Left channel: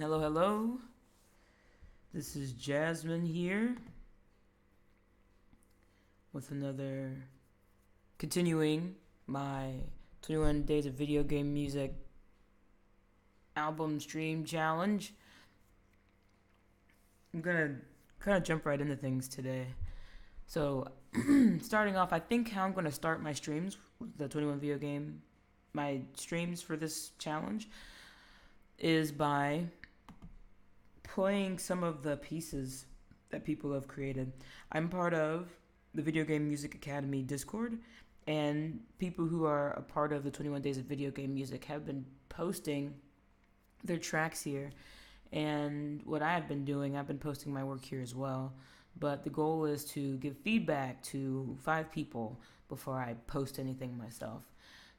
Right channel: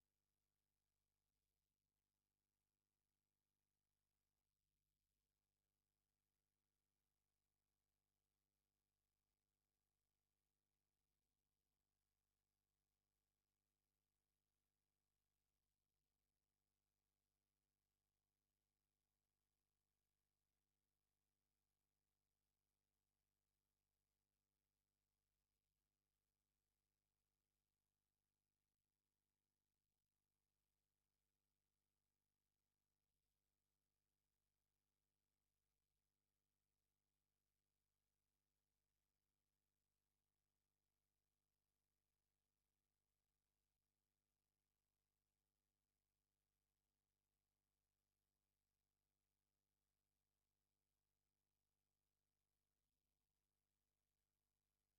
Hello, hello. This is Jasmine here with another continuing my 21 Days of Video Game Music album stream challenge. I'm gonna kind of jump right into things today. So, starting off, I think how I'm gonna start my streams, my streams for this challenge, is by playing some of the pieces that people have created. I'm part of the Video Game Music Academy Discord, and people who are a part of the 21 Days of Video Game Music have been posting their tracks here. And what I have been doing, I've been posting my work here as well. But the goal is to give feedback to 5 people before I post anything myself.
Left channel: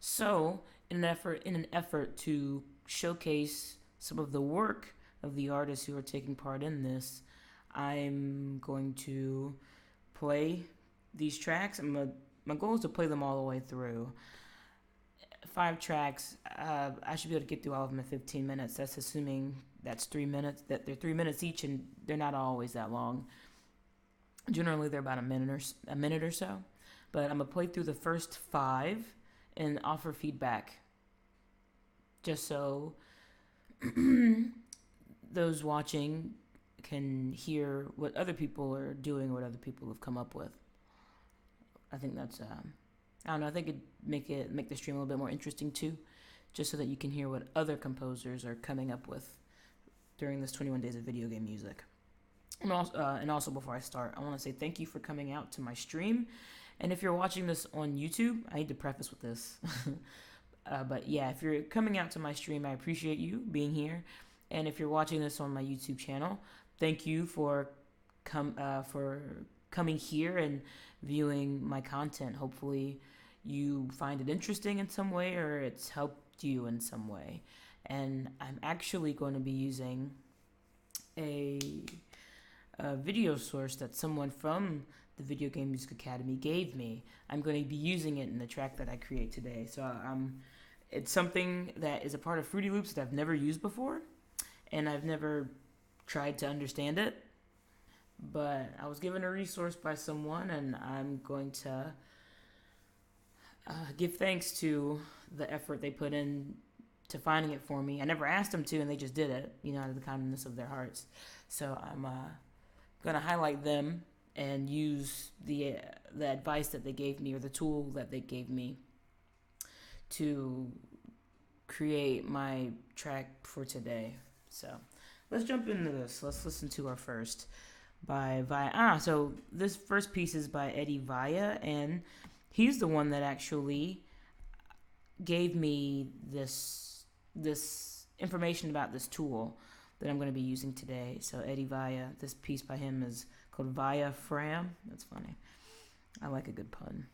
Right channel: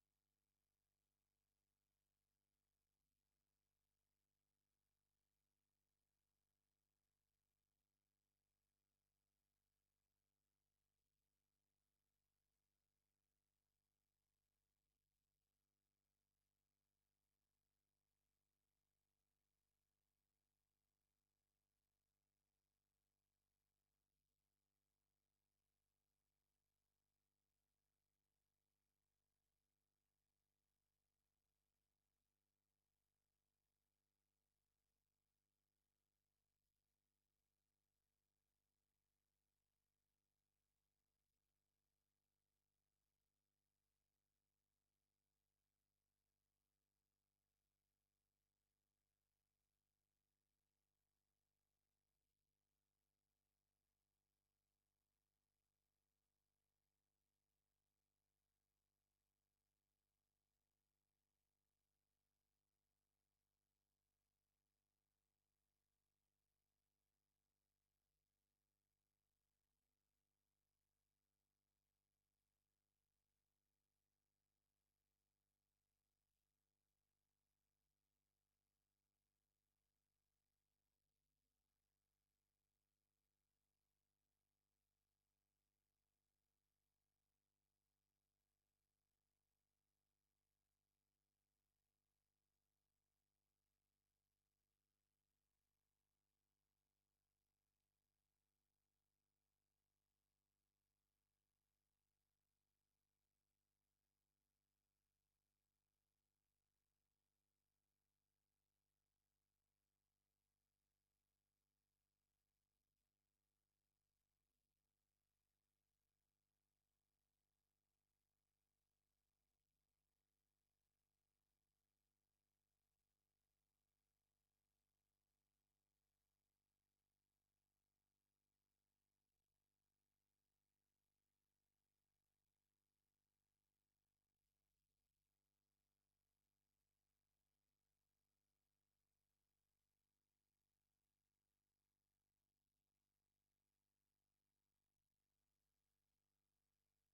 So, in an effort to showcase some of the work of the artists who are taking part in this, I'm going to play these tracks. My goal is to play them all the way through. 5 tracks. I should be able to get through all of them in 15 minutes. That's assuming that's 3 minutes. That they're 3 minutes each, and they're not always that long. Generally, they're about a minute or so. But I'm gonna play through the first 5 and offer feedback, just so those watching can hear what other people are doing, what other people have come up with. I think that's I don't know. I think it'd make the stream a little bit more interesting too, just so that you can hear what other composers are coming up with during this 21 Days of Video Game Music. And also before I start, I want to say thank you for coming out to my stream. And if you're watching this on YouTube, I need to preface with this. But yeah, if you're coming out to my stream, I appreciate you being here. And if you're watching this on my YouTube channel, thank you for coming here and viewing my content. Hopefully you find it interesting in some way, or it's helped you in some way. And I'm actually going to be using a video source that someone from the Video Game Music Academy gave me. I'm going to be using it in the track that I create today. So it's something that is a part of Fruity Loops that I've never used before, and I've never tried to understand it. But I was given a resource by someone, and I'm going to give thanks to the effort they put in to finding it for me. I never asked them to, and they just did it, out of the kindness of their hearts. So I'm going to highlight them and use the advice that they gave me, or the tool that they gave me, to create my track for today. So let's jump into this. Let's listen to our first by Vaya. So this first piece is by Eddie Vaya, and he's the one that actually gave me this information about this tool that I'm going to be using today. So Eddie Vaya, this piece by him is called Via Fram. That's funny. I like a good pun.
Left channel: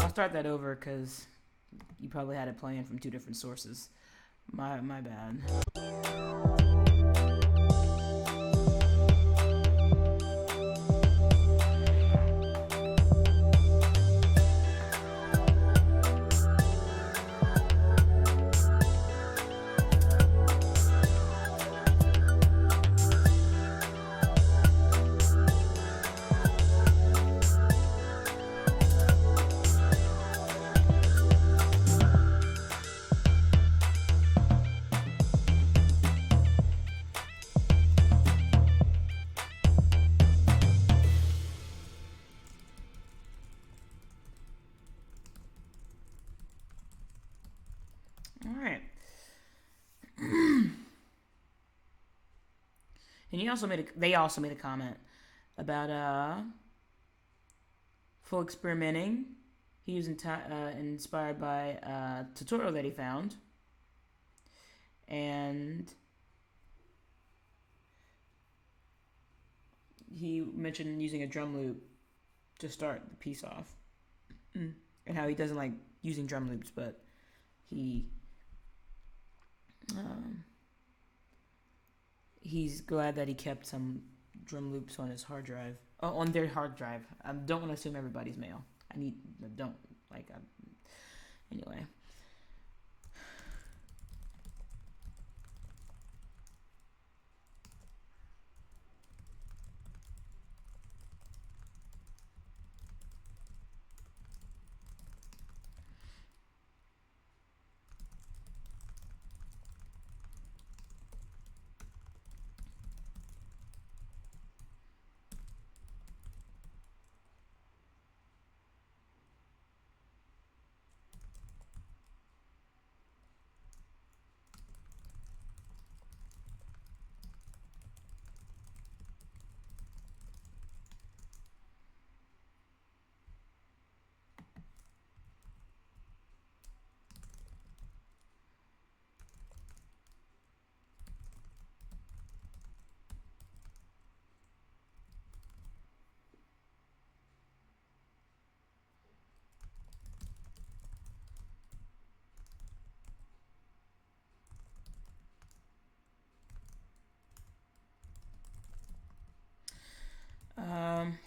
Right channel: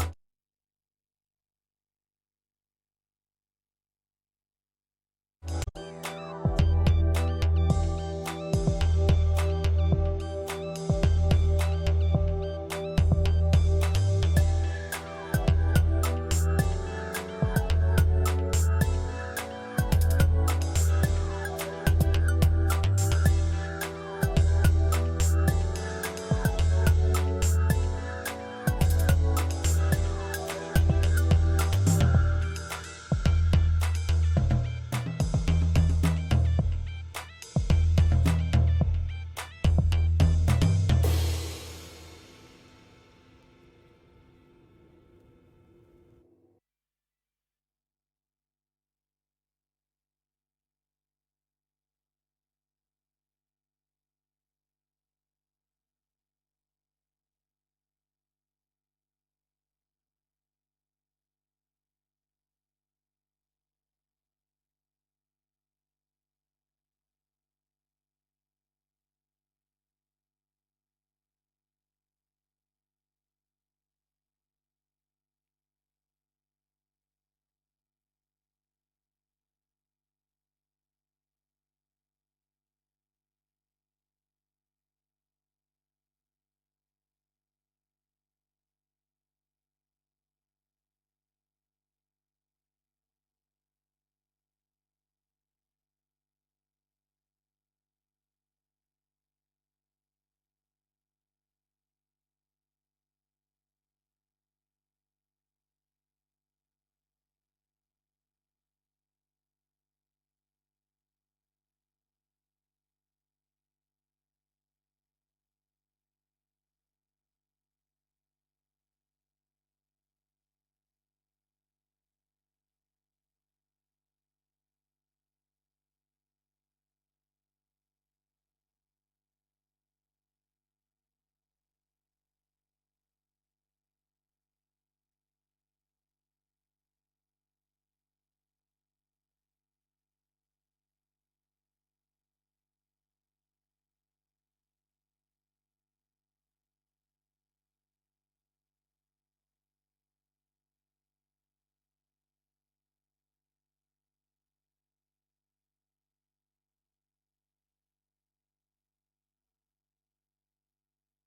I'll start that over because you probably had it playing from 2 different sources. My bad. And they also made a comment about full experimenting. He was inspired by a tutorial that he found, and he mentioned using a drum loop to start the piece off, and how he doesn't like using drum loops, but he he's glad that he kept some drum loops on his hard drive. Oh, on their hard drive. I don't want to assume everybody's male. Don't, like, anyway.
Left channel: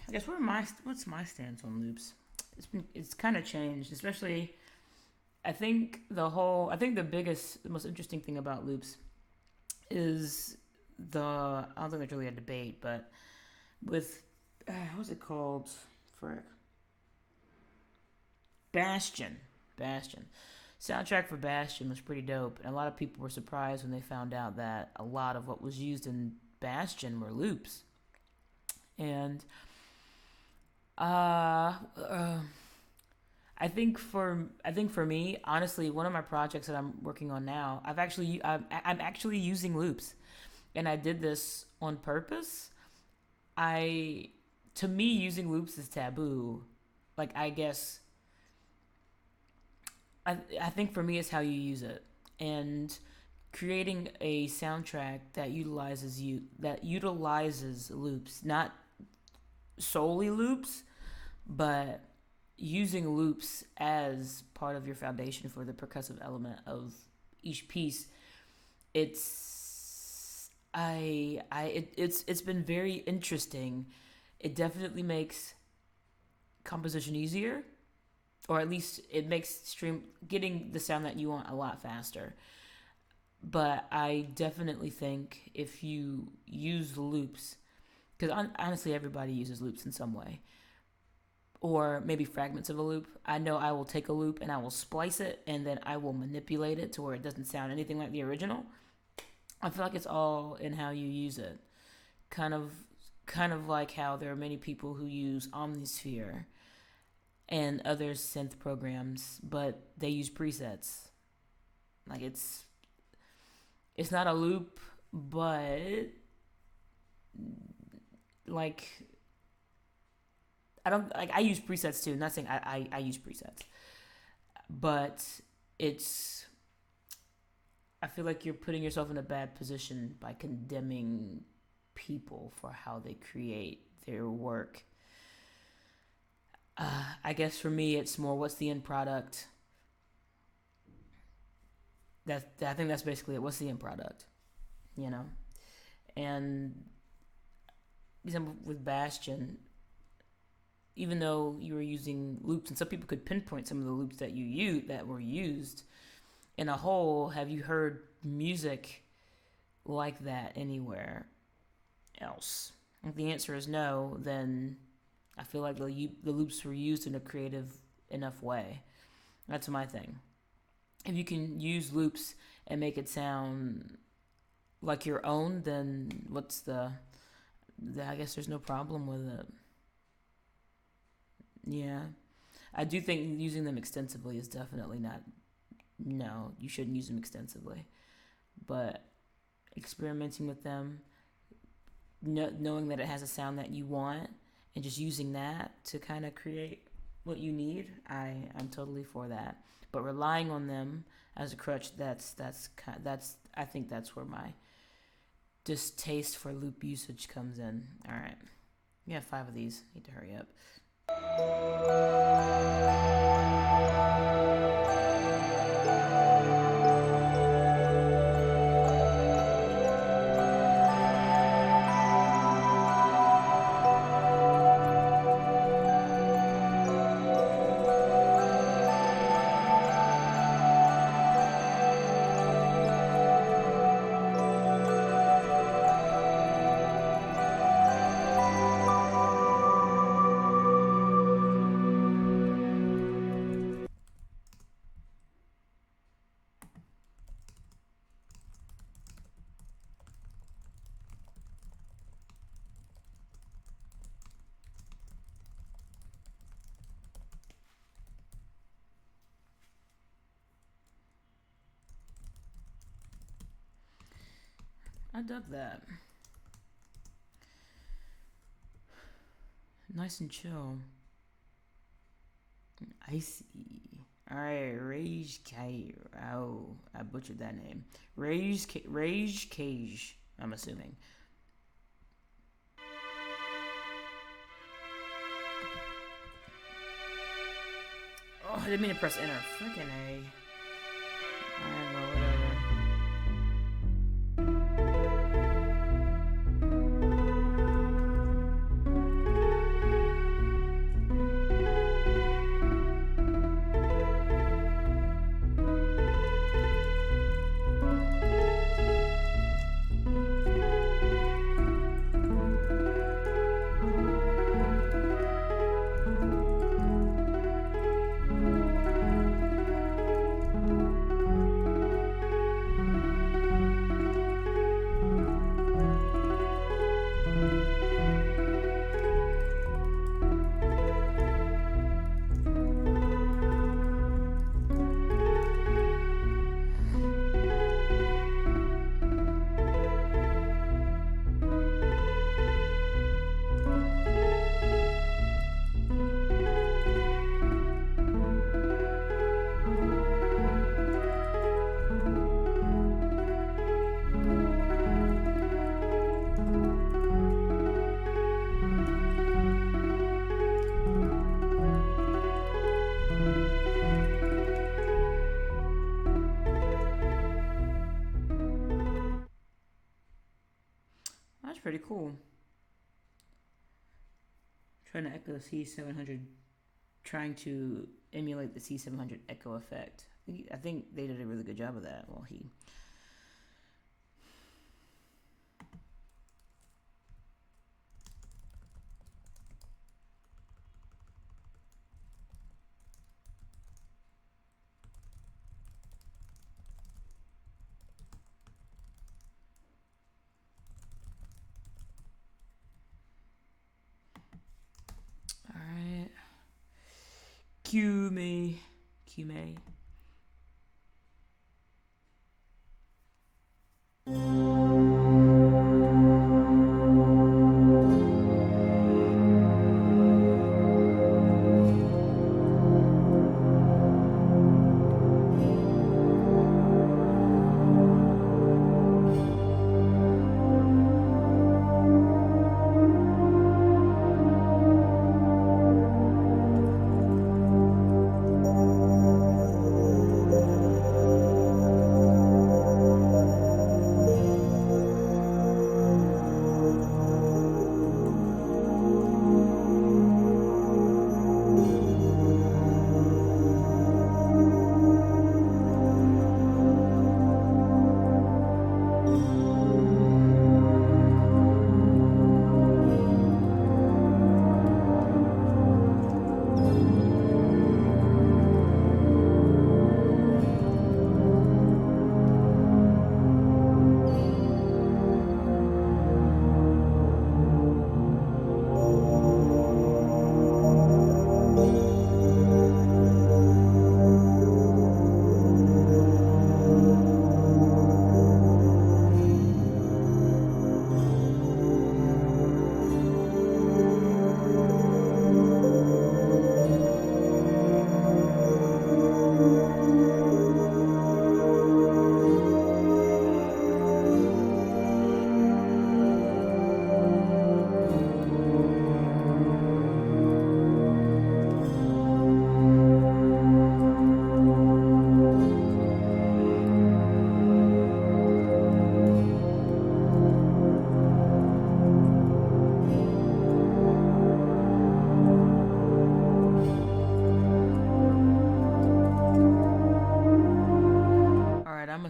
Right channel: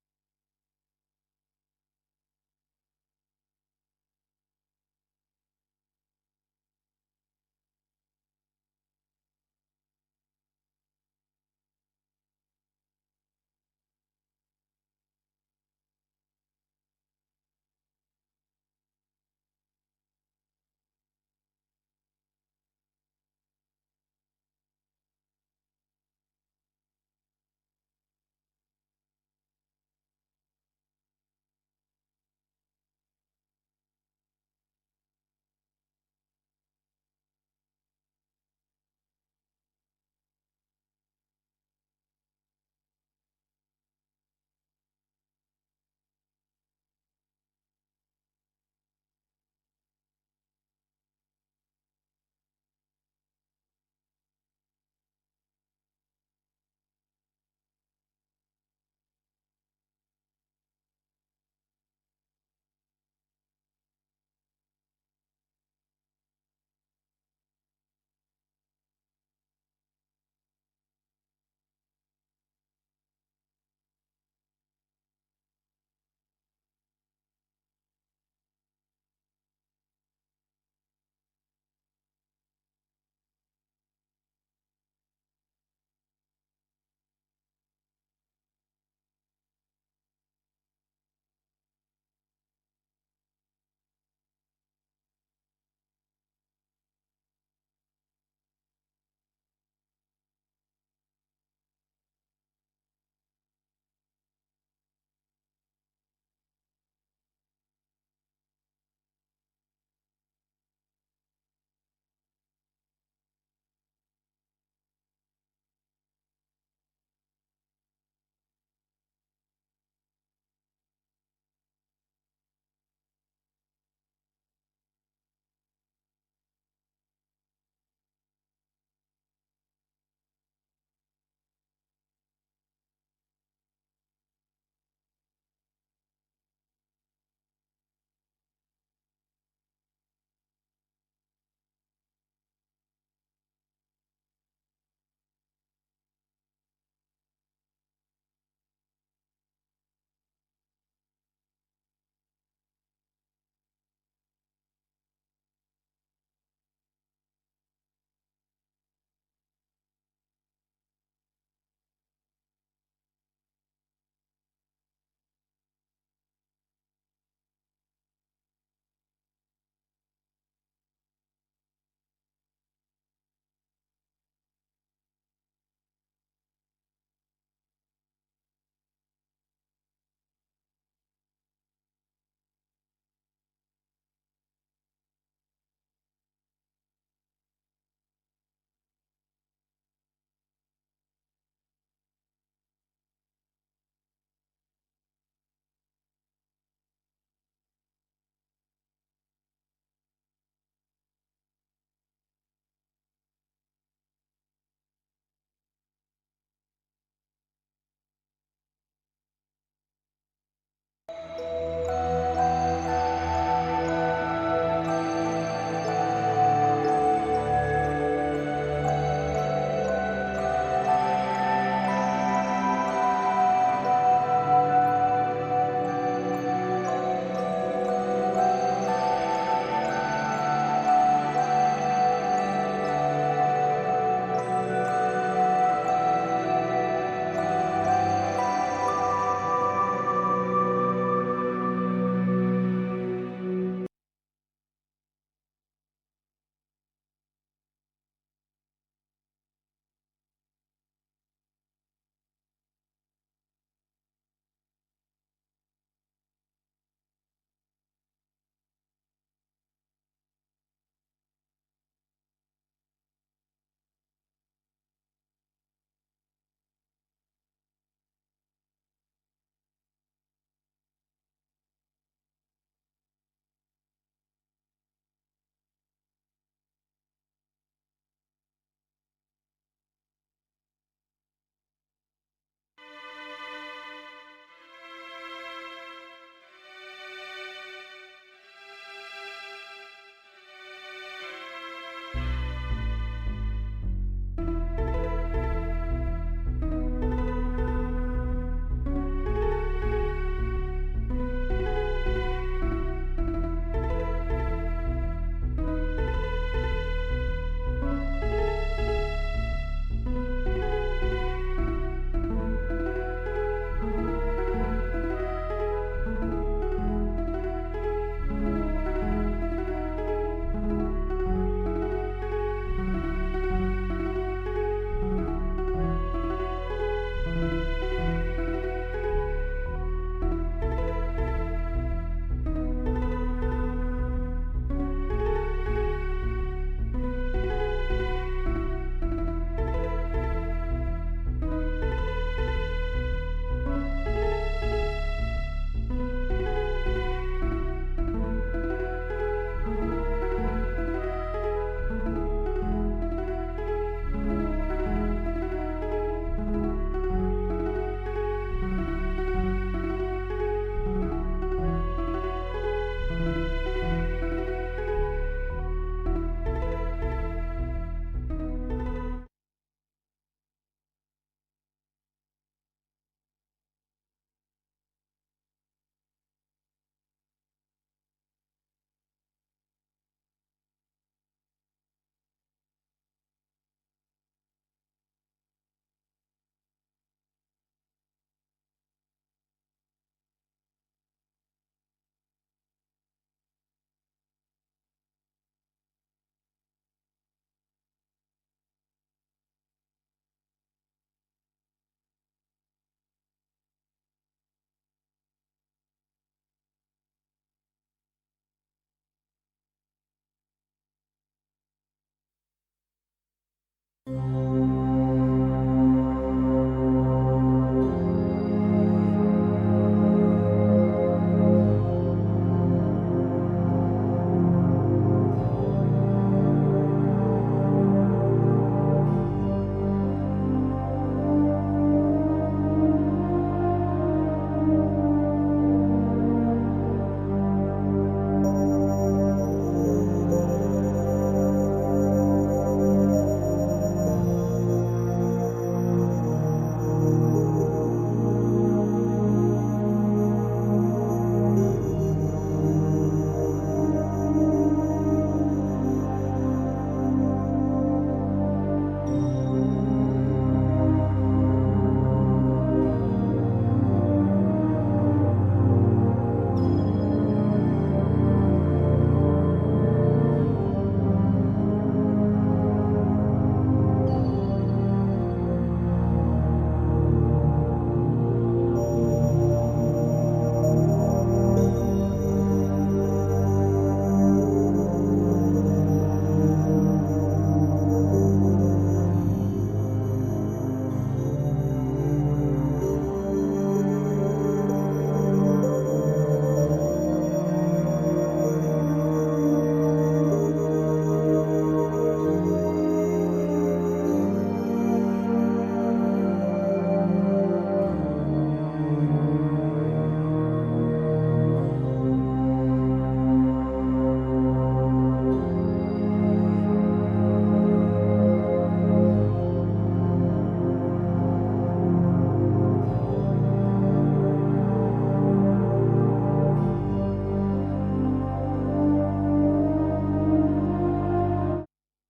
I guess what's my stance on loops? It's kind of changed, especially. I think the most interesting thing about loops is I don't think there's really a debate, but with what's it called? Frick. Bastion. Soundtrack for Bastion was pretty dope, and a lot of people were surprised when they found out that a lot of what was used in Bastion were loops. And I think for me, honestly, one of my projects that I'm working on now, I'm actually using loops, and I did this on purpose. To me, using loops is taboo. Like, I guess I think for me, it's how you use it, and creating a soundtrack that utilizes loops, not solely loops, but using loops as part of your foundation for the percussive element of each piece. It's been very interesting. It definitely makes composition easier, or at least it makes getting the sound that you want a lot faster. But I definitely think if you use loops, because honestly, everybody uses loops in some way, or maybe fragments of a loop. I know I will take a loop and I will splice it, and then I will manipulate it to where it doesn't sound anything like the original. I feel like it's all in how you use it. Kind of like how there are many people who use Omnisphere and other synth programs, but they use presets. Like, it's not a loop, but like, I use presets too. Not saying I use presets, but I feel like you're putting yourself in a bad position by condemning people for how they create their work. I guess for me, it's more, what's the end product? I think that's basically it. What's the end product? You know? And example with Bastion, even though you were using loops, and some people could pinpoint some of the loops that were used in a whole, have you heard music like that anywhere else? If the answer is no, then I feel like the loops were used in a creative enough way. That's my thing. If you can use loops and make it sound like your own, then I guess there's no problem with it. Yeah. I do think using them extensively is definitely not, no, you shouldn't use them extensively. But experimenting with them, knowing that it has a sound that you want, and just using that to kind of create what you need, I'm totally for that. But relying on them as a crutch, I think that's where my distaste for loop usage comes in. All right, we have 5 of these. Need to hurry up. I dug that. Nice and chill. Icy. Alright, Rage Cage. Oh, I butchered that name. Rage Cage, I'm assuming. Oh, I didn't mean to press enter. Freaking A. Pretty cool. Trying to echo C700, trying to emulate the C700 echo effect. I think they did a really good job of that. Well, Cue me.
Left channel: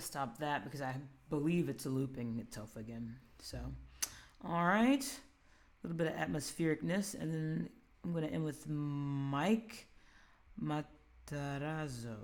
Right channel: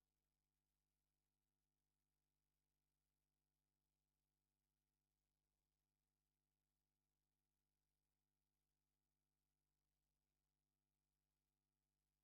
Stop that because I believe it's looping itself again. So, all right, a little bit of atmosphericness, and then I'm going to end with Mike Matarazzo.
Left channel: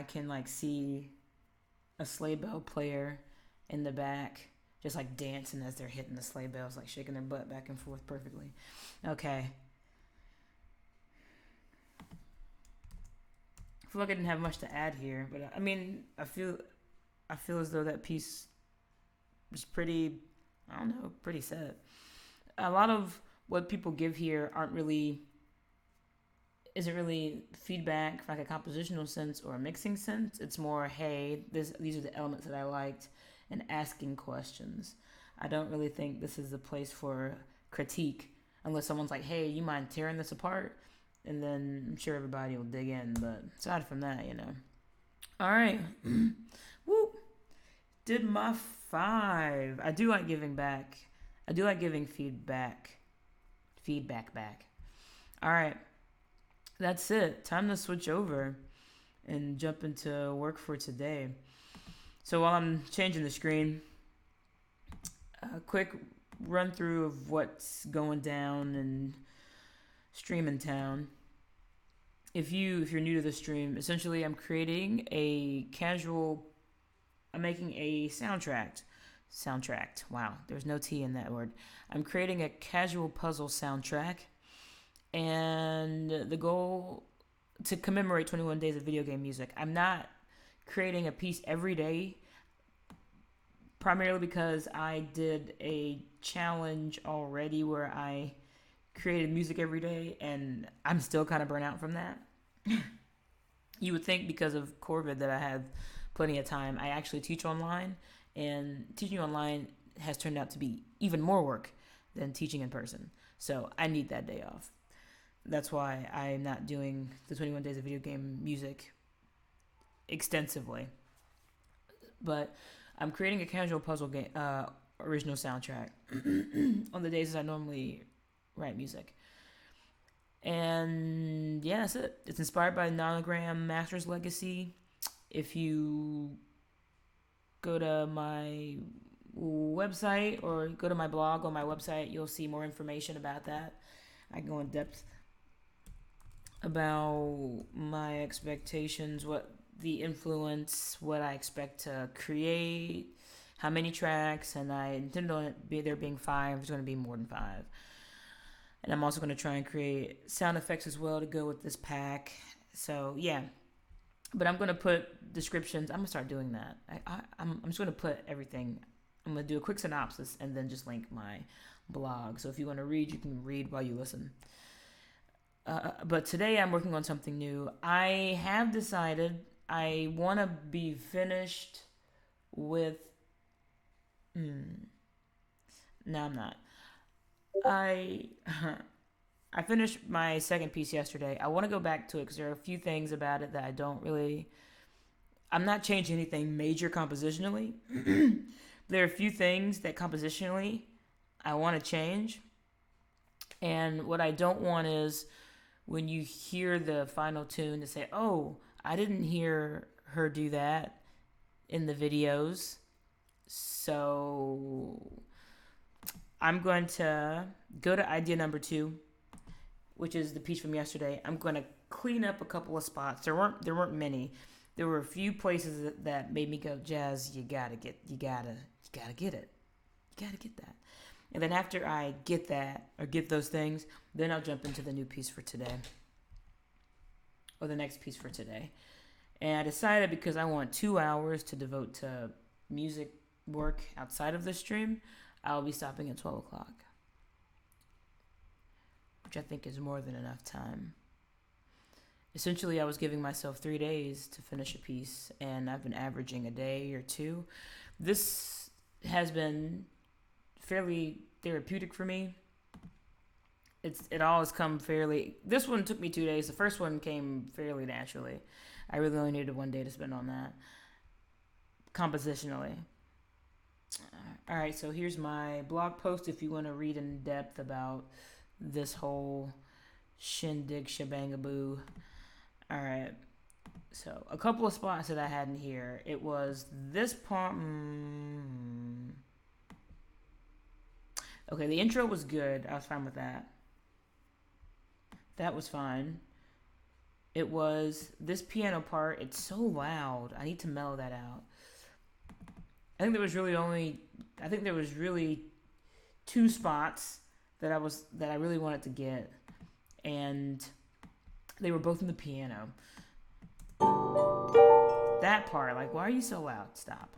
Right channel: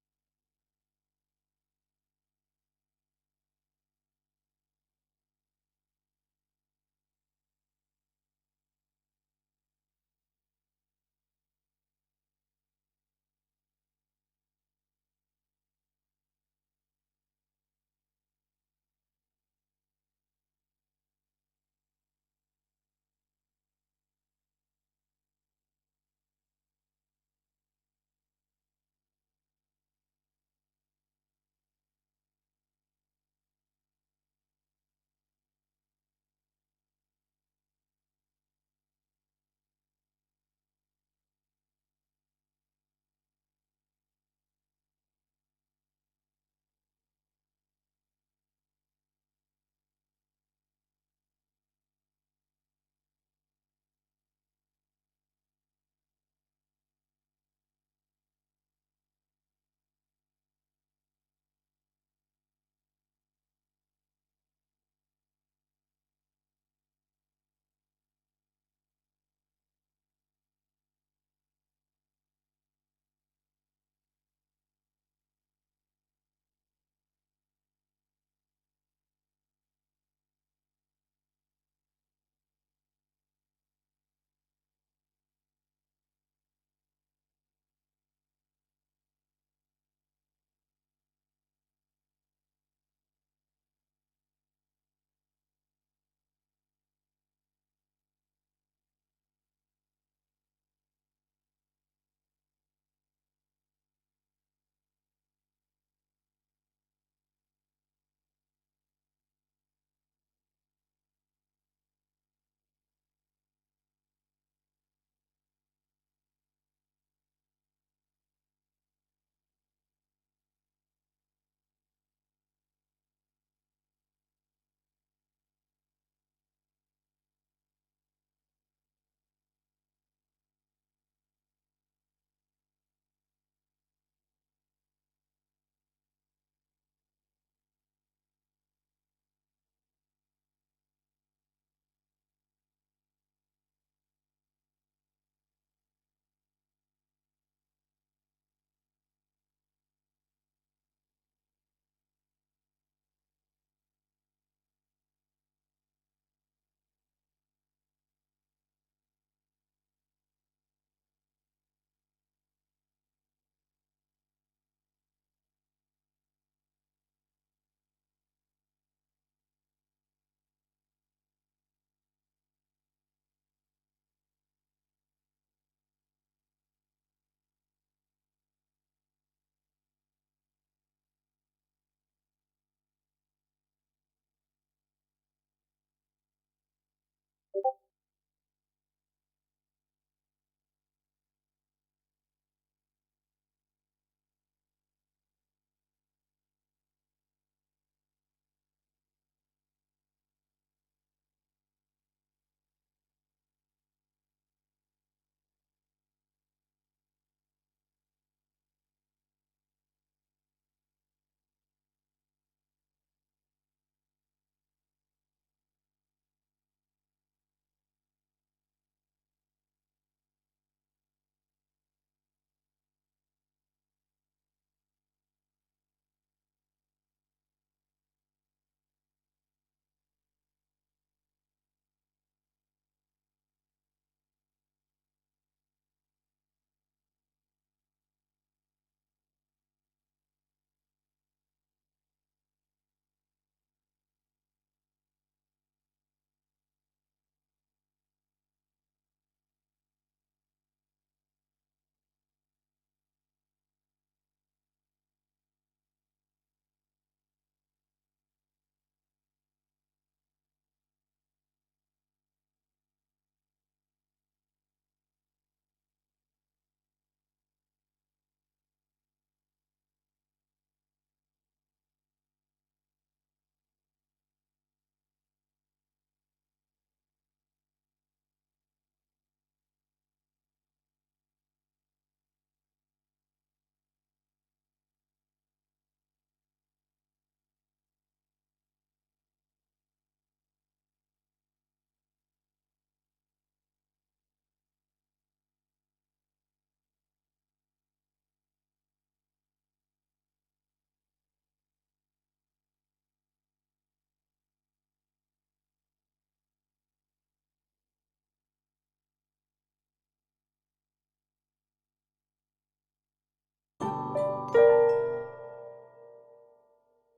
I can like see a sleigh bell player in the back just like dancing as they're hitting the sleigh bells, like shaking their butt back and forth perfectly. Okay. I feel like I didn't have much to add here, but I mean, I feel as though that piece was pretty, I don't know, pretty set. A lot of what people give here isn't really feedback from like a compositional sense or a mixing sense. It's more, hey, these are the elements that I liked, and asking questions. I don't really think this is the place for critique unless someone's like, hey, you mind tearing this apart? And then I'm sure everybody will dig in. But aside from that, All right. Woo. Did my 5. I do like giving back. I do like giving feedback. Feedback back. All right. That's it. Time to switch over and jump into work for today. So while I'm changing the screen, a quick run through of what's going down in Streaming Town. If you're new to the stream, essentially I'm making a soundtrack. Wow, there's no T in that word. I'm creating a casual puzzle soundtrack, and the goal to commemorate 21 days of video game music. I'm not creating a piece every day, primarily because I did a challenge already where I created music every day, and I'm still kind of burnt out from that. You would think because of COVID that I have plenty of time. I actually teach online, and teaching online has turned out to be even more work than teaching in person. So I need that day off. That's why I'm not doing the 21 days of video game music extensively. But I'm creating a casual puzzle game original soundtrack on the days I normally write music. And yeah, that's it. It's inspired by Nonogram Master's Legacy. If you go to my website or go to my blog on my website, you'll see more information about that. I go in depth about my expectations, what the influence, what I expect to create, how many tracks, and I intend on there being 5. There's going to be more than 5. And I'm also going to try and create sound effects as well to go with this pack. So, yeah. But I'm going to put descriptions. I'm going to start doing that. I'm just going to put everything. I'm going to do a quick synopsis and then just link my blog. So if you want to read, you can read while you listen. But today I'm working on something new. I have decided I want to be finished with... No, I'm not. I finished my second piece yesterday. I want to go back to it because there are a few things about it that I don't really... I'm not changing anything major compositionally. There are a few things that compositionally I want to change. And what I don't want is when you hear the final tune to say, oh, I didn't hear her do that in the videos. So I'm going to go to idea number 2, which is the piece from yesterday. I'm going to clean up a couple of spots. There weren't many. There were a few places that made me go, Jazz, you gotta get it. You gotta get that. And then after I get that, or get those things, then I'll jump into the new piece for today. Or the next piece for today. And I decided because I want 2 hours to devote to music work outside of the stream, I'll be stopping at 12 o'clock. Which I think is more than enough time. Essentially, I was giving myself 3 days to finish a piece, and I've been averaging a day or 2. This has been fairly therapeutic for me. It all has come fairly... This one took me 2 days. The first one came fairly naturally. I really only needed 1 day to spend on that. Compositionally. Alright, so here's my blog post if you want to read in depth about this whole shindig shebangaboo. Alright, so a couple of spots that I had in here. It was this part... Okay, the intro was good. I was fine with that. That was fine. it was this piano part. It's so loud. I need to mellow that out. I think there was really 2 spots that I really wanted to get, and they were both in the piano. That part, like, why are you so loud? Stop.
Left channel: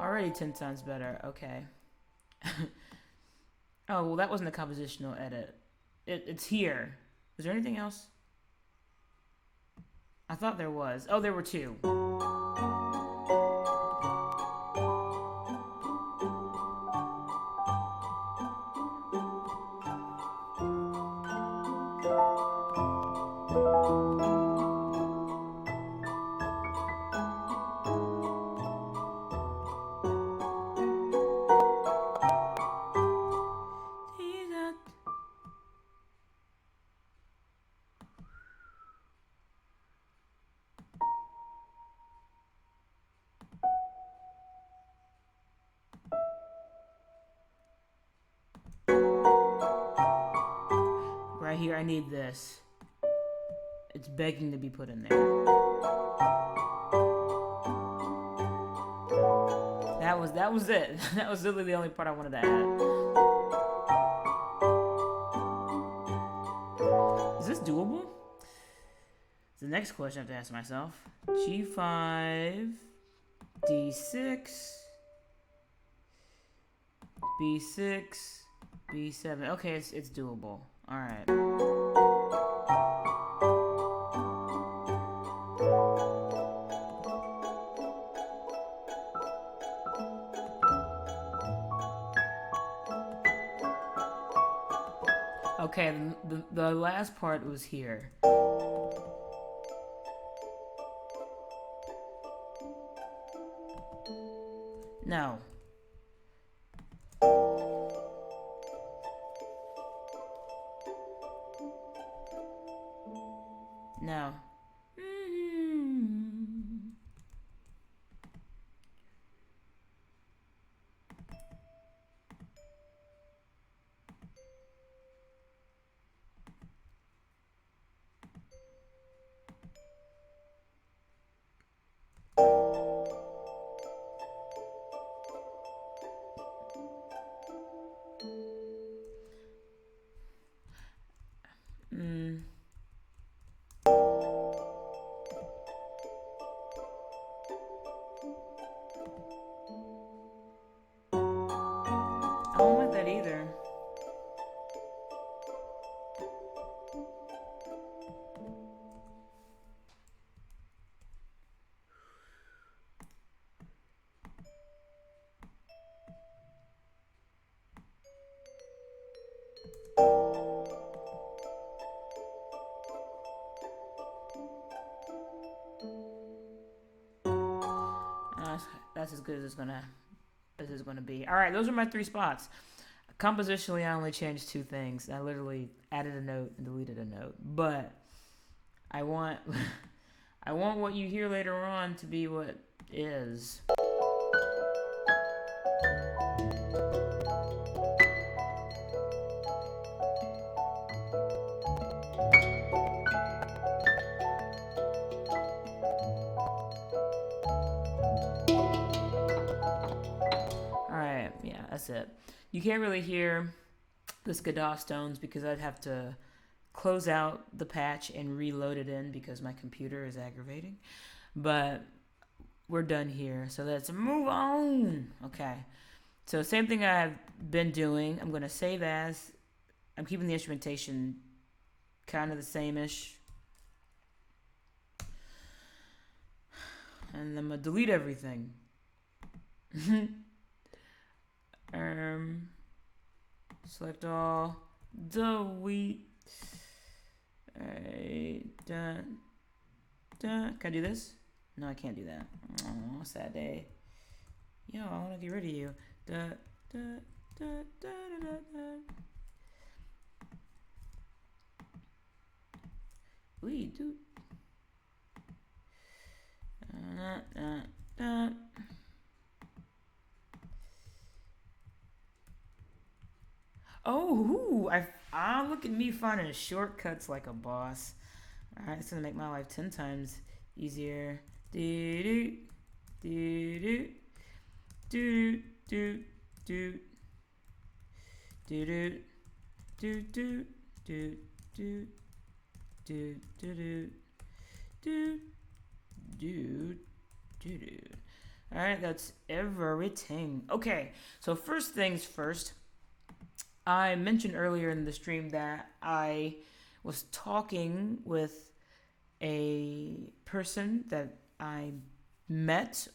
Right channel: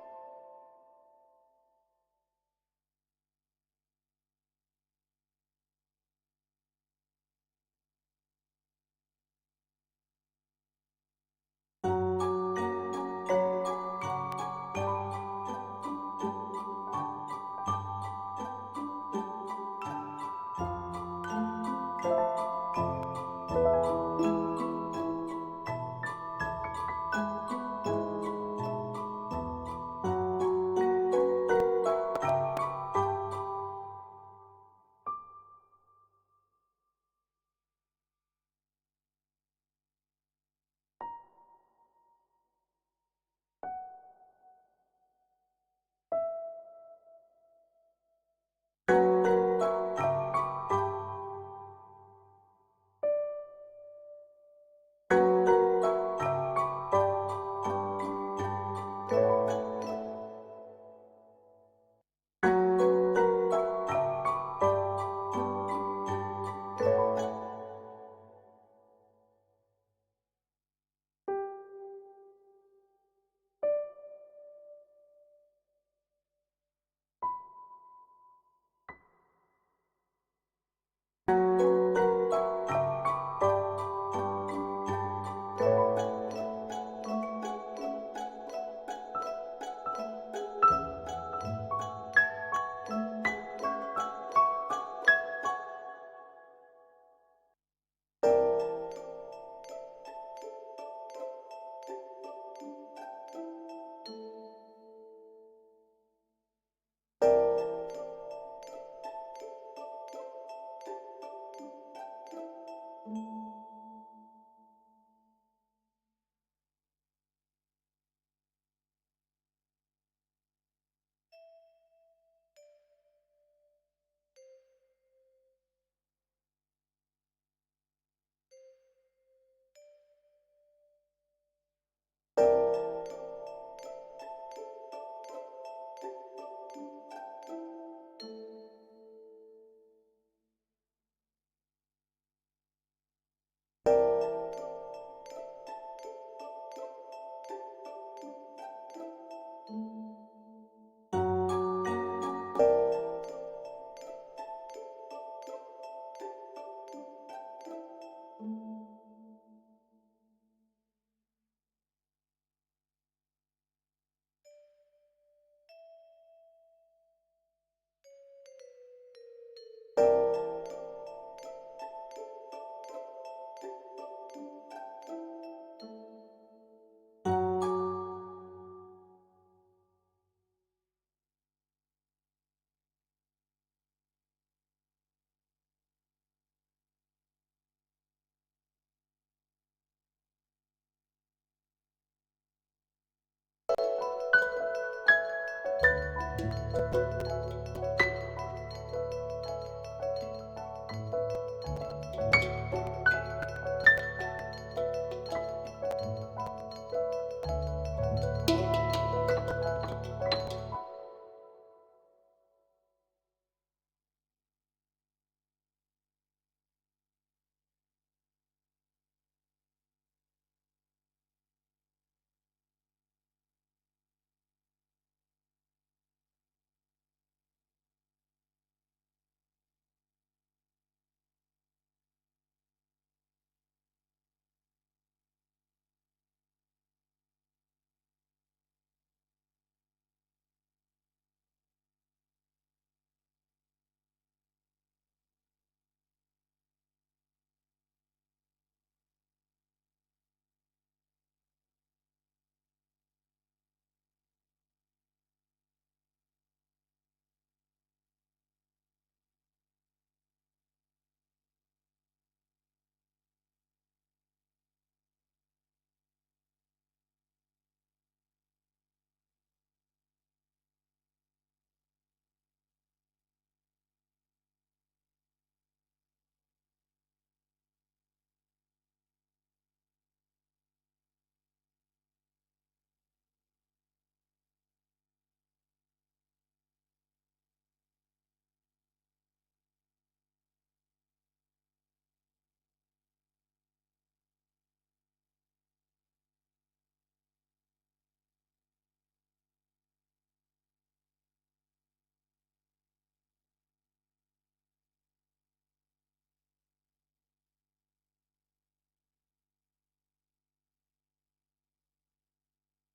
Already 10 times better. Okay. Oh, well, that wasn't a compositional edit. It's here. Is there anything else? I thought there was. Oh, there were 2. Right here, I need this. It's begging to be put in there. That was it. That was literally the only part I wanted to add. Is this doable? It's the next question I have to ask myself. G5, D6, B6, B7. Okay, it's doable. All right. Okay, the last part was here. No. No. I don't like that either. That's as good as it's gonna be. All right, those are my 3 spots. Compositionally, I only changed 2 things. I literally added a note and deleted a note. But I want I want what you hear later on to be what is. Alright, yeah, that's it. You can't really hear the Skiddaw stones because I'd have to close out the patch and reload it in because my computer is aggravating. But we're done here, so let's move on. Okay, so same thing I've been doing. I'm going to save as. I'm keeping the instrumentation kind of the same-ish. And I'm going to delete everything. Select all, delete. Alright, done. Can I do this? No, I can't do that. Oh, sad day. Yo, I want to get rid of you. We do. Oh, look at me finding shortcuts like a boss. All right, it's gonna make my life 10 times easier. Do do do do do do do do do do do do do do do do do do do. All right, that's everything. Okay, so first things first. I mentioned earlier in the stream that I was talking with a person that I met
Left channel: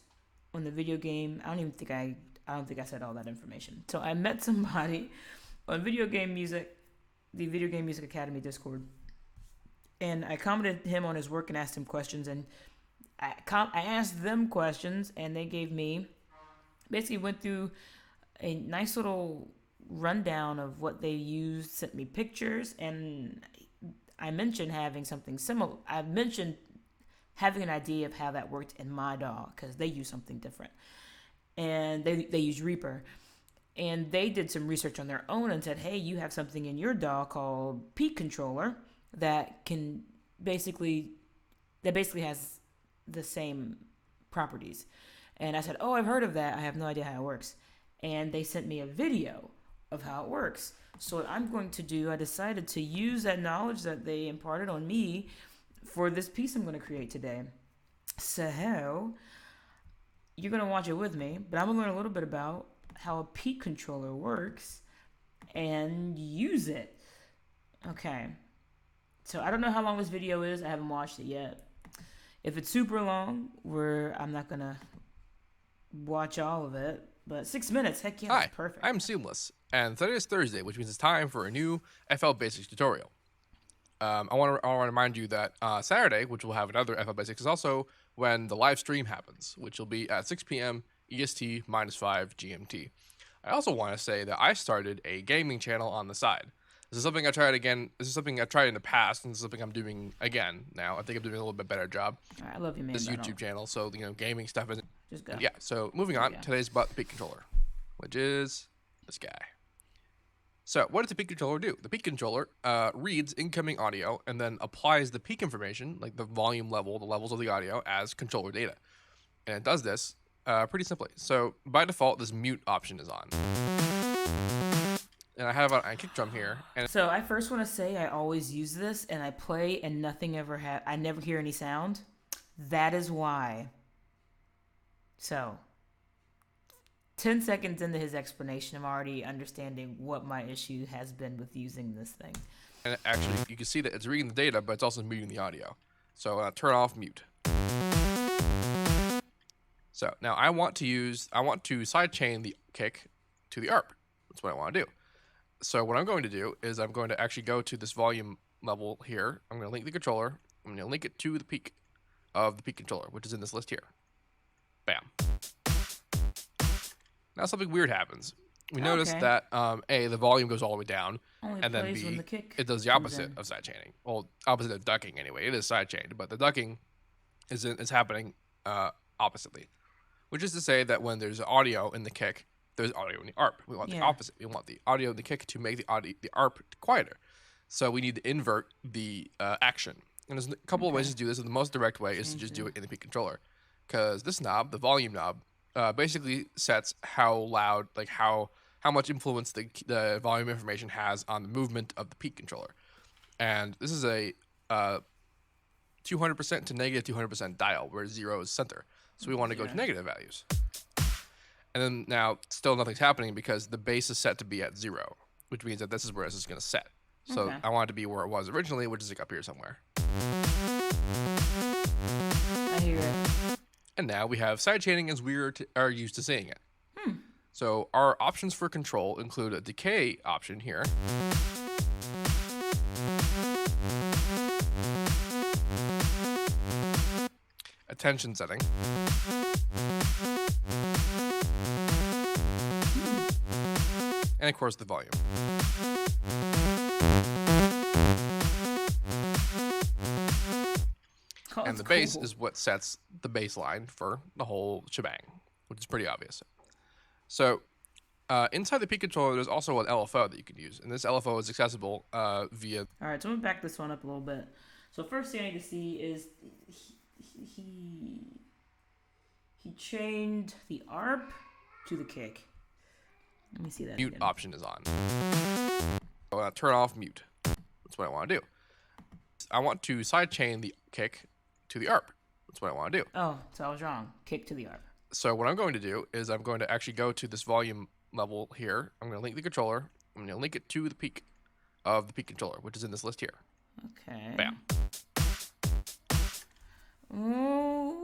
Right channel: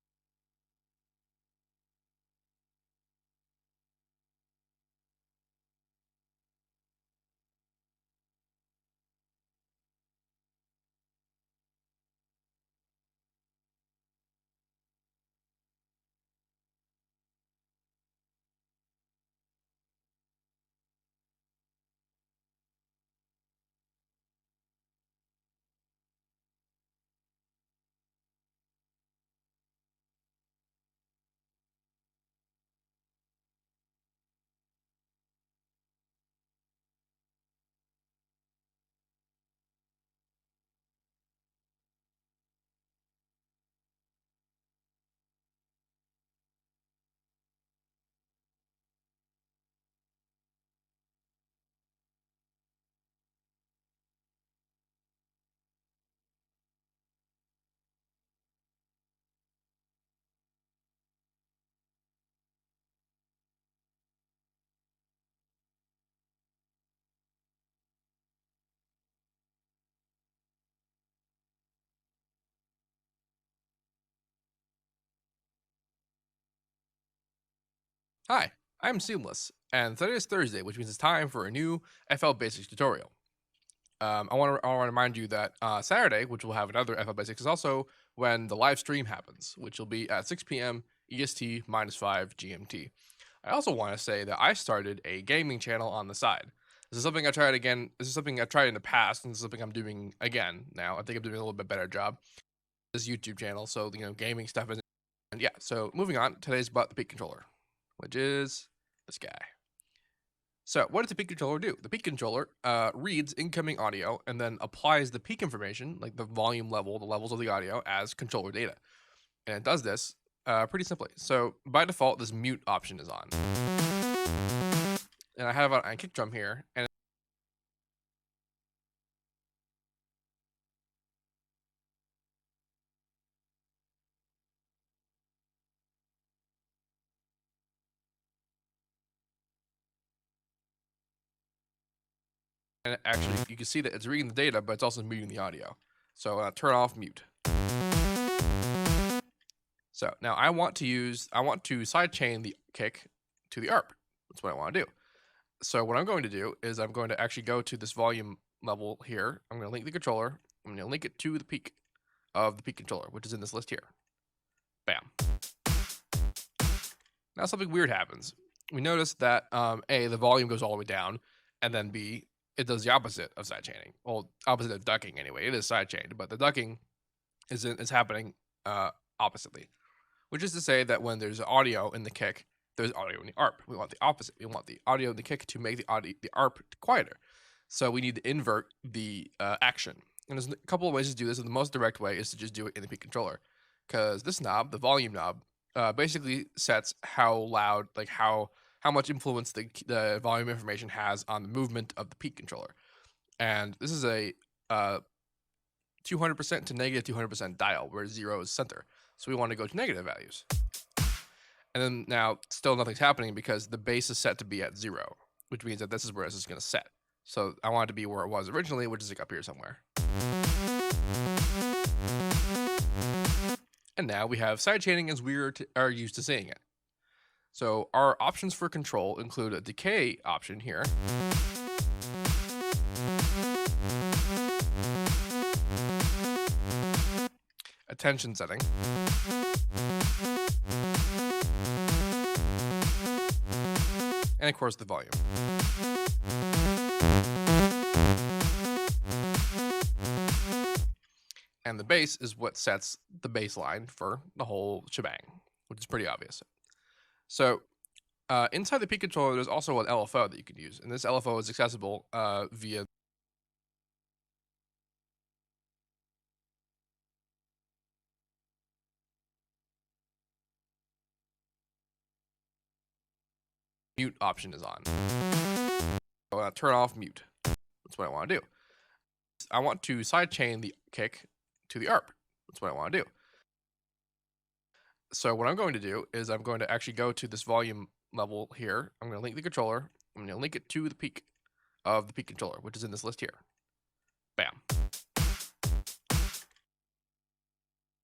on the video game. I don't think I said all that information. So I met somebody on Video Game Music, the Video Game Music Academy Discord, and I commented him on his work and asked him questions, and I asked them questions, and they gave me basically went through a nice little rundown of what they used, sent me pictures, and I mentioned having something similar. I mentioned having an idea of how that worked in my DAW because they use something different, and they use Reaper, and they did some research on their own and said, hey, you have something in your DAW called Peak Controller that can basically has the same properties. And I said, oh, I've heard of that. I have no idea how it works. And they sent me a video of how it works. So what I'm going to do, I decided to use that knowledge that they imparted on me for this piece I'm going to create today. So you're going to watch it with me, but I'm going to learn a little bit about how a peak controller works and use it. Okay. So I don't know how long this video is. I haven't watched it yet. If it's super long, I'm not going to watch all of it. But 6 minutes, heck yeah, Hi, perfect. I'm Seamless, and today is Thursday, which means it's time for a new FL Basics tutorial. I want to remind you that Saturday, which will have another FL Basics, is also when the live stream happens, which will be at 6 p.m. EST -5 GMT. I also want to say that I started a gaming channel on the side. This is something I tried again. This is something I've tried in the past, and this is something I'm doing again now. I think I'm doing a little bit better job. I love you, man. This YouTube channel, so gaming stuff isn't. Just go. And yeah, so moving on, today's about the peak controller, which is this guy. So what does the peak controller do? The peak controller reads incoming audio and then applies the peak information, like the volume level, the levels of the audio, as controller data. And it does this pretty simply. So by default, this mute option is on. And I have a kick drum here. And so I first want to say I always use this, and I play, and I never hear any sound. That is why. So, 10 seconds into his explanation, I'm already understanding what my issue has been with using this thing. And actually, you can see that it's reading the data, but it's also muting the audio. So turn off mute. So now I want to sidechain the kick to the ARP. That's what I want to do. So what I'm going to do is I'm going to actually go to this volume level here. I'm going to link the controller. I'm going to link it to the peak of the peak controller, which is in this list here. Bam. Now something weird happens. We notice that A, the volume goes all the way down, and then B, it does the opposite of sidechaining. Well, opposite of ducking anyway. It is sidechained, but the ducking is happening oppositely, which is to say that when there's audio in the kick, there's audio in the ARP. We want the opposite. We want the audio in the kick to make the ARP quieter. So we need to invert the action. And there's a couple of ways to do this. And the most direct way is to just do it in the peak controller, because this knob, the volume knob, basically sets how loud, like how much influence the volume information has on the movement of the peak controller. And this is a 200% to negative 200% dial, where 0 is center. So we want to go to negative values. And then now still nothing's happening because the base is set to be at 0, which means that this is where this is going to set. So I want it to be where it was originally, which is like up here somewhere. And now we have sidechaining as we are used to seeing it. So our options for control include a decay option here. Attention setting. And of course the volume. And the bass is what sets the baseline for the whole shebang, which is pretty obvious. So Inside the P controller, there's also an LFO that you can use, and this LFO is accessible via. All right, so I'm gonna back this one up a little bit. So first thing I need to see is he chained the ARP to the kick. Let me see that. Mute option is on. I want to turn off mute. That's what I want to do. I want to sidechain the kick to the ARP. That's what I want to do. Oh, so I was wrong. Kick to the ARP. So what I'm going to do is I'm going to actually go to this volume level here. I'm going to link the controller. I'm going to link it to the peak of the peak controller, which is in this list here. Okay. Bam. Ooh.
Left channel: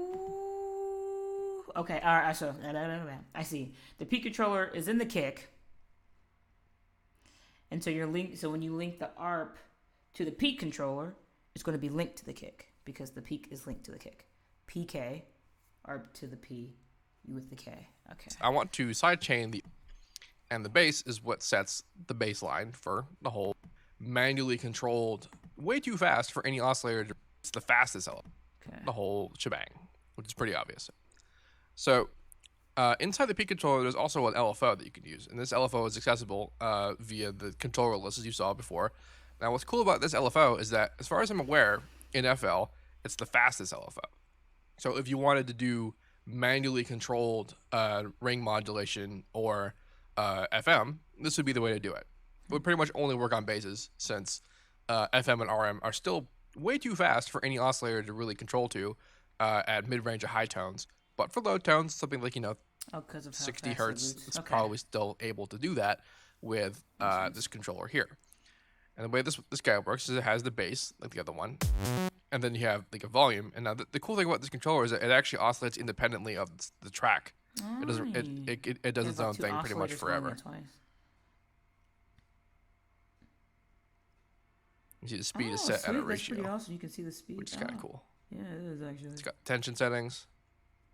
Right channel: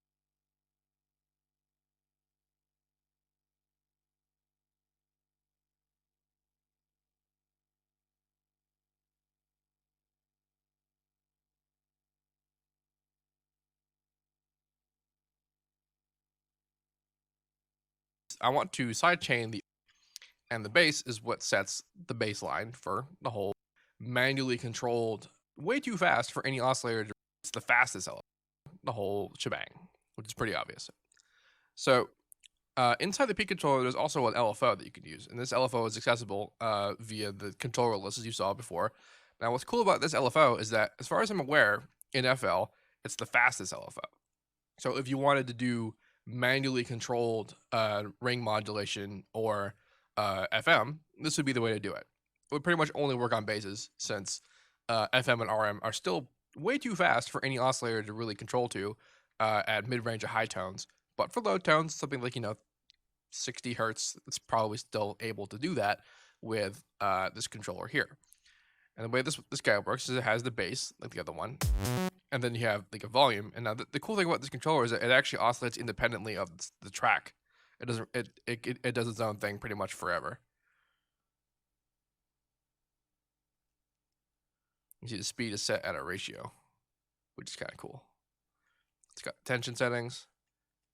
Okay. All right. So I see. The peak controller is in the kick, and so So when you link the ARP to the peak controller, it's going to be linked to the kick because the peak is linked to the kick. PK, ARP to the P, with the K. Okay. I want to sidechain and the bass is what sets the baseline for the whole manually controlled way too fast for any oscillator. It's the fastest element, the whole shebang, which is pretty obvious. So inside the P controller, there's also an LFO that you can use, and this LFO is accessible via the controller list as you saw before. Now, what's cool about this LFO is that, as far as I'm aware, in FL, it's the fastest LFO. So if you wanted to do manually controlled ring modulation or FM, this would be the way to do it. It would pretty much only work on basses since FM and RM are still way too fast for any oscillator to really control to at mid-range or high tones. But for low tones, something like, 60 hertz, it's probably still able to do that with this controller here. And the way this guy works is it has the bass, like the other one, and then you have like a volume. And now the cool thing about this controller is that it actually oscillates independently of the track. It doesn't. It does its own thing pretty much forever. You see the speed is set at a ratio, awesome. You can see the speed, which is kind of cool. Yeah, it is actually. It's got tension settings.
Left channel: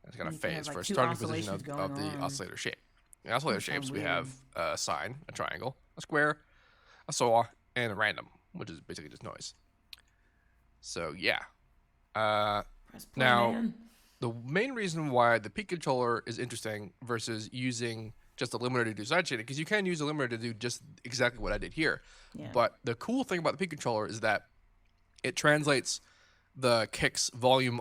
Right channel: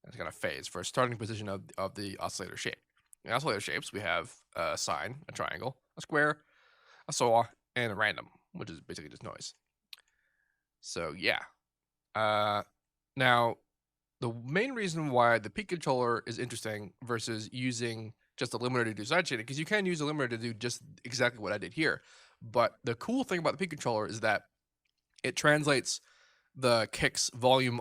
It's got a phase for starting position of the oscillator shape. In oscillator shapes, we have a sine, a triangle, a square, a saw, and a random, which is basically just noise. So yeah. Now, the main reason why the peak controller is interesting versus using just a limiter to do sidechaining, because you can use a limiter to do just exactly what I did here. Yeah. But the cool thing about the peak controller is that it translates the kick's volume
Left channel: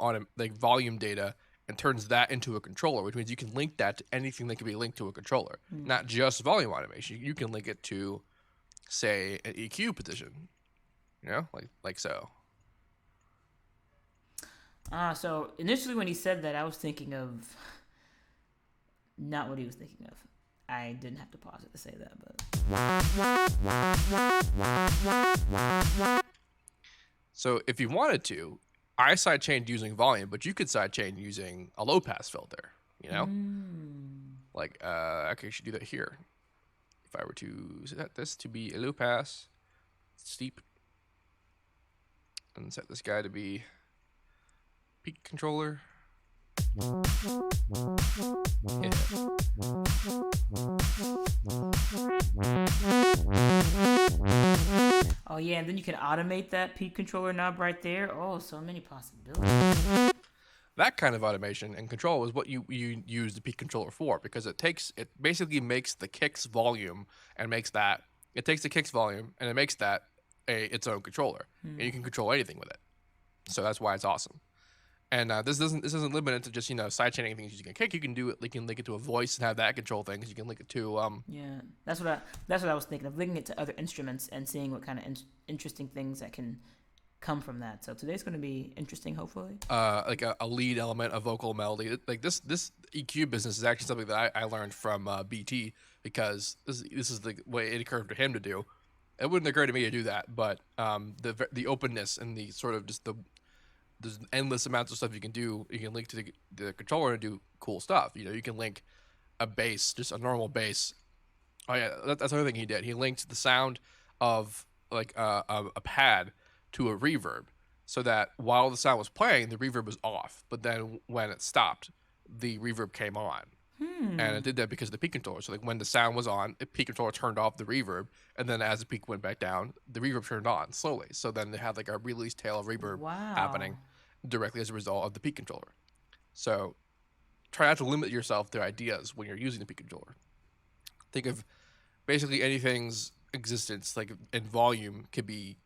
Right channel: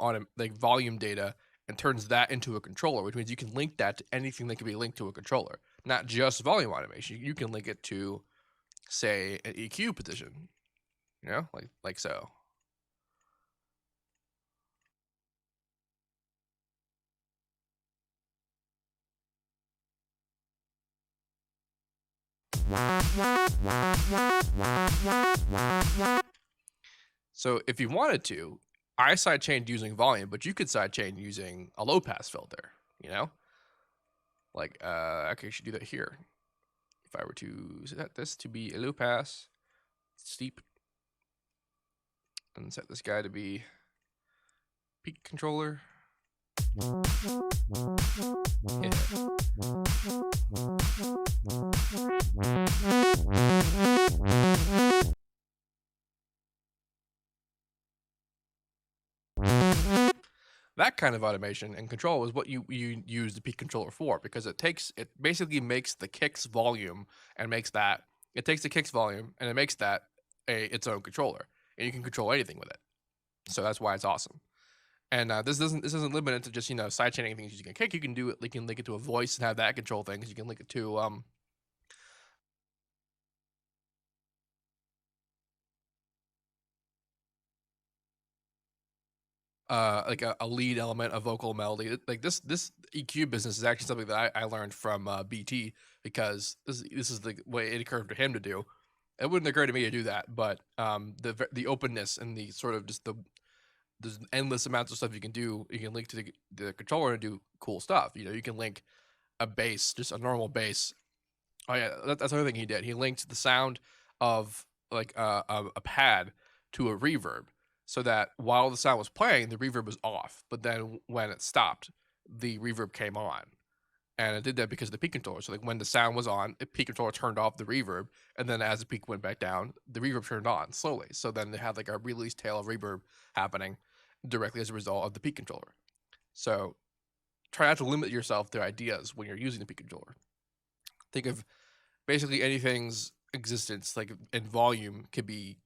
data and turns that into a controller, which means you can link that to anything that can be linked to a controller, not just volume automation. You can link it to, say, an EQ position, like so. So initially when he said that, I was thinking of not what he was thinking of. I didn't have to pause it to say that, but. So if you wanted to, I sidechained using volume, but you could sidechain using a low pass filter, Like, I could actually do that here. If I were to set this to be a low pass, steep, and set this guy to be peak controller. Yeah. Oh yeah, and then you can automate that peak controller knob right there. Oh, so many possibilities. That kind of automation and control is what you use the peak controller for, because it basically makes the kick's volume and makes that it takes the kick's volume and it makes that its own controller, and you can control anything with it. So that's why it's awesome. And this isn't limited to just sidechaining things using a kick. You can do it. You can link it to a voice and have that control things. You can link it to Yeah, that's what I was thinking of, linking it to other instruments and seeing what kind of interesting things that can come from that. So today's going to be interesting, hopefully. Like a lead element, a vocal melody. Like this EQ business is actually something that I learned from BT, because this is the way it occurred to him to do. It wouldn't occur to me to do that, but the openness and the sort of just there's endless amounts of stuff you can do. You can link to the controller and do cool stuff. You can link a bass, just a normal bass. Oh yeah, that's another thing he did. He linked the sound of like a pad to a reverb, so that while the sound was playing, the reverb was off. But then when it stopped, the reverb came on. And it did that because of the peak controller. So like when the sound was on, the peak controller turned off the reverb, and then as the peak went back down, the reverb turned on slowly. So then they had like a release tail of reverb happening directly as a result of the peak controller. So try not to limit yourself to ideas when you're using the peak controller. think of basically anything's existence, like in volume, could be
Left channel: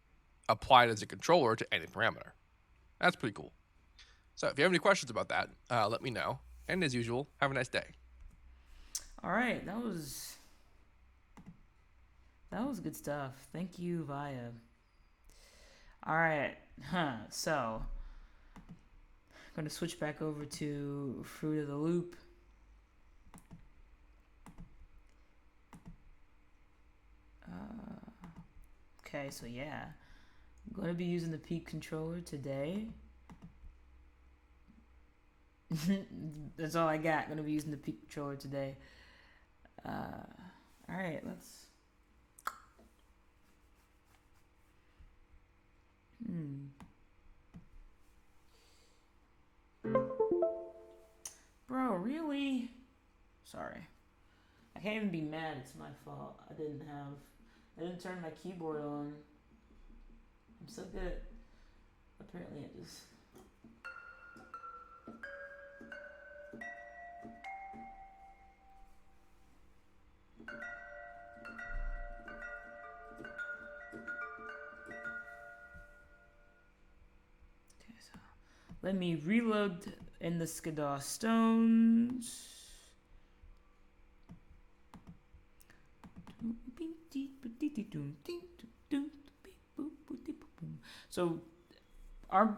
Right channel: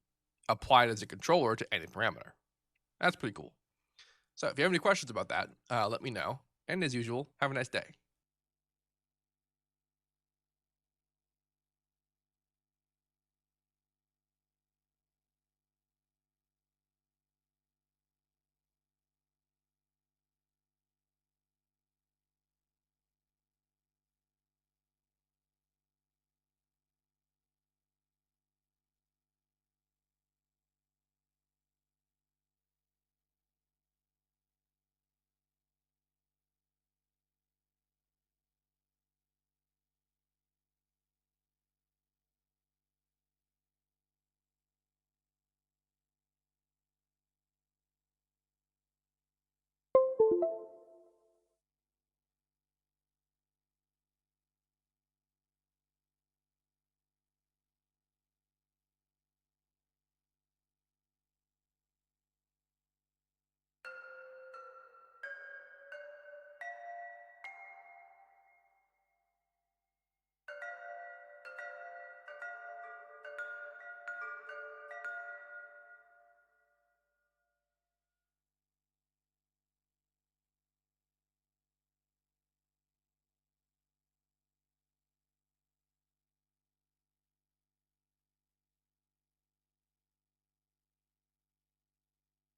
applied as a controller to any parameter. That's pretty cool. So if you have any questions about that, let me know. And as usual, have a nice day. All right, that was good stuff. Thank you, Via. All right, so I'm going to switch back over to Fruit of the Loop. Okay, so yeah, I'm going to be using the Peak controller today. That's all I got. Going to be using the Peak controller today. All right, let's. Bro, really? Sorry. I can't even be mad. It's my fault. I didn't turn my keyboard on. I'm so good. Apparently it just. Okay, so let me reload in the Skiddaw stones. So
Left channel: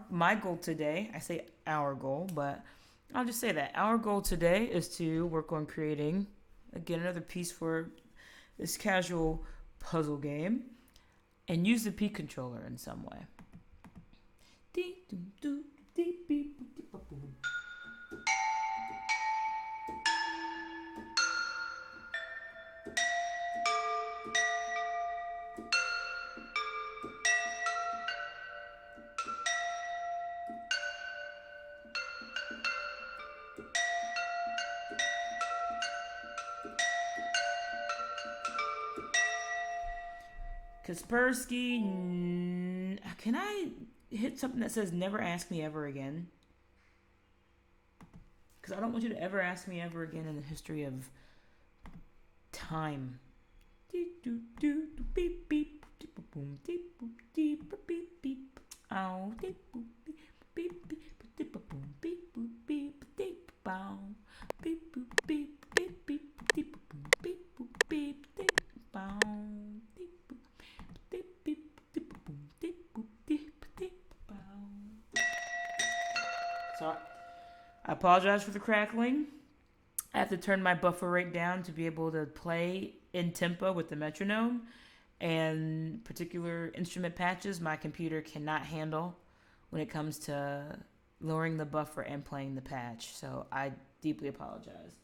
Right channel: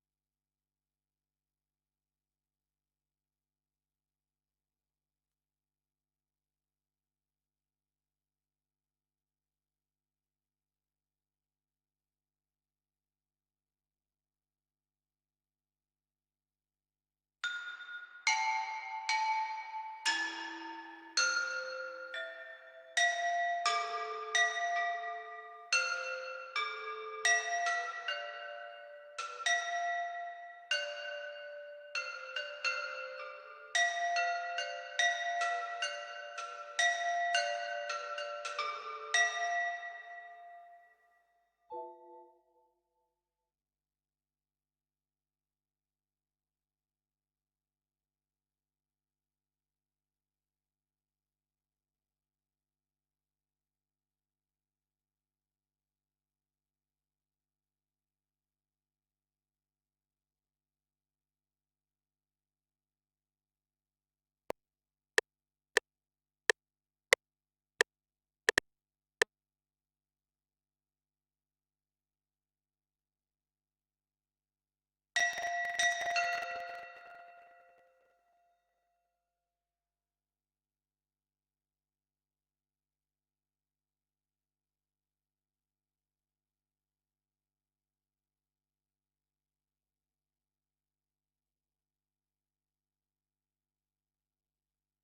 my goal today, I say our goal, but I'll just say that our goal today is to work on creating, again, another piece for this casual puzzle game and use the Peak controller in some way. Kaspersky, can I hit something that says never ask me ever again? Because I don't want you to ever ask me ever again in the history of time. So I apologize for the crackling. I have to turn my buffer rate down to be able to play in tempo with the metronome, and particular instrument patches my computer cannot handle when it comes to lowering the buffer and playing the patch. So I deeply apologize.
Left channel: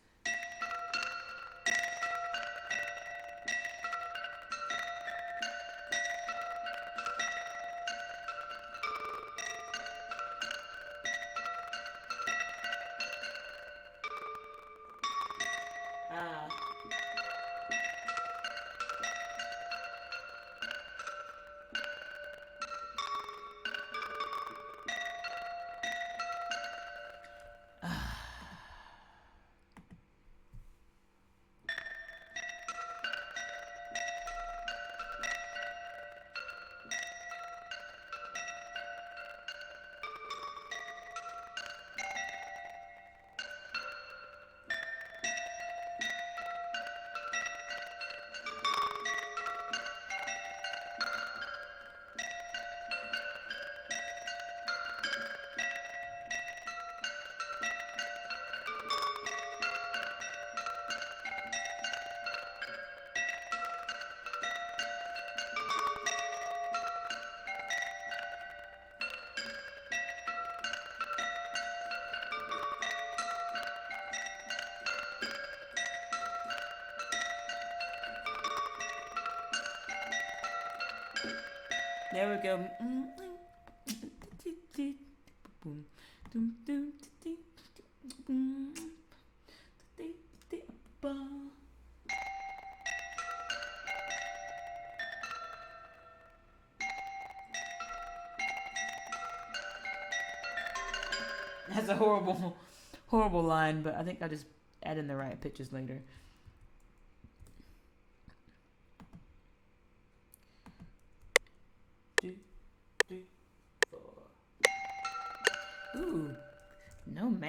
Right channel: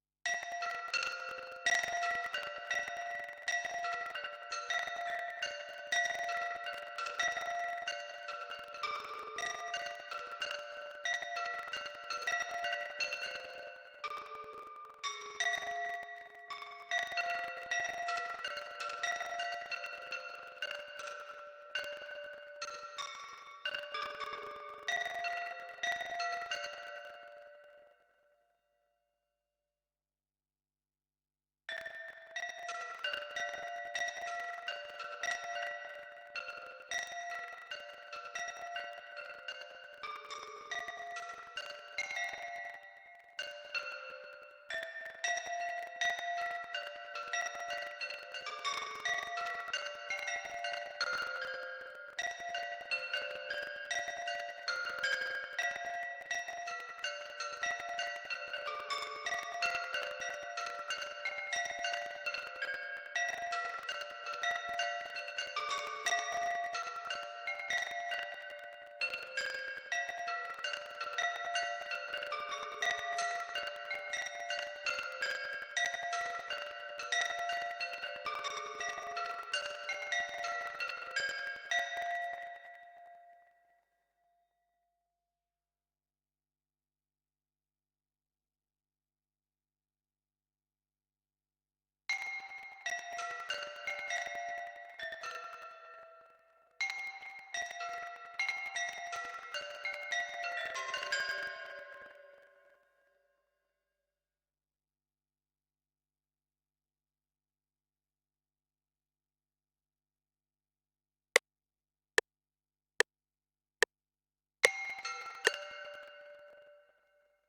There we go. That's a horrible line, but I think I'll just add in the right pitches later.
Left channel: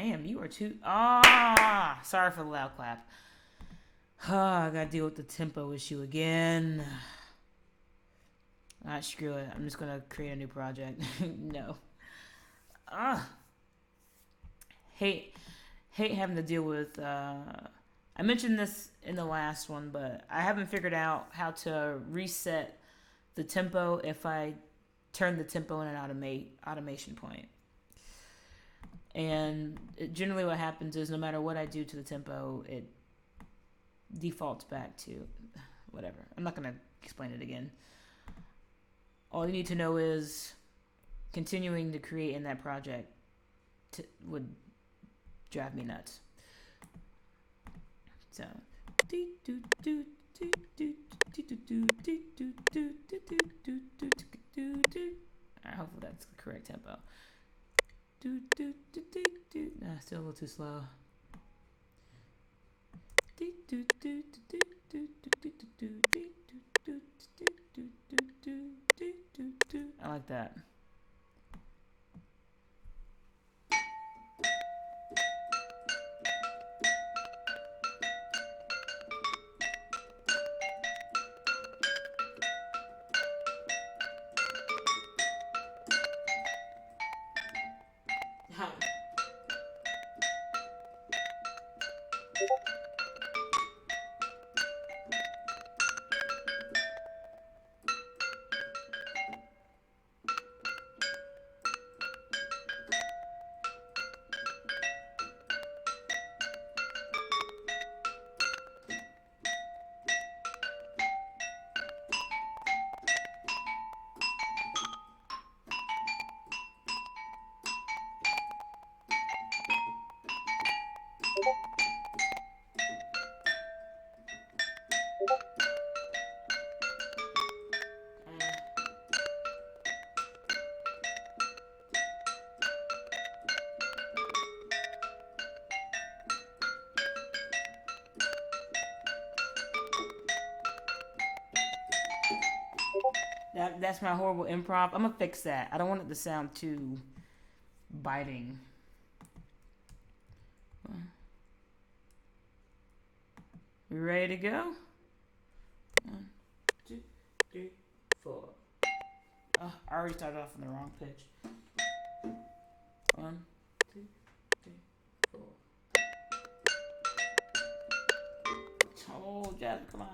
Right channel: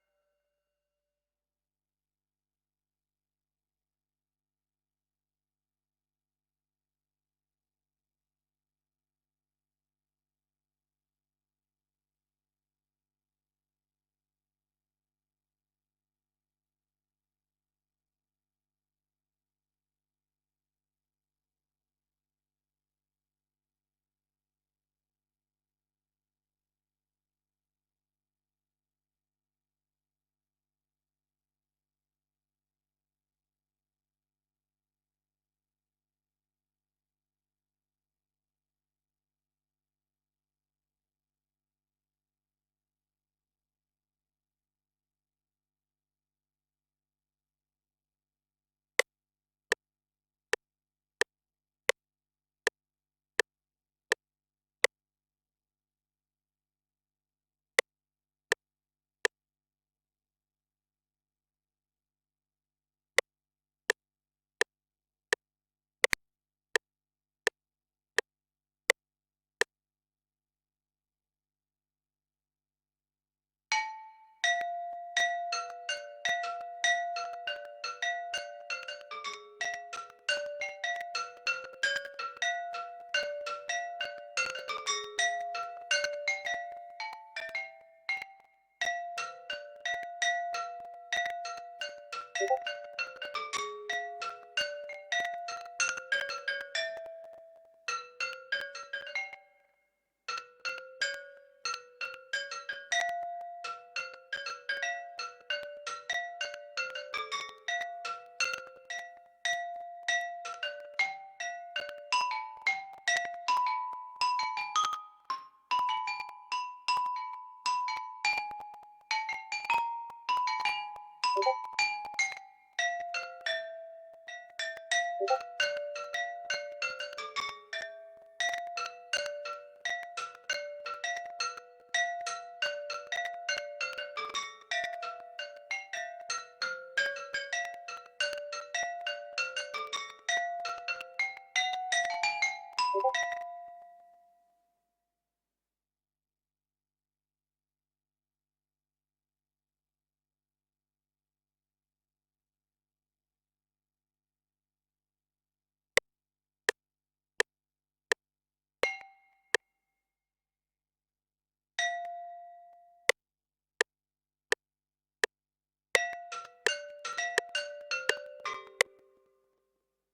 Damn, you are too. Ah, sorry for the loud clap. I gotta deal with the tempo issue again. Alright, screw it. I'm just gonna create a new project. No. Hate having to deal with. I mentioned this in the last one, but I haven't figured out how to reset the tempo if I turn the tempo in an automation point. And generally what happens is no matter what I do to the tempo, it defaults back to whatever. I'm not going to explain it again. All you need to know is continuing to create in that project would drive me nuts. So, alright, hopefully that's the correct tempo. Still a little too slow. I like that. That's my horrible improv. I'm gonna fix that. I don't want it to sound too biting. We ready to go? 1, 2, 3, 4. Oh, I already started off on the wrong pitch. 1, 2, 3, 4. Oh, Jasmine, come on.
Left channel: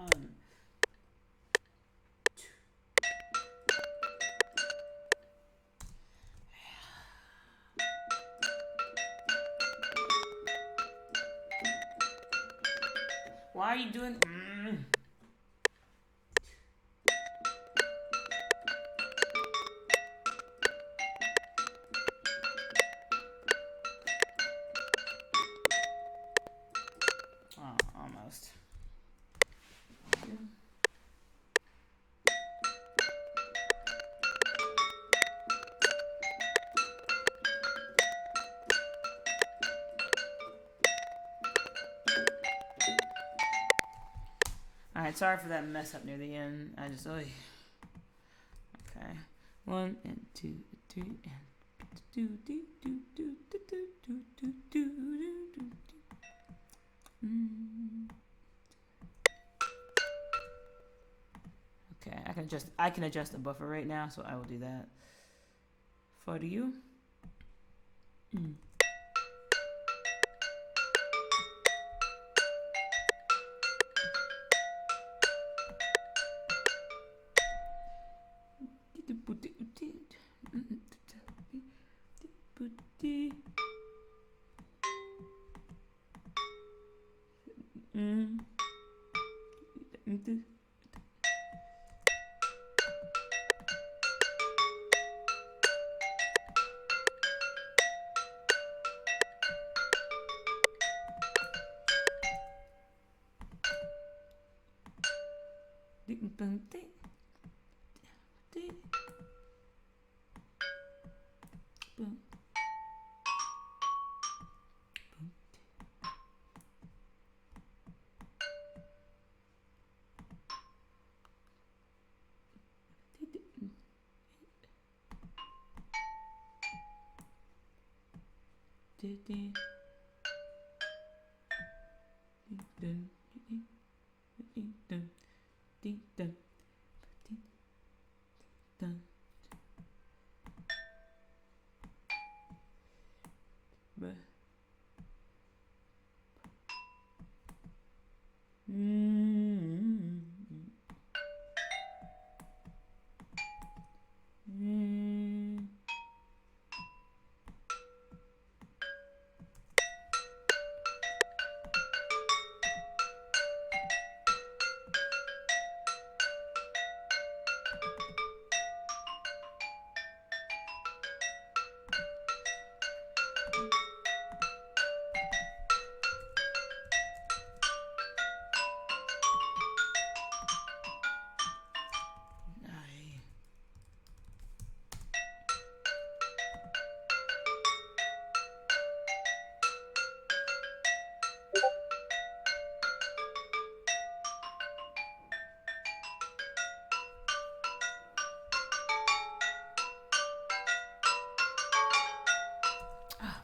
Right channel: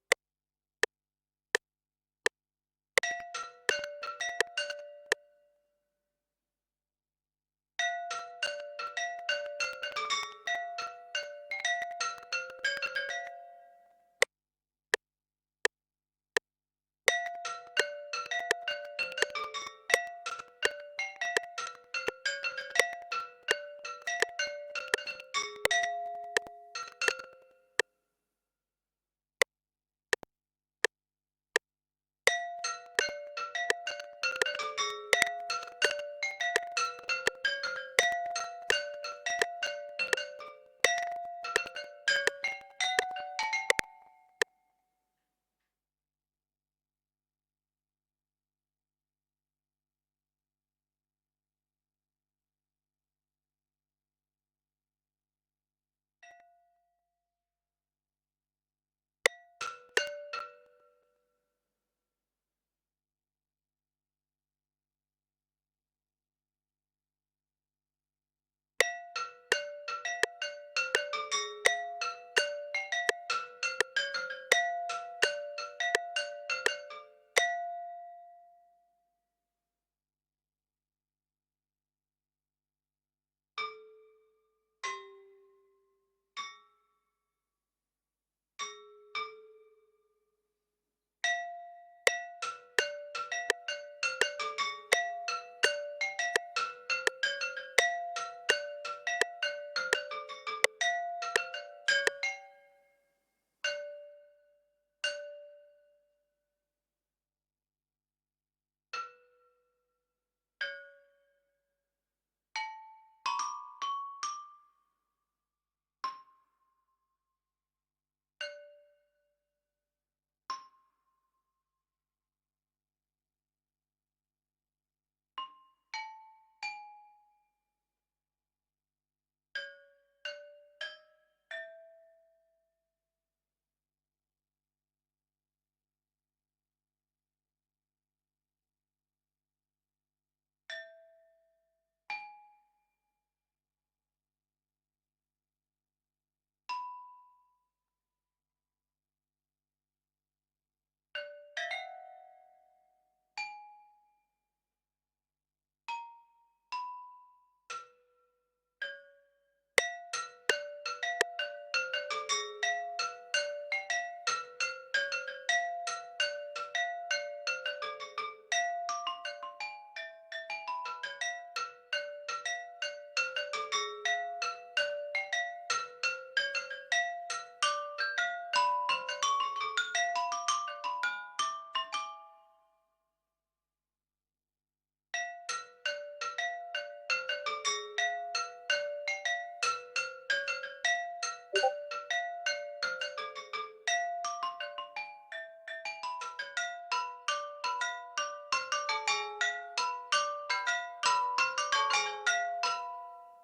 Why are you doing? Oh, almost. Alright, sorry for that mess up near the end. I just, okay. 1 and 2, 3 and Okay, I can adjust the buffer right now, so I will do that for you.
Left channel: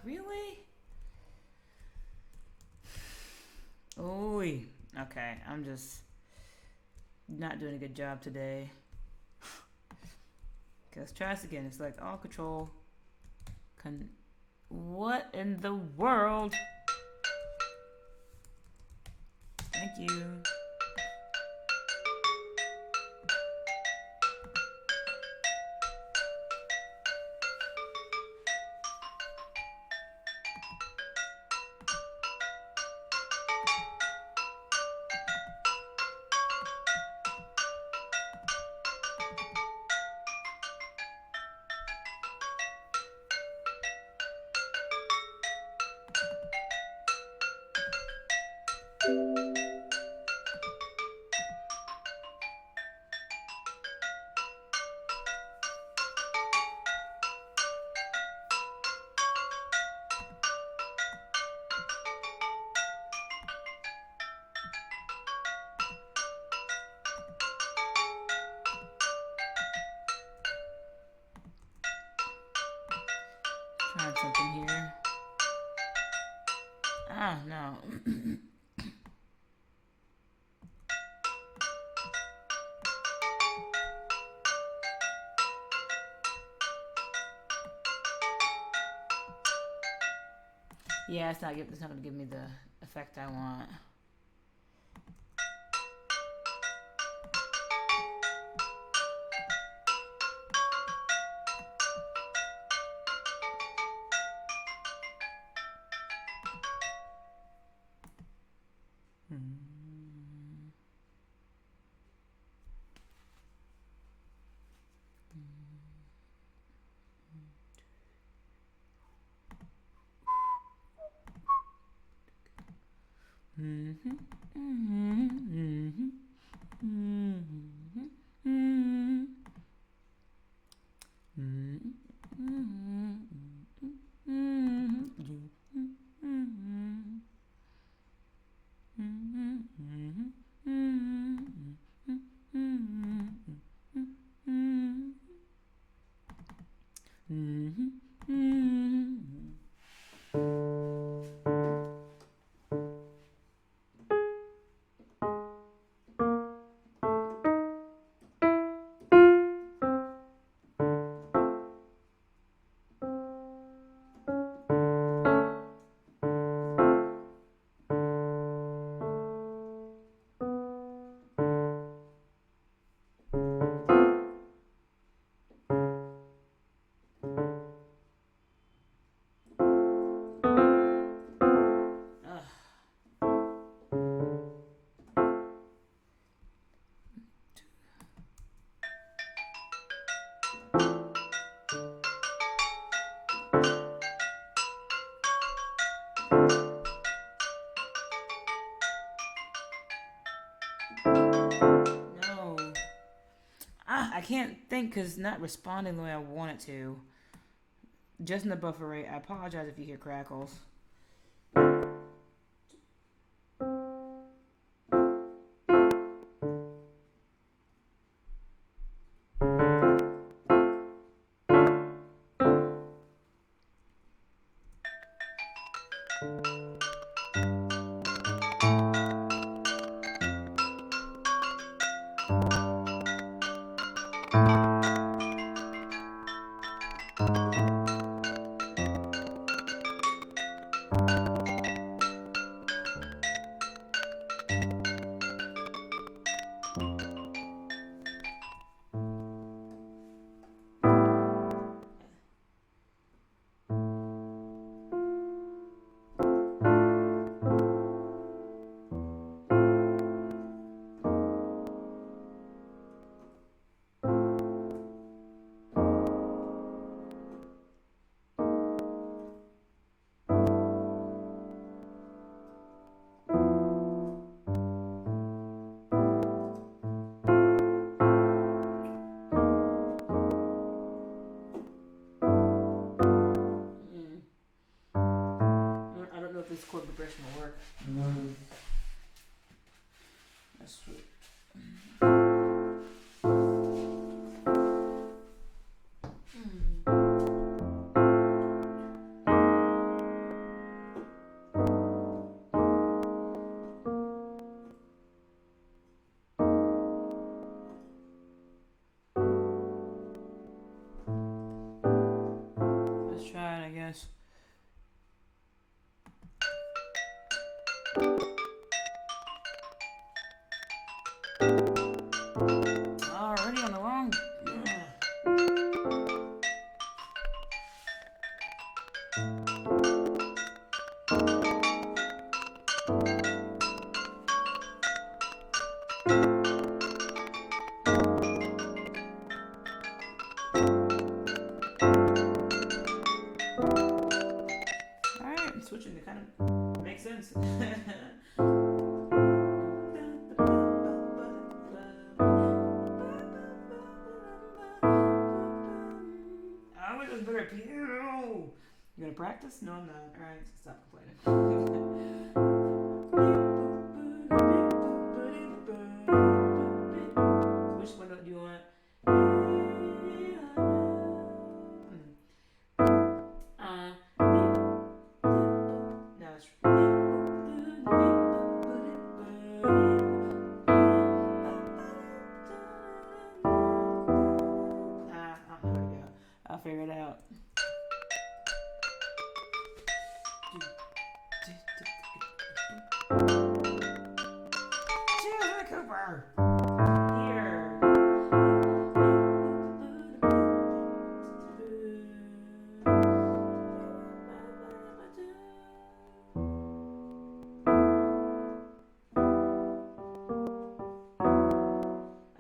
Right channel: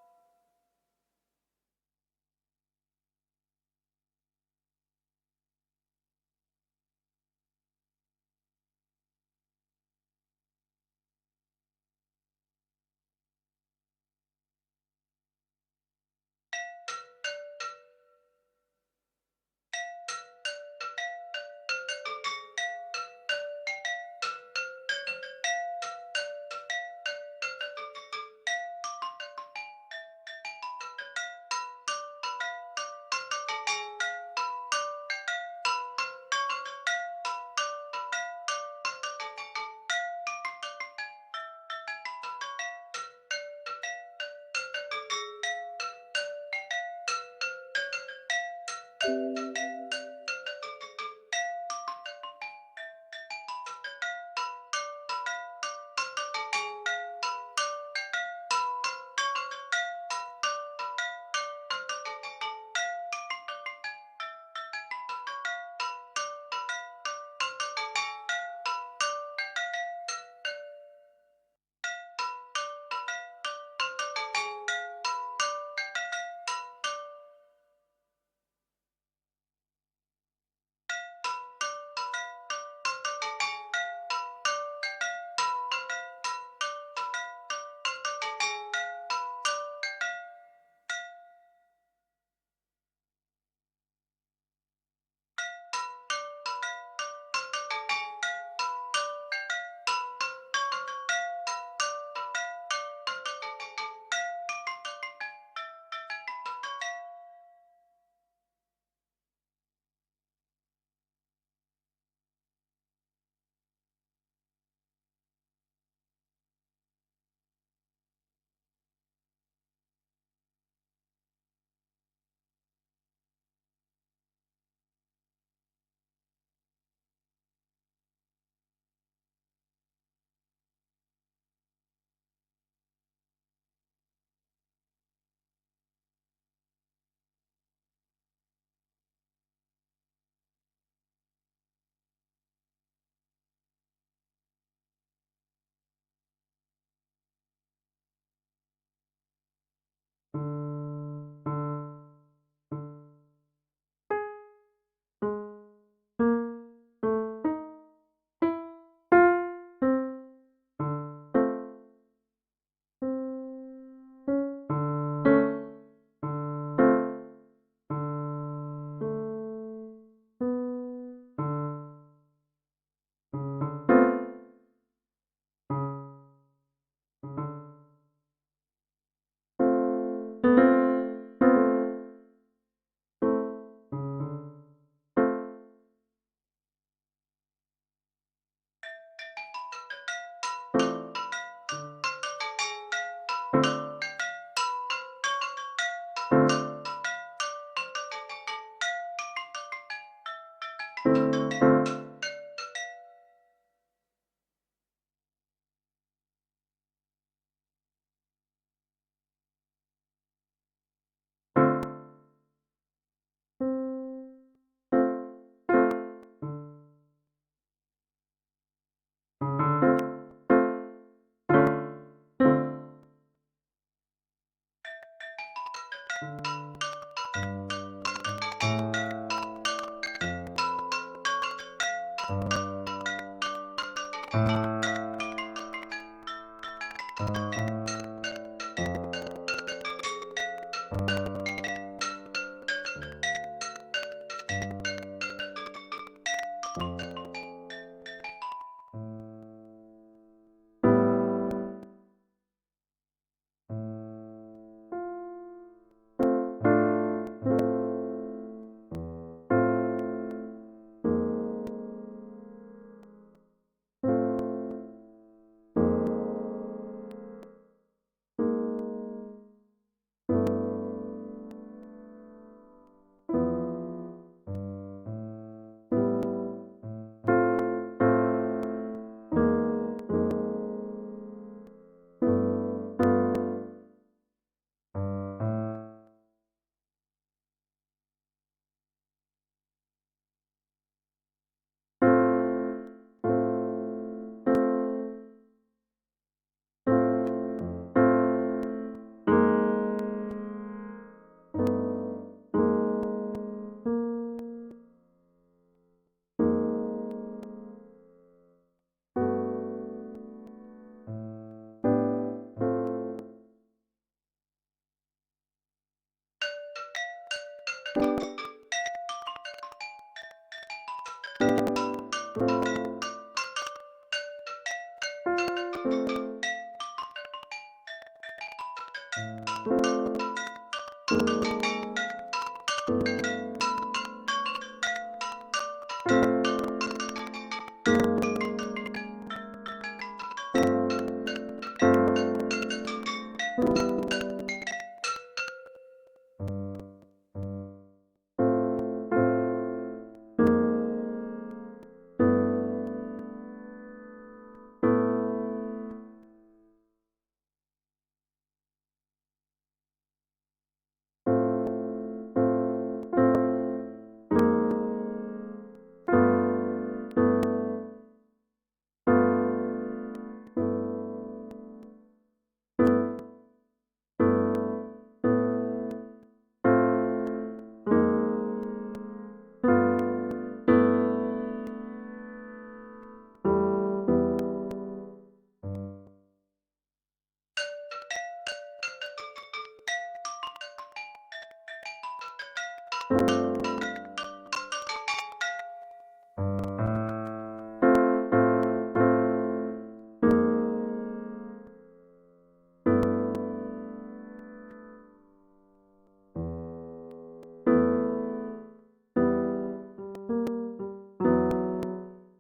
Really? Oy. Okay, I'm just not doing a good job today. Okay, let's try this again. It's like all control. What in the world? Thank you. Trying something here. Ah, no. Yeah, it's not gonna give me the effect I want. I can't think because not responding the way I want it to. Just in the buffer rate. I apologize if you hear crackles. Switching, it kind of makes sense. I wish it was better at piano. You gonna practice? No, I'm not. Alright, so stop complaining. Which one do you want? I'll figure it out. Jasmine Cooper! Here!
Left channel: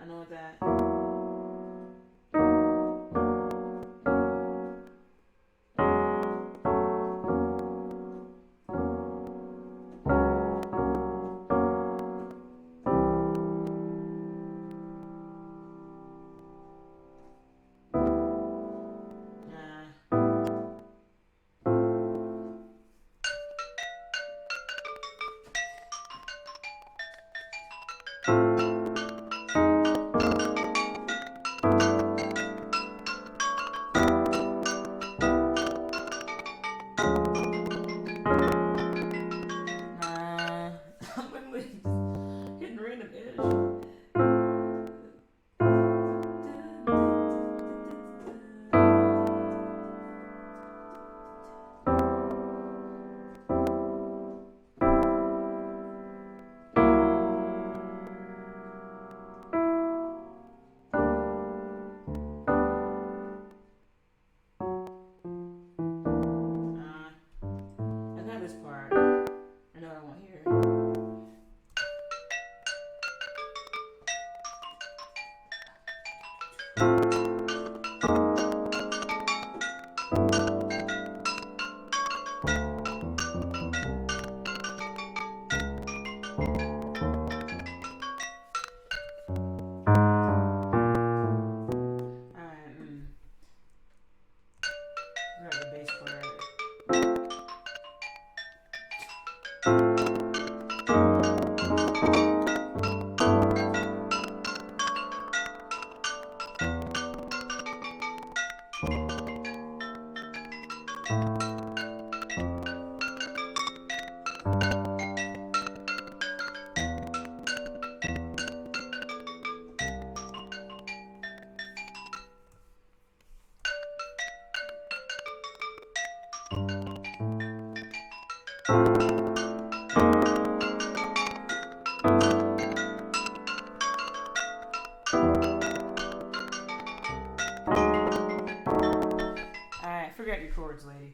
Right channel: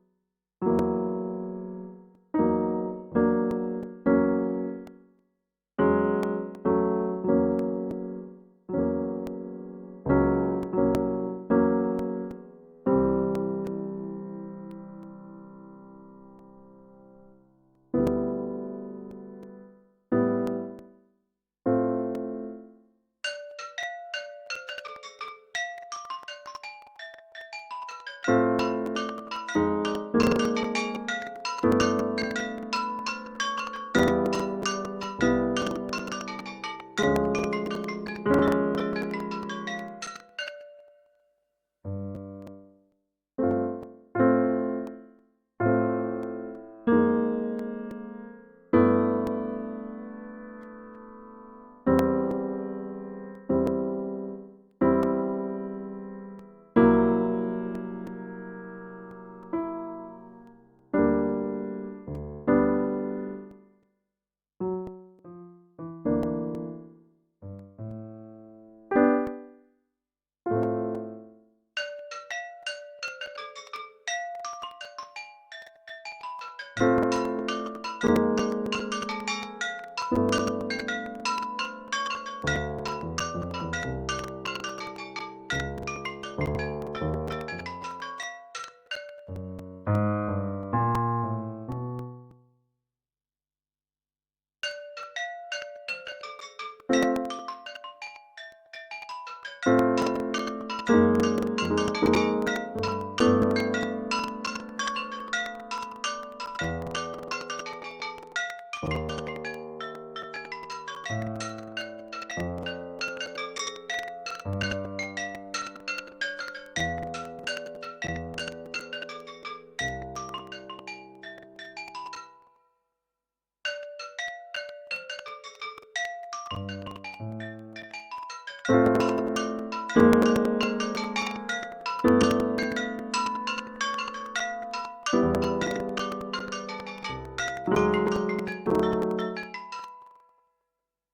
I know that. Forget your chords, lady.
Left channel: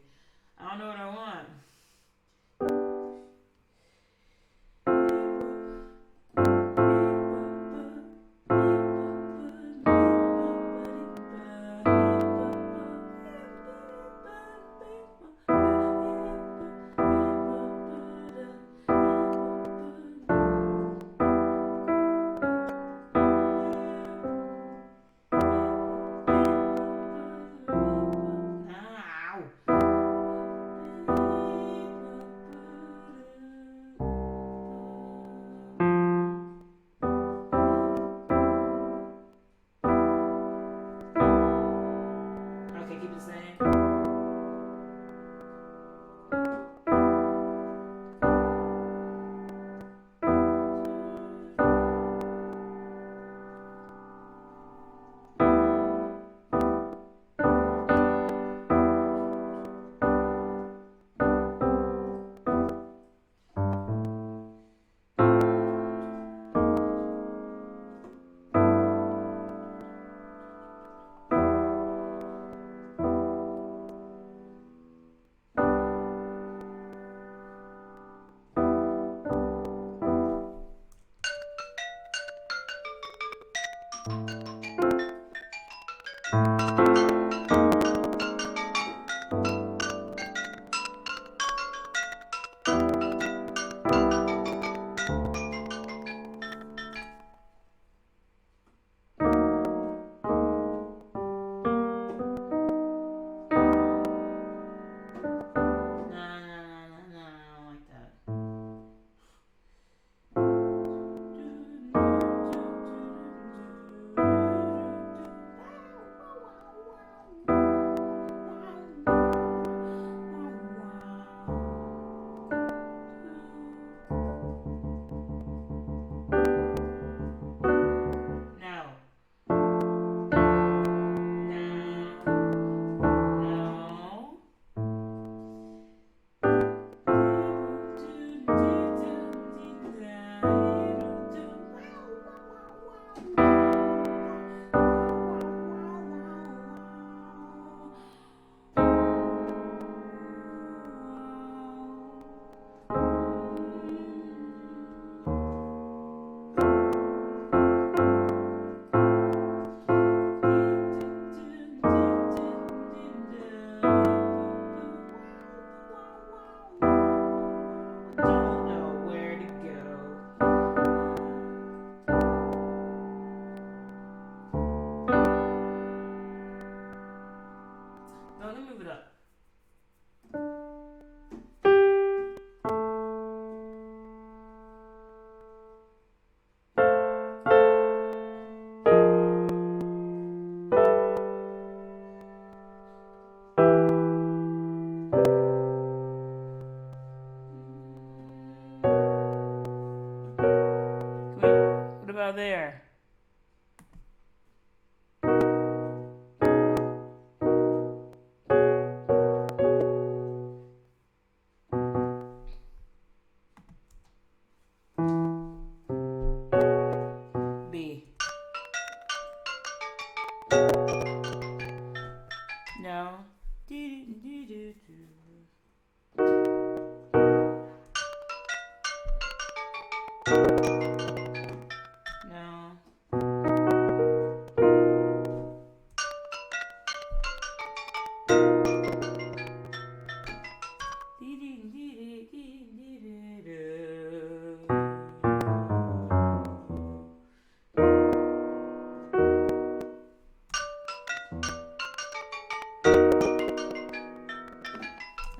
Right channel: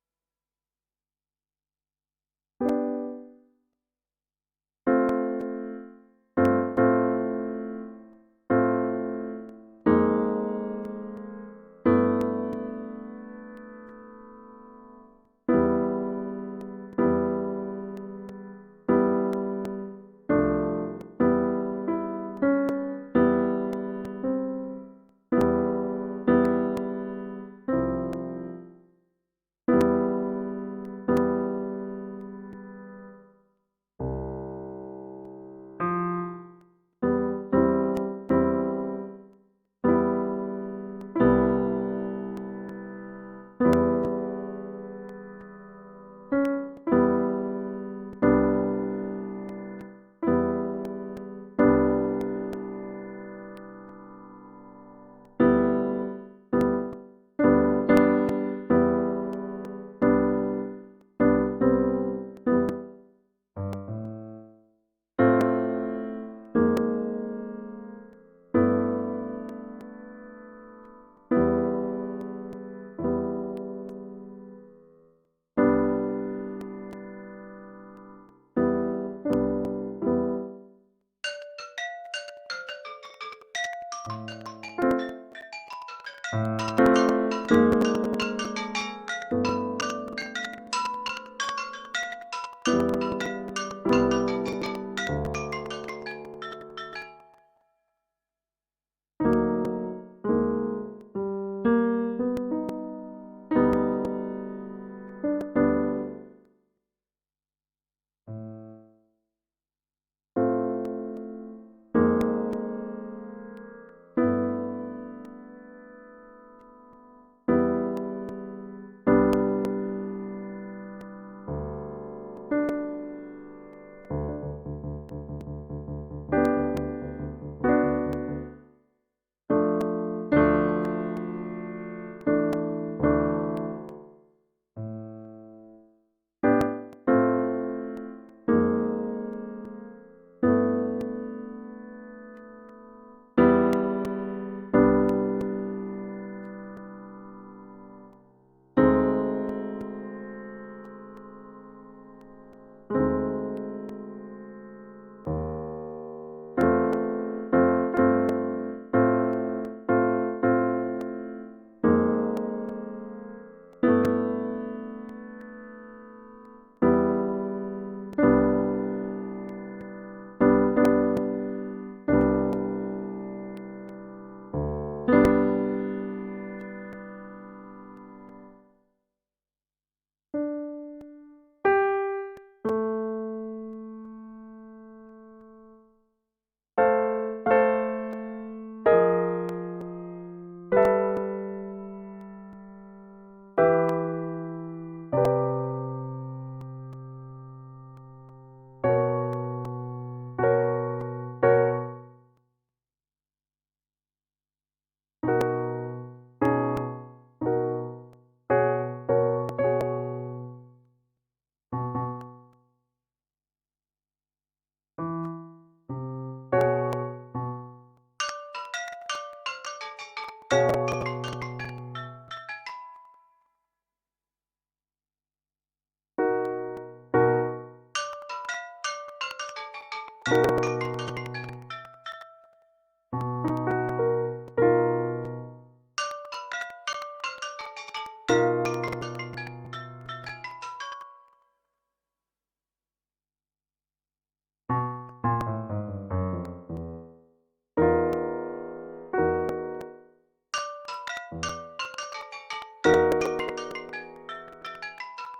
I don't know what I want.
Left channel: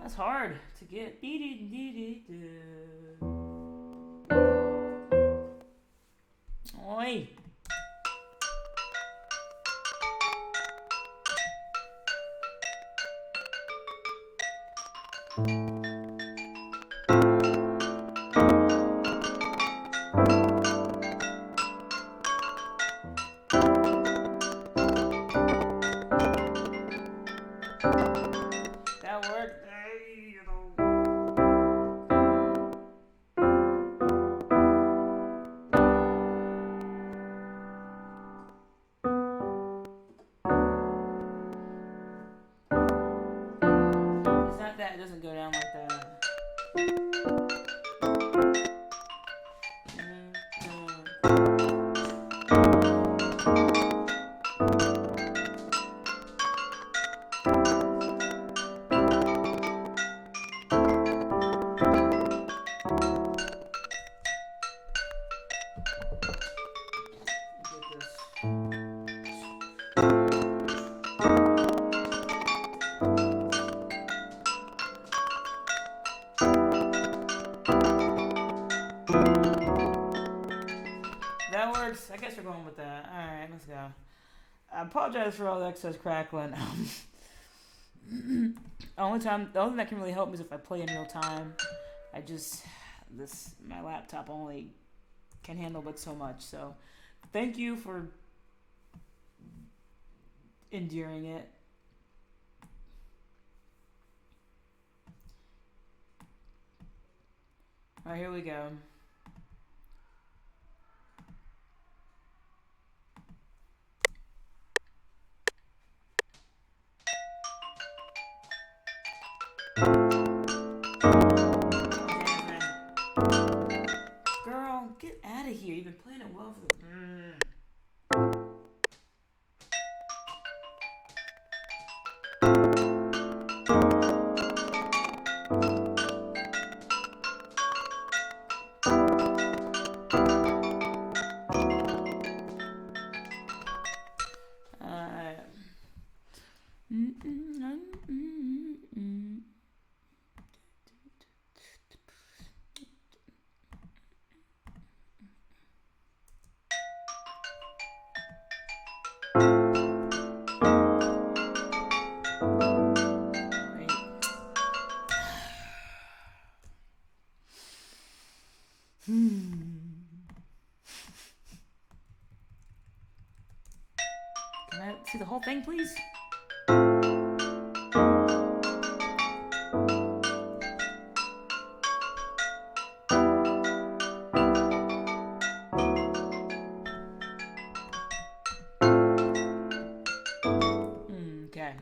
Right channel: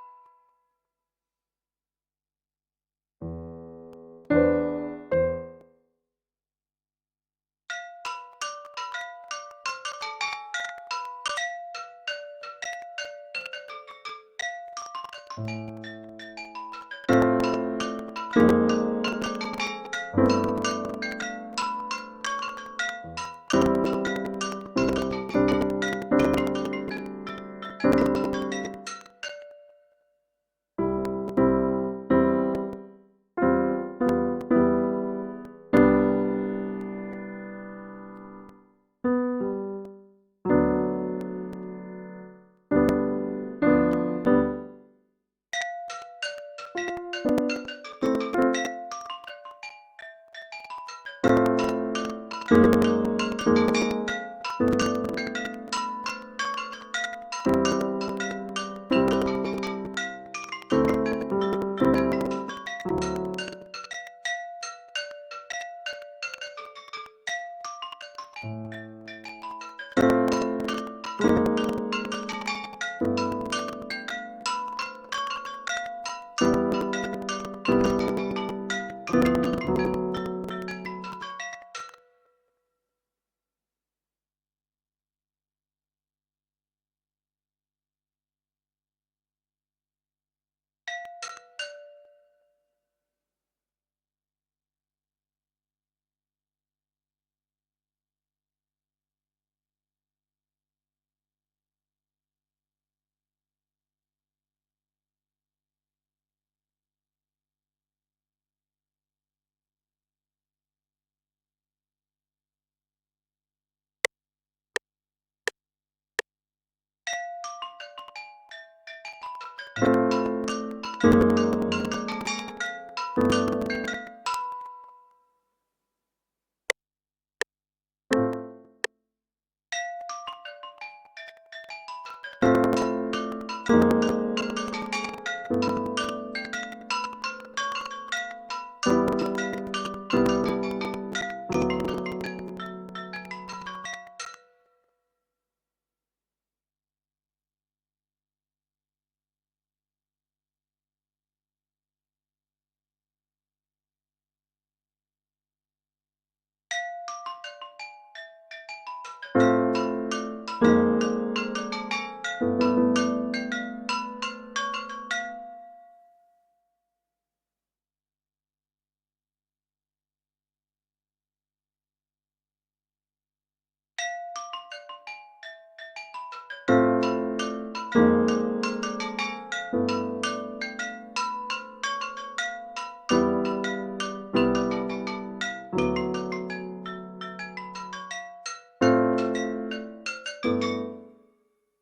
That's hard to get. Oi. That worked. It's not that. It doesn't go down like that. That works. I guess we're going with that. Alright, let's go. I apologize for all the excess crackling. The only thing that can really help me is if I play in real time. My laptop only can handle but so much. So, thank you for enduring it. Alright, here we go. Girl, get out of here. You've been playing it well for the... Can I see the whole thing, please? Okay.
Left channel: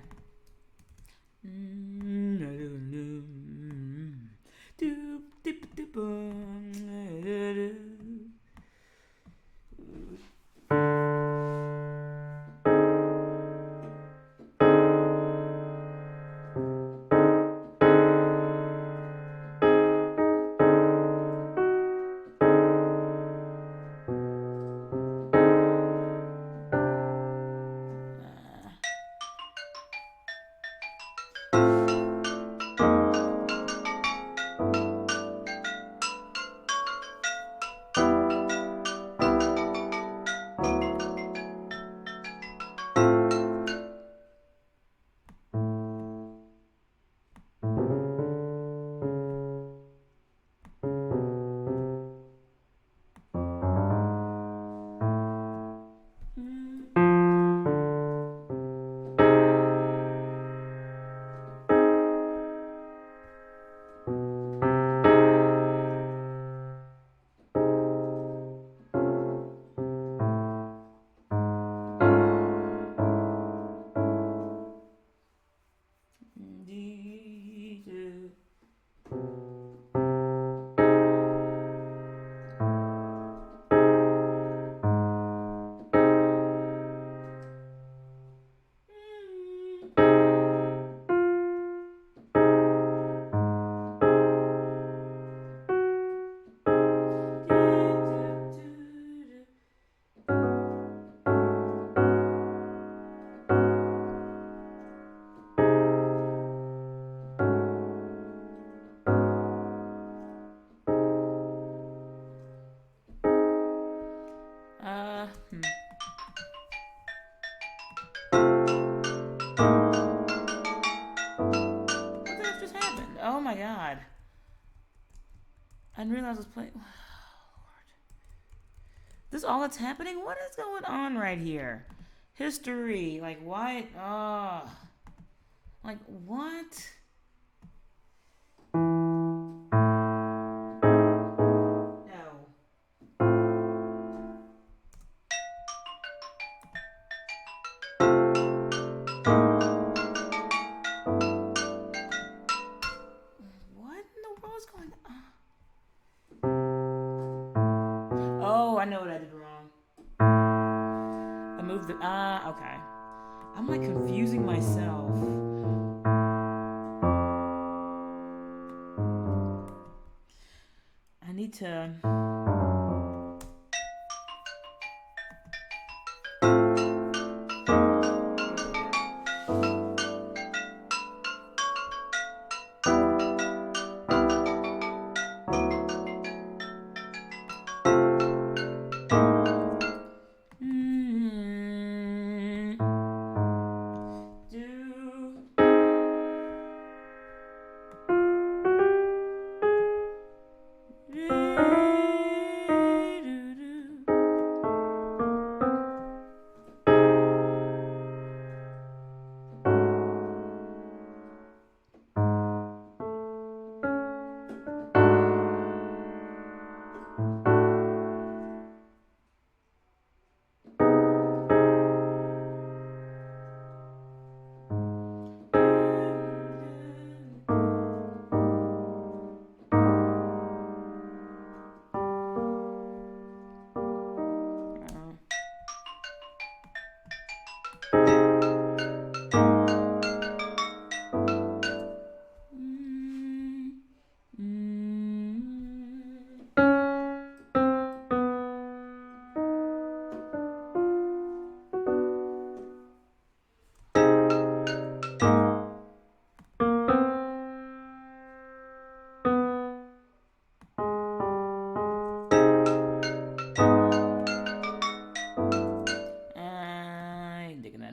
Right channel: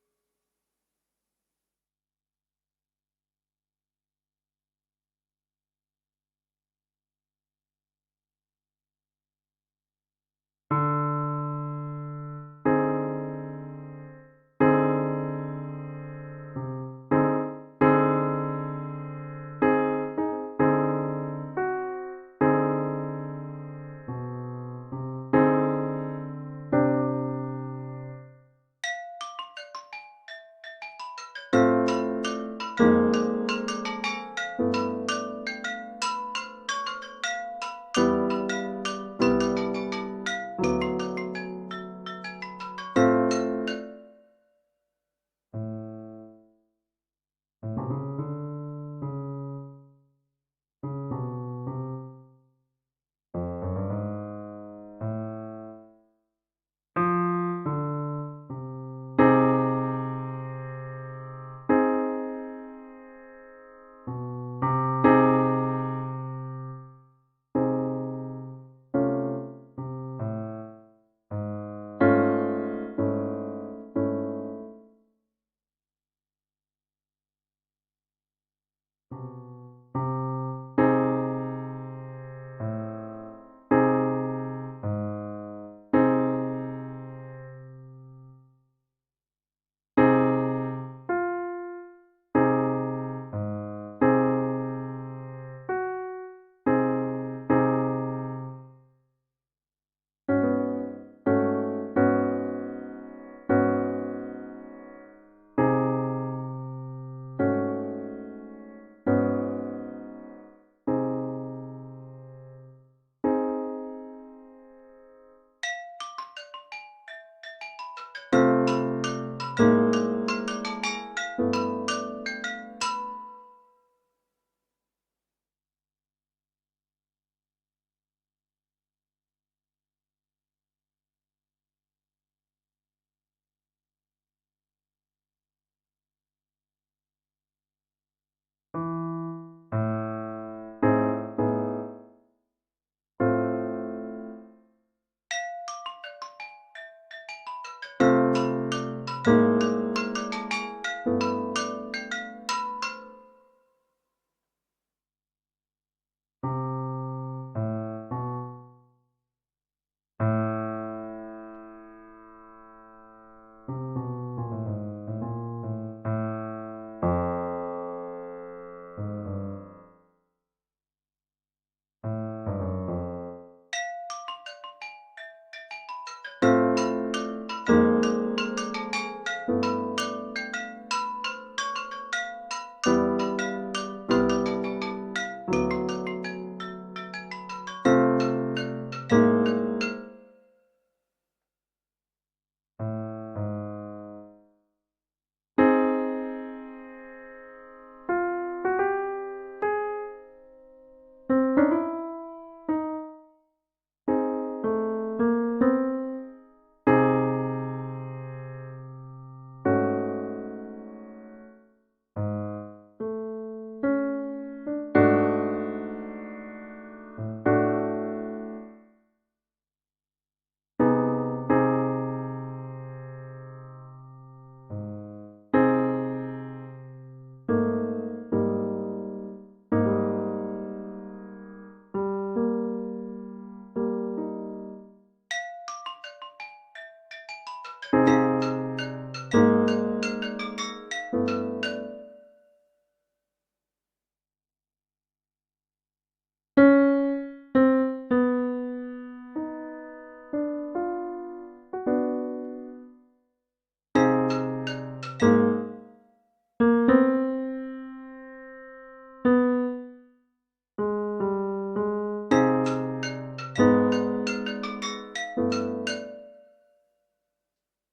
all that's happening? What is going on right here? History. Like, why? Like, what? I know what I did wrong. I moved the... okay. I'm like confusing myself. I need to...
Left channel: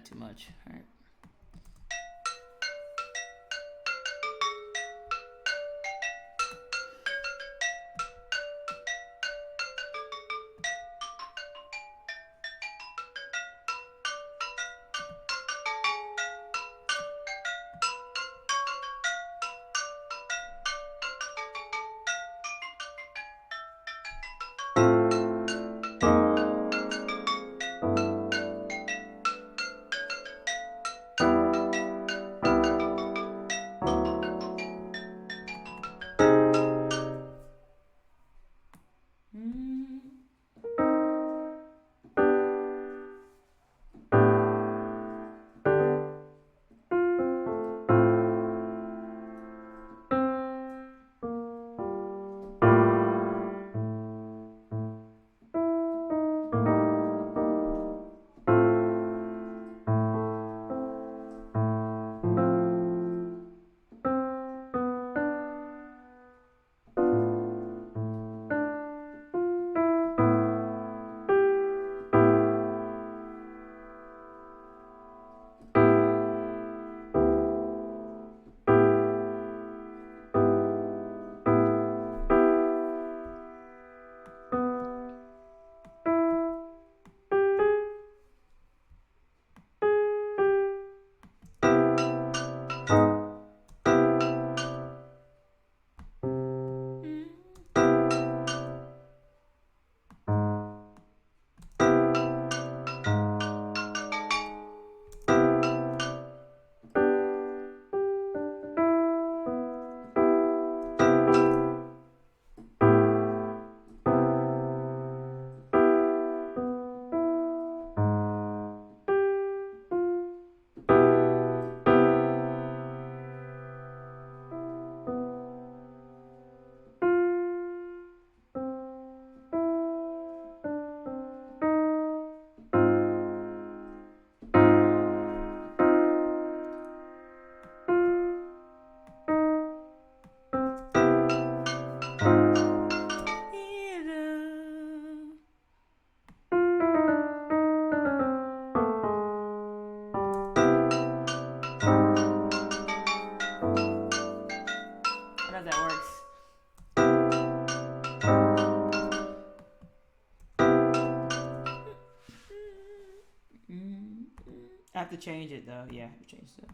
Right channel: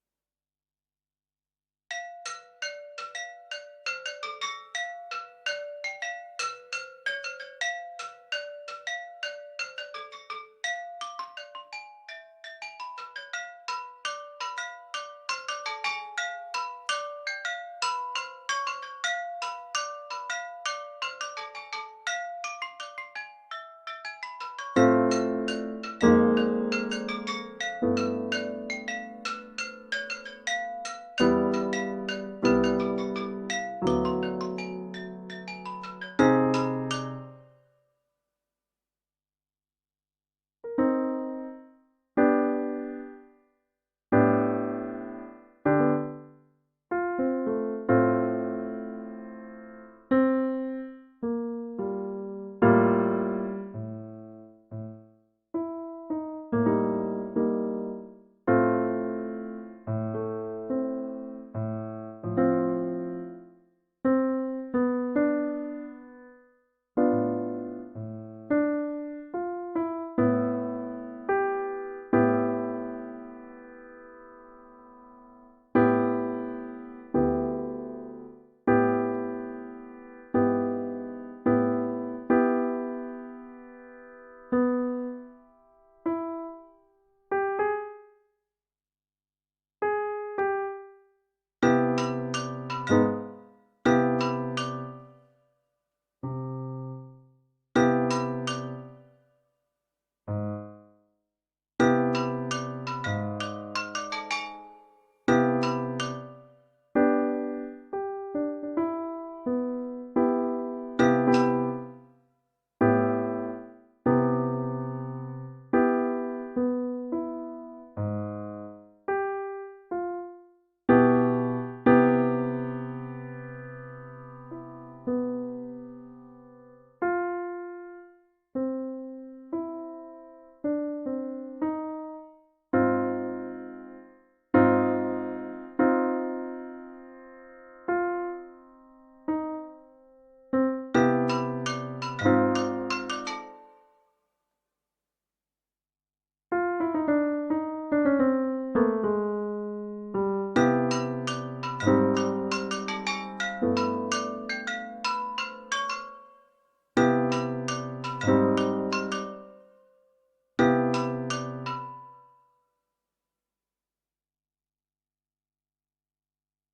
Too much. All right. I have to change it though. Yeah, I have to change it.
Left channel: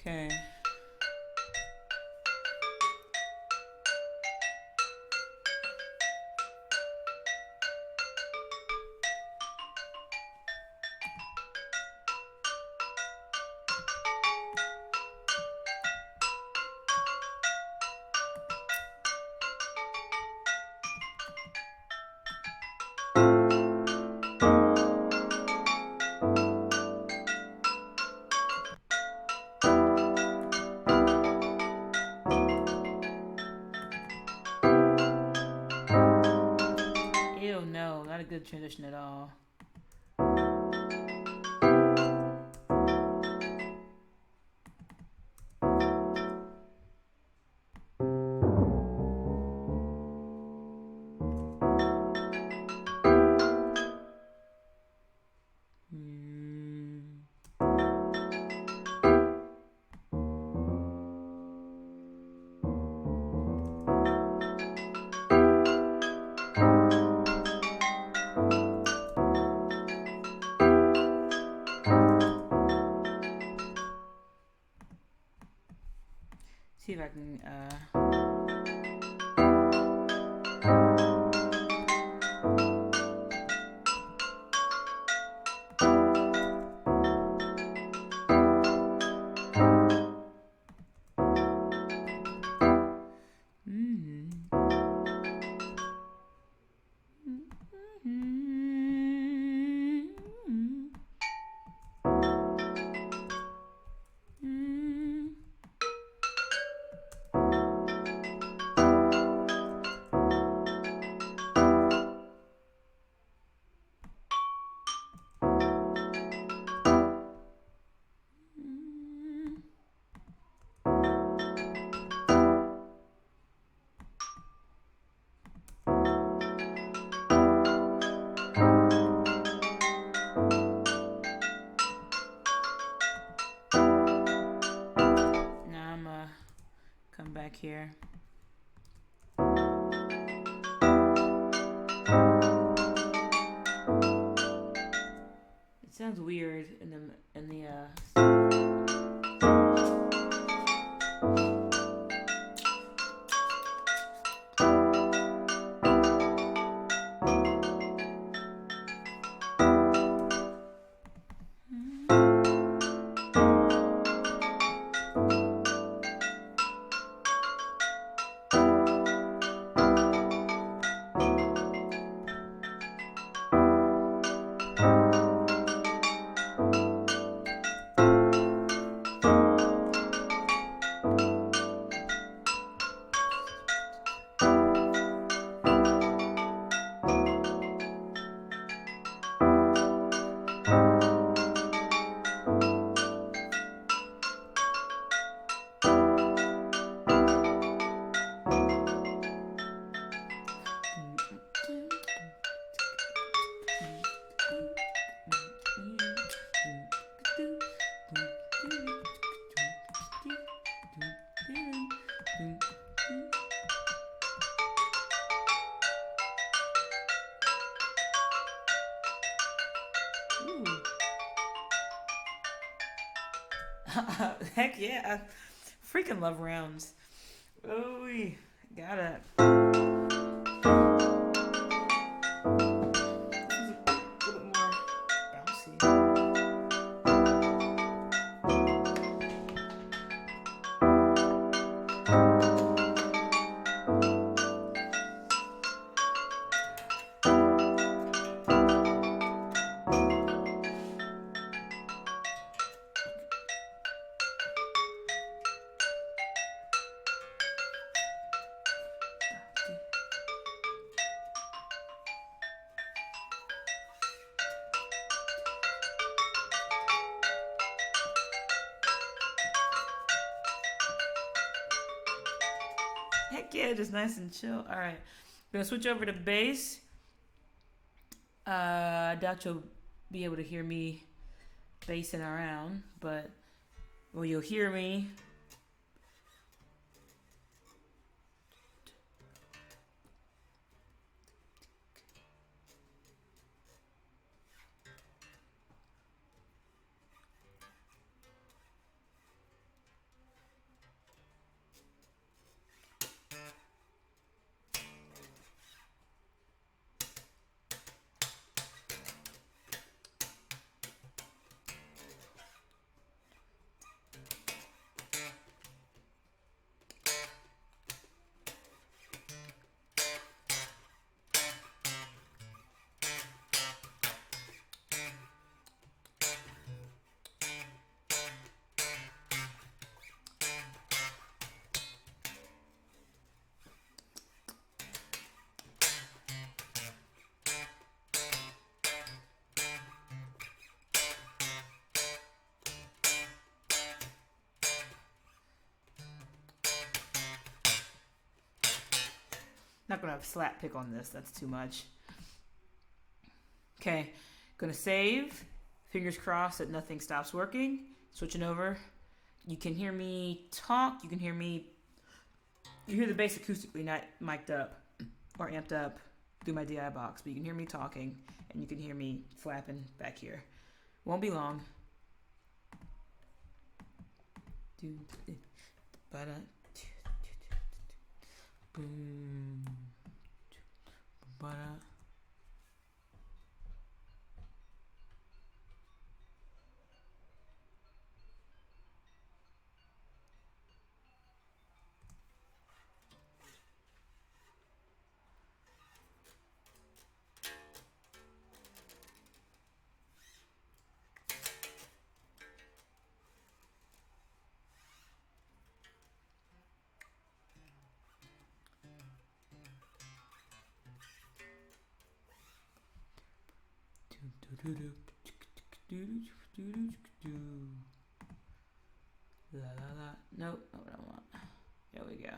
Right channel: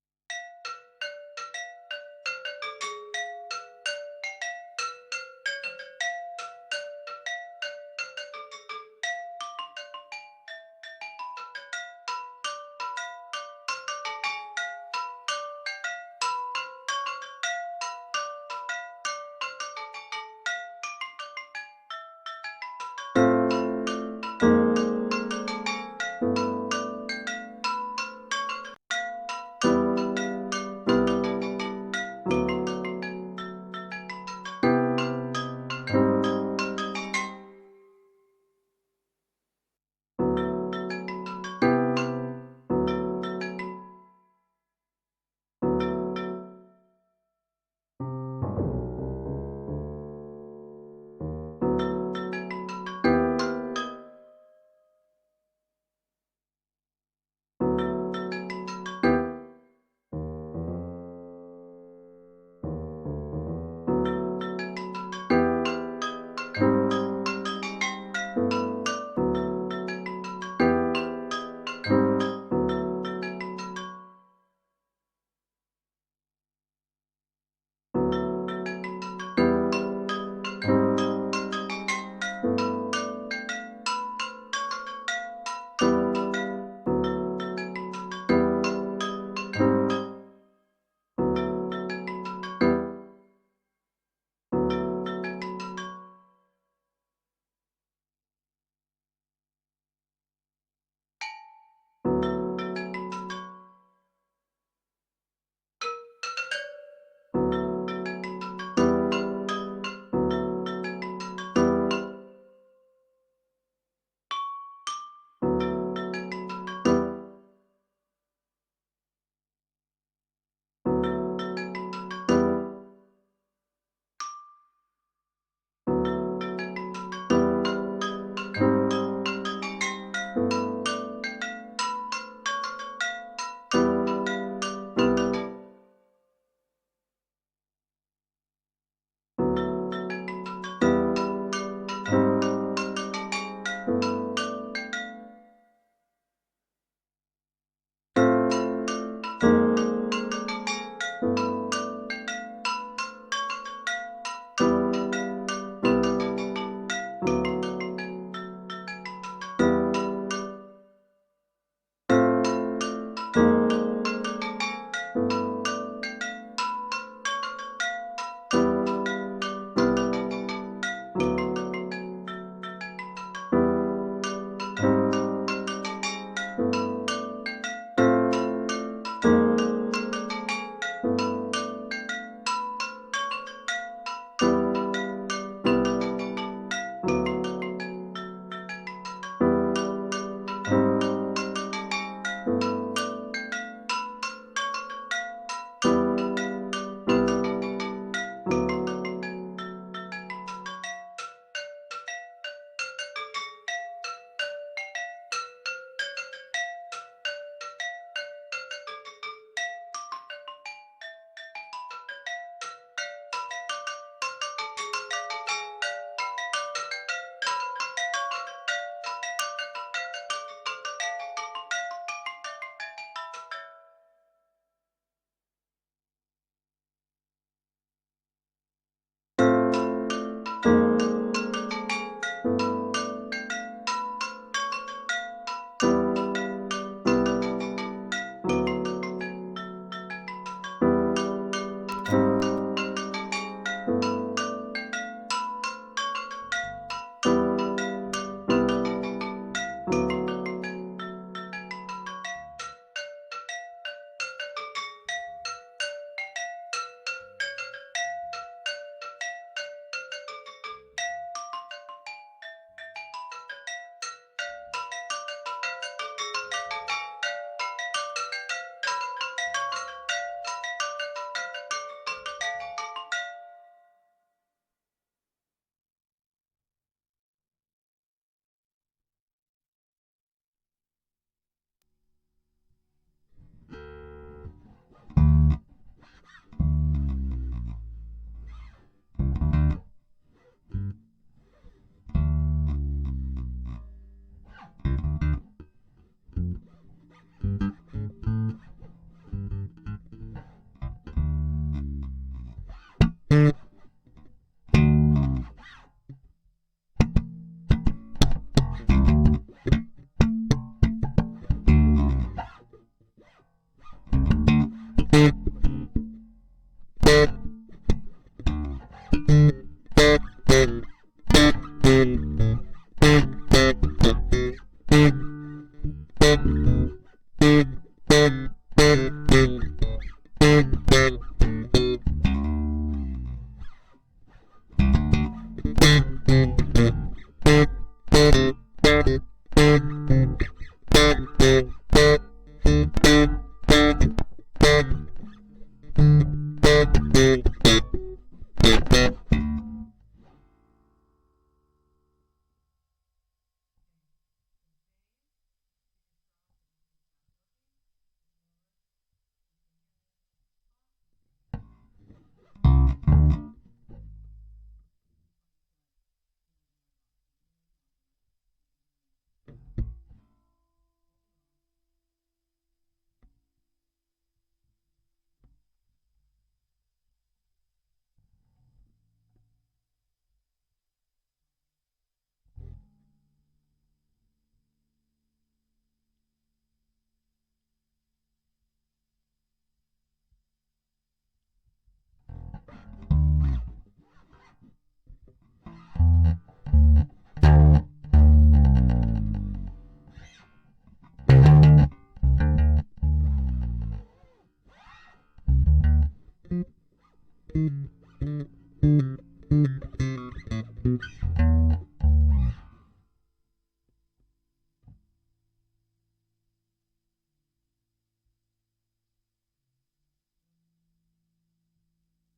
Okay. Ew, no, not a good transition at all. See if I can back here. It sounds weird in the Heck yeah. I freaking love rounds. Oh, we got it. Heck yeah, just nice and chill. All right, gonna switch over to bass. I doubt you'll be able to hear me bassing around, but well, you'll hear me. Not gonna have slap pick on this, that's too much. Okay, gonna save. Fingers crossed that nothing stops working. Switching over. You can hear me talk, you can hear me. You hear the bass acoustically, not mic'd up or amped up through my DI box, but you can hear me talking and you can hear me flapping back here. Won't be long. Nope, not what I want. There we go.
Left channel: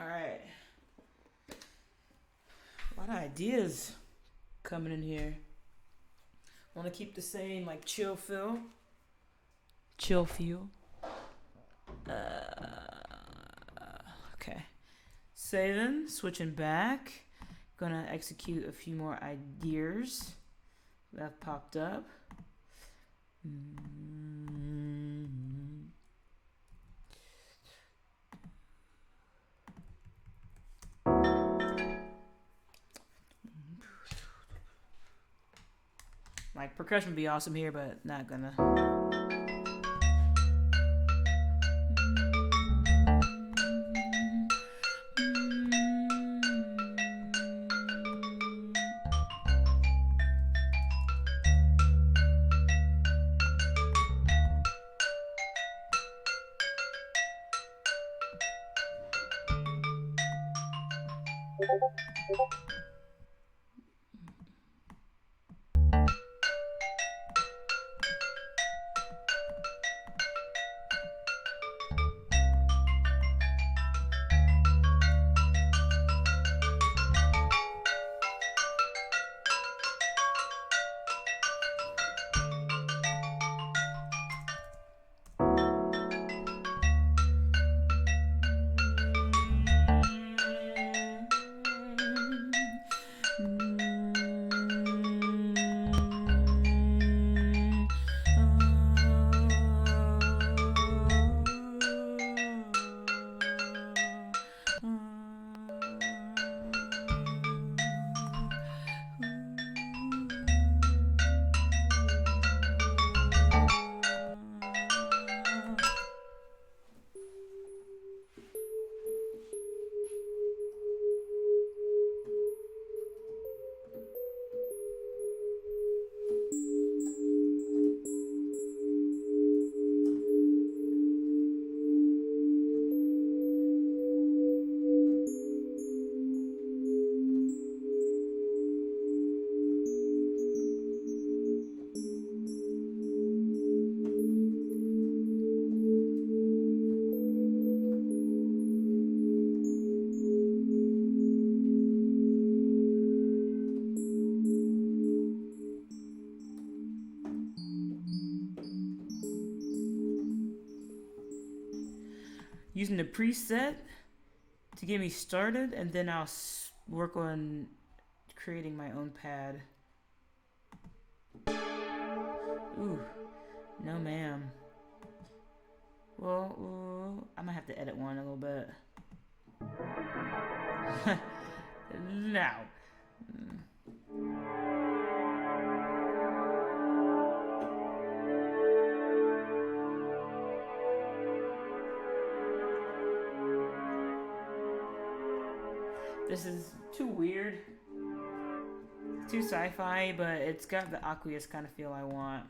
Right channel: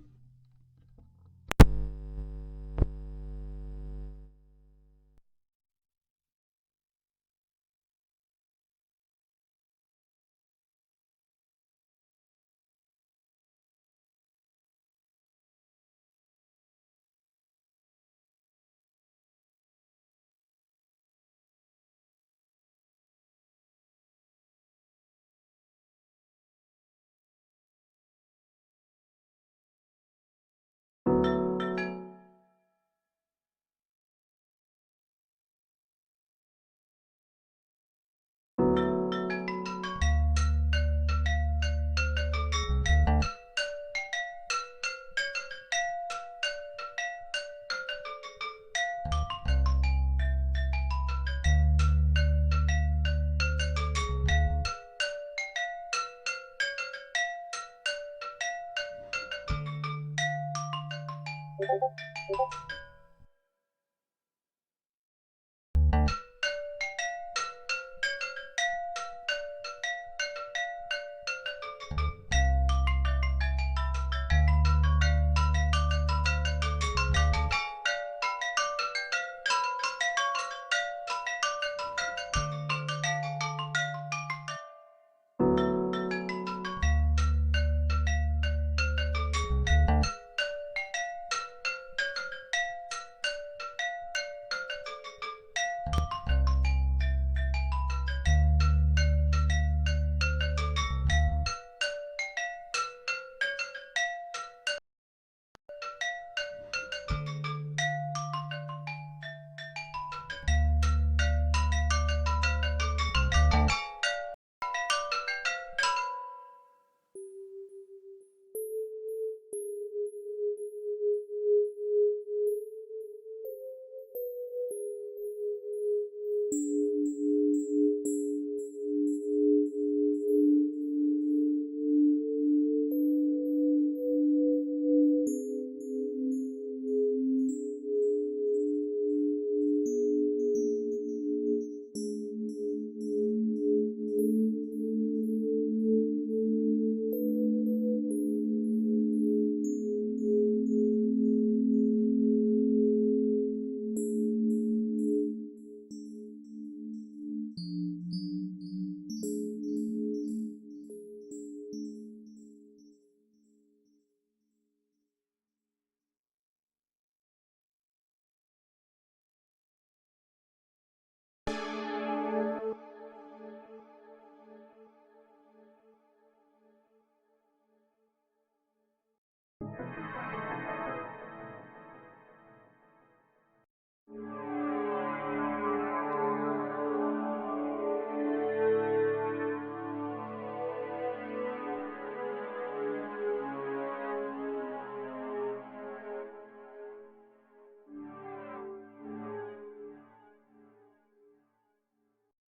All right. A lot of ideas coming in here. Want to keep the same like chill feel. chill feel. Okay. Saving, switching back. Gonna execute a few more ideas that have popped up. Like, percussion would be awesome here, but not gonna. Using the preset to get me started, and then I'll work on creating my own pad. Ooh, no ma'am. Well, I might have to edit one a little bit. Now. This is too weird, too sci-fi, but it's got the aqueous kind of feel I want.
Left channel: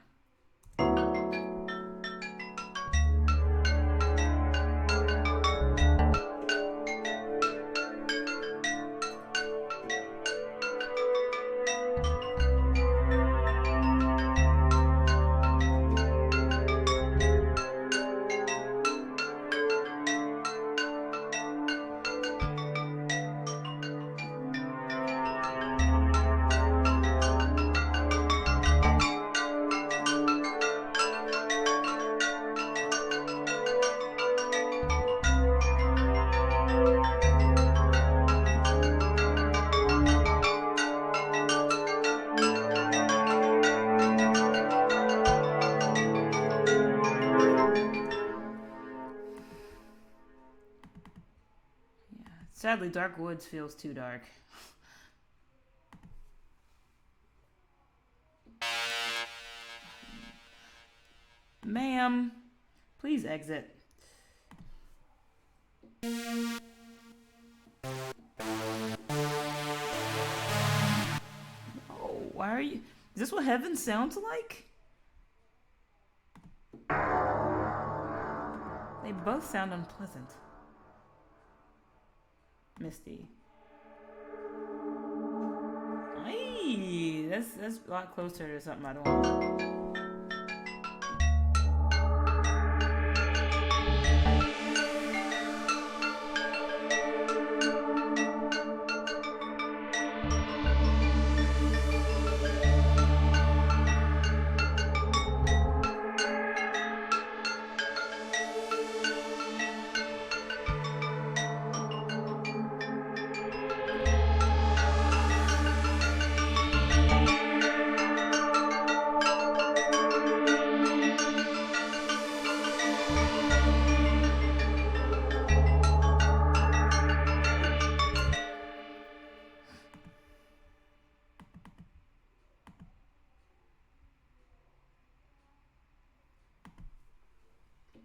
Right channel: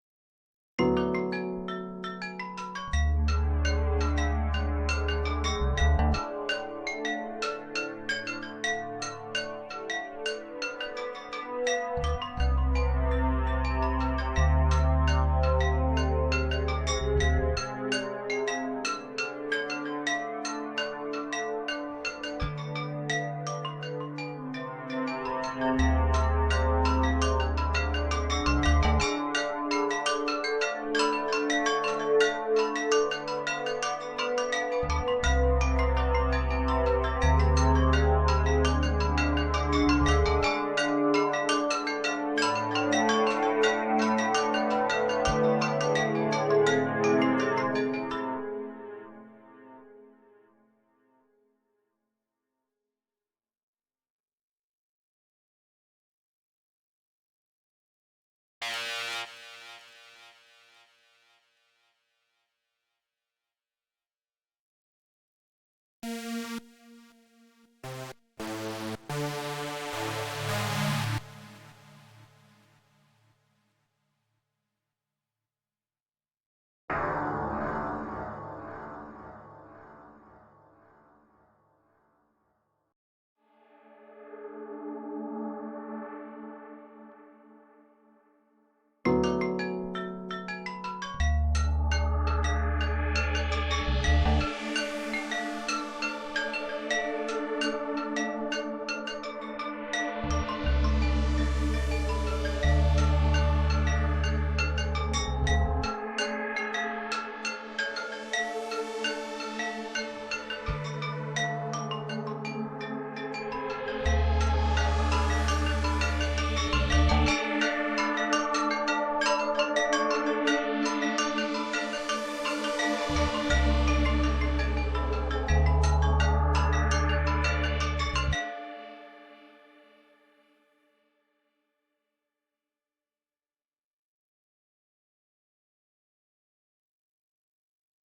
Sadly, Dark Woods feels too dark. Ma'am, please exit. Oh, why are you... Is this what heaven sounds like? They both sound unpleasant. Misty. Hey, that's a lot closer to something I don't want.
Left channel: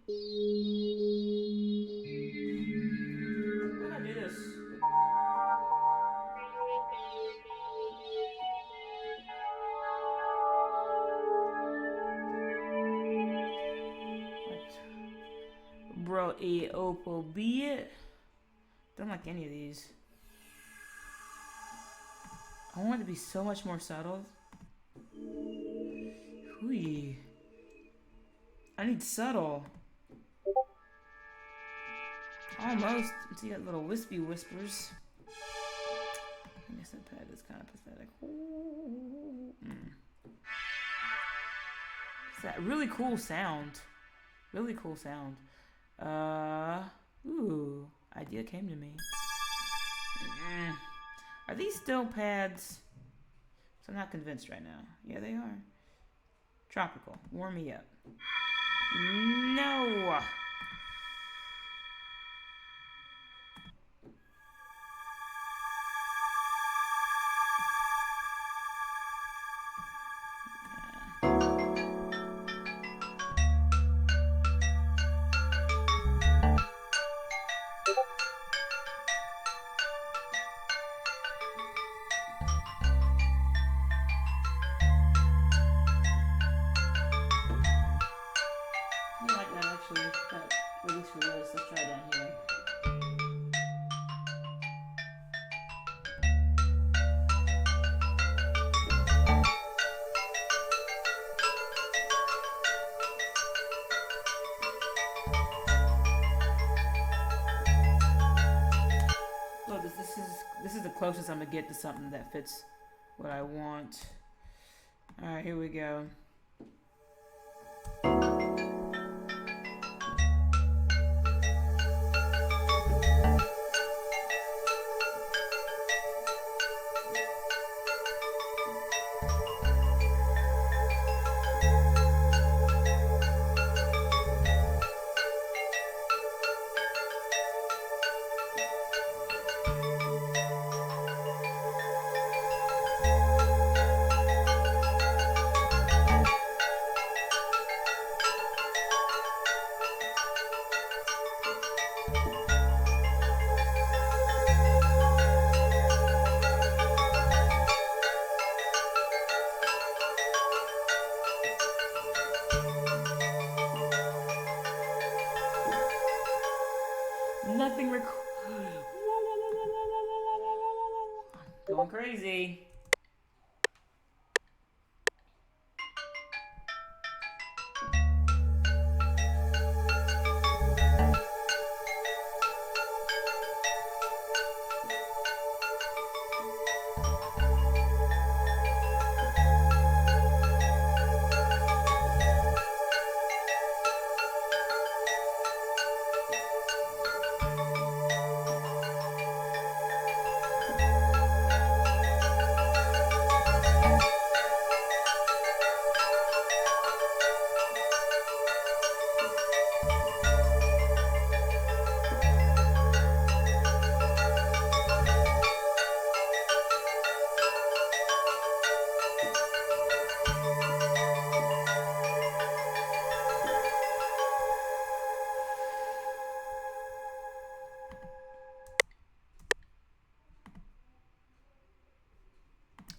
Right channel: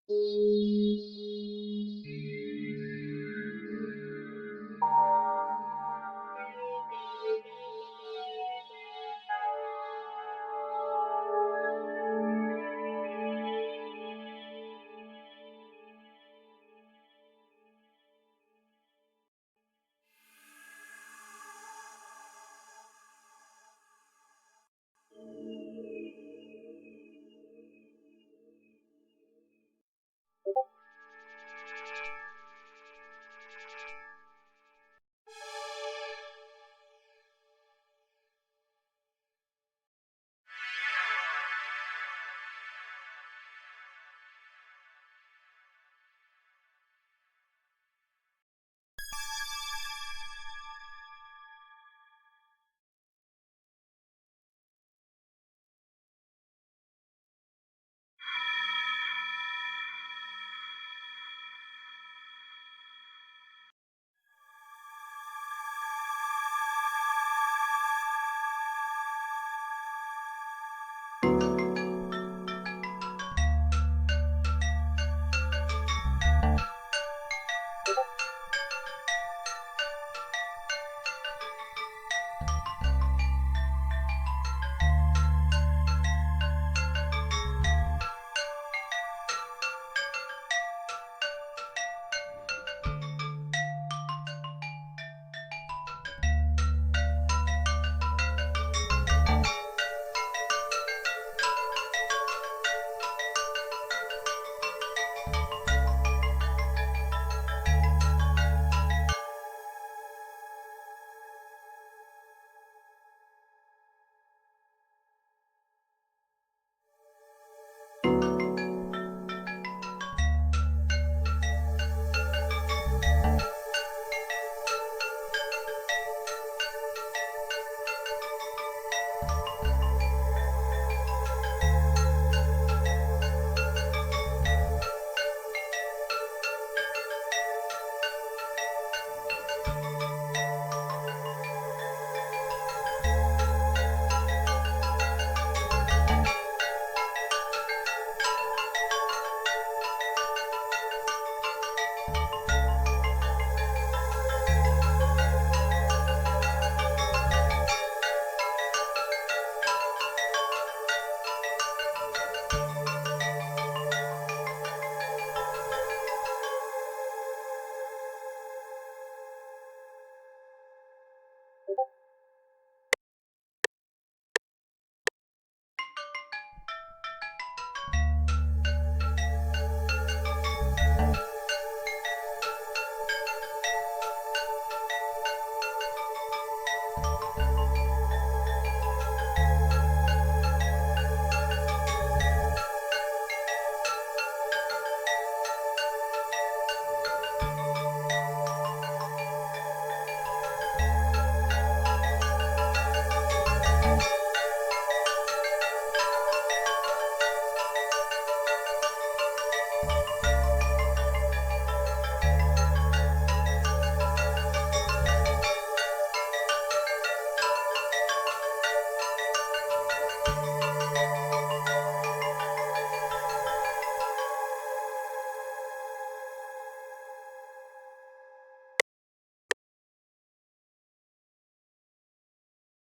How do I do this? Bro, Opal be it. Don't like any of these. I want it to be so much more subtle. Hui. I need subtle. Almost. See that little wispy whispers. I guess that pad is kind of pathetic. It's that really cool sound. Really cool sound. Ooh. Idea came to me. Are these still pads? So I'm not convinced right now. Yeah, they are. Tropical. Warm me up. No! Closest I'm gonna get to something that fits what I want. Alright, here we go. Going crazy.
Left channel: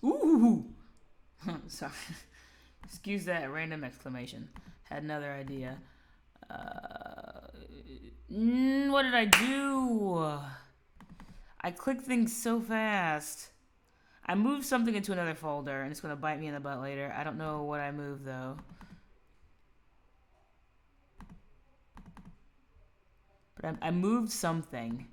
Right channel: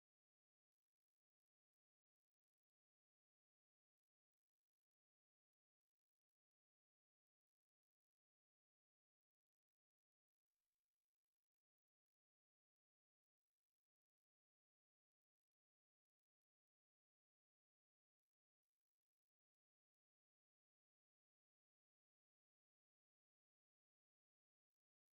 Ooh! Sorry. Excuse that random exclamation. Had another idea. What did I do? I click things so fast. I moved something into another folder, and it's going to bite me in the butt later. I don't know what I moved, though. But I moved something.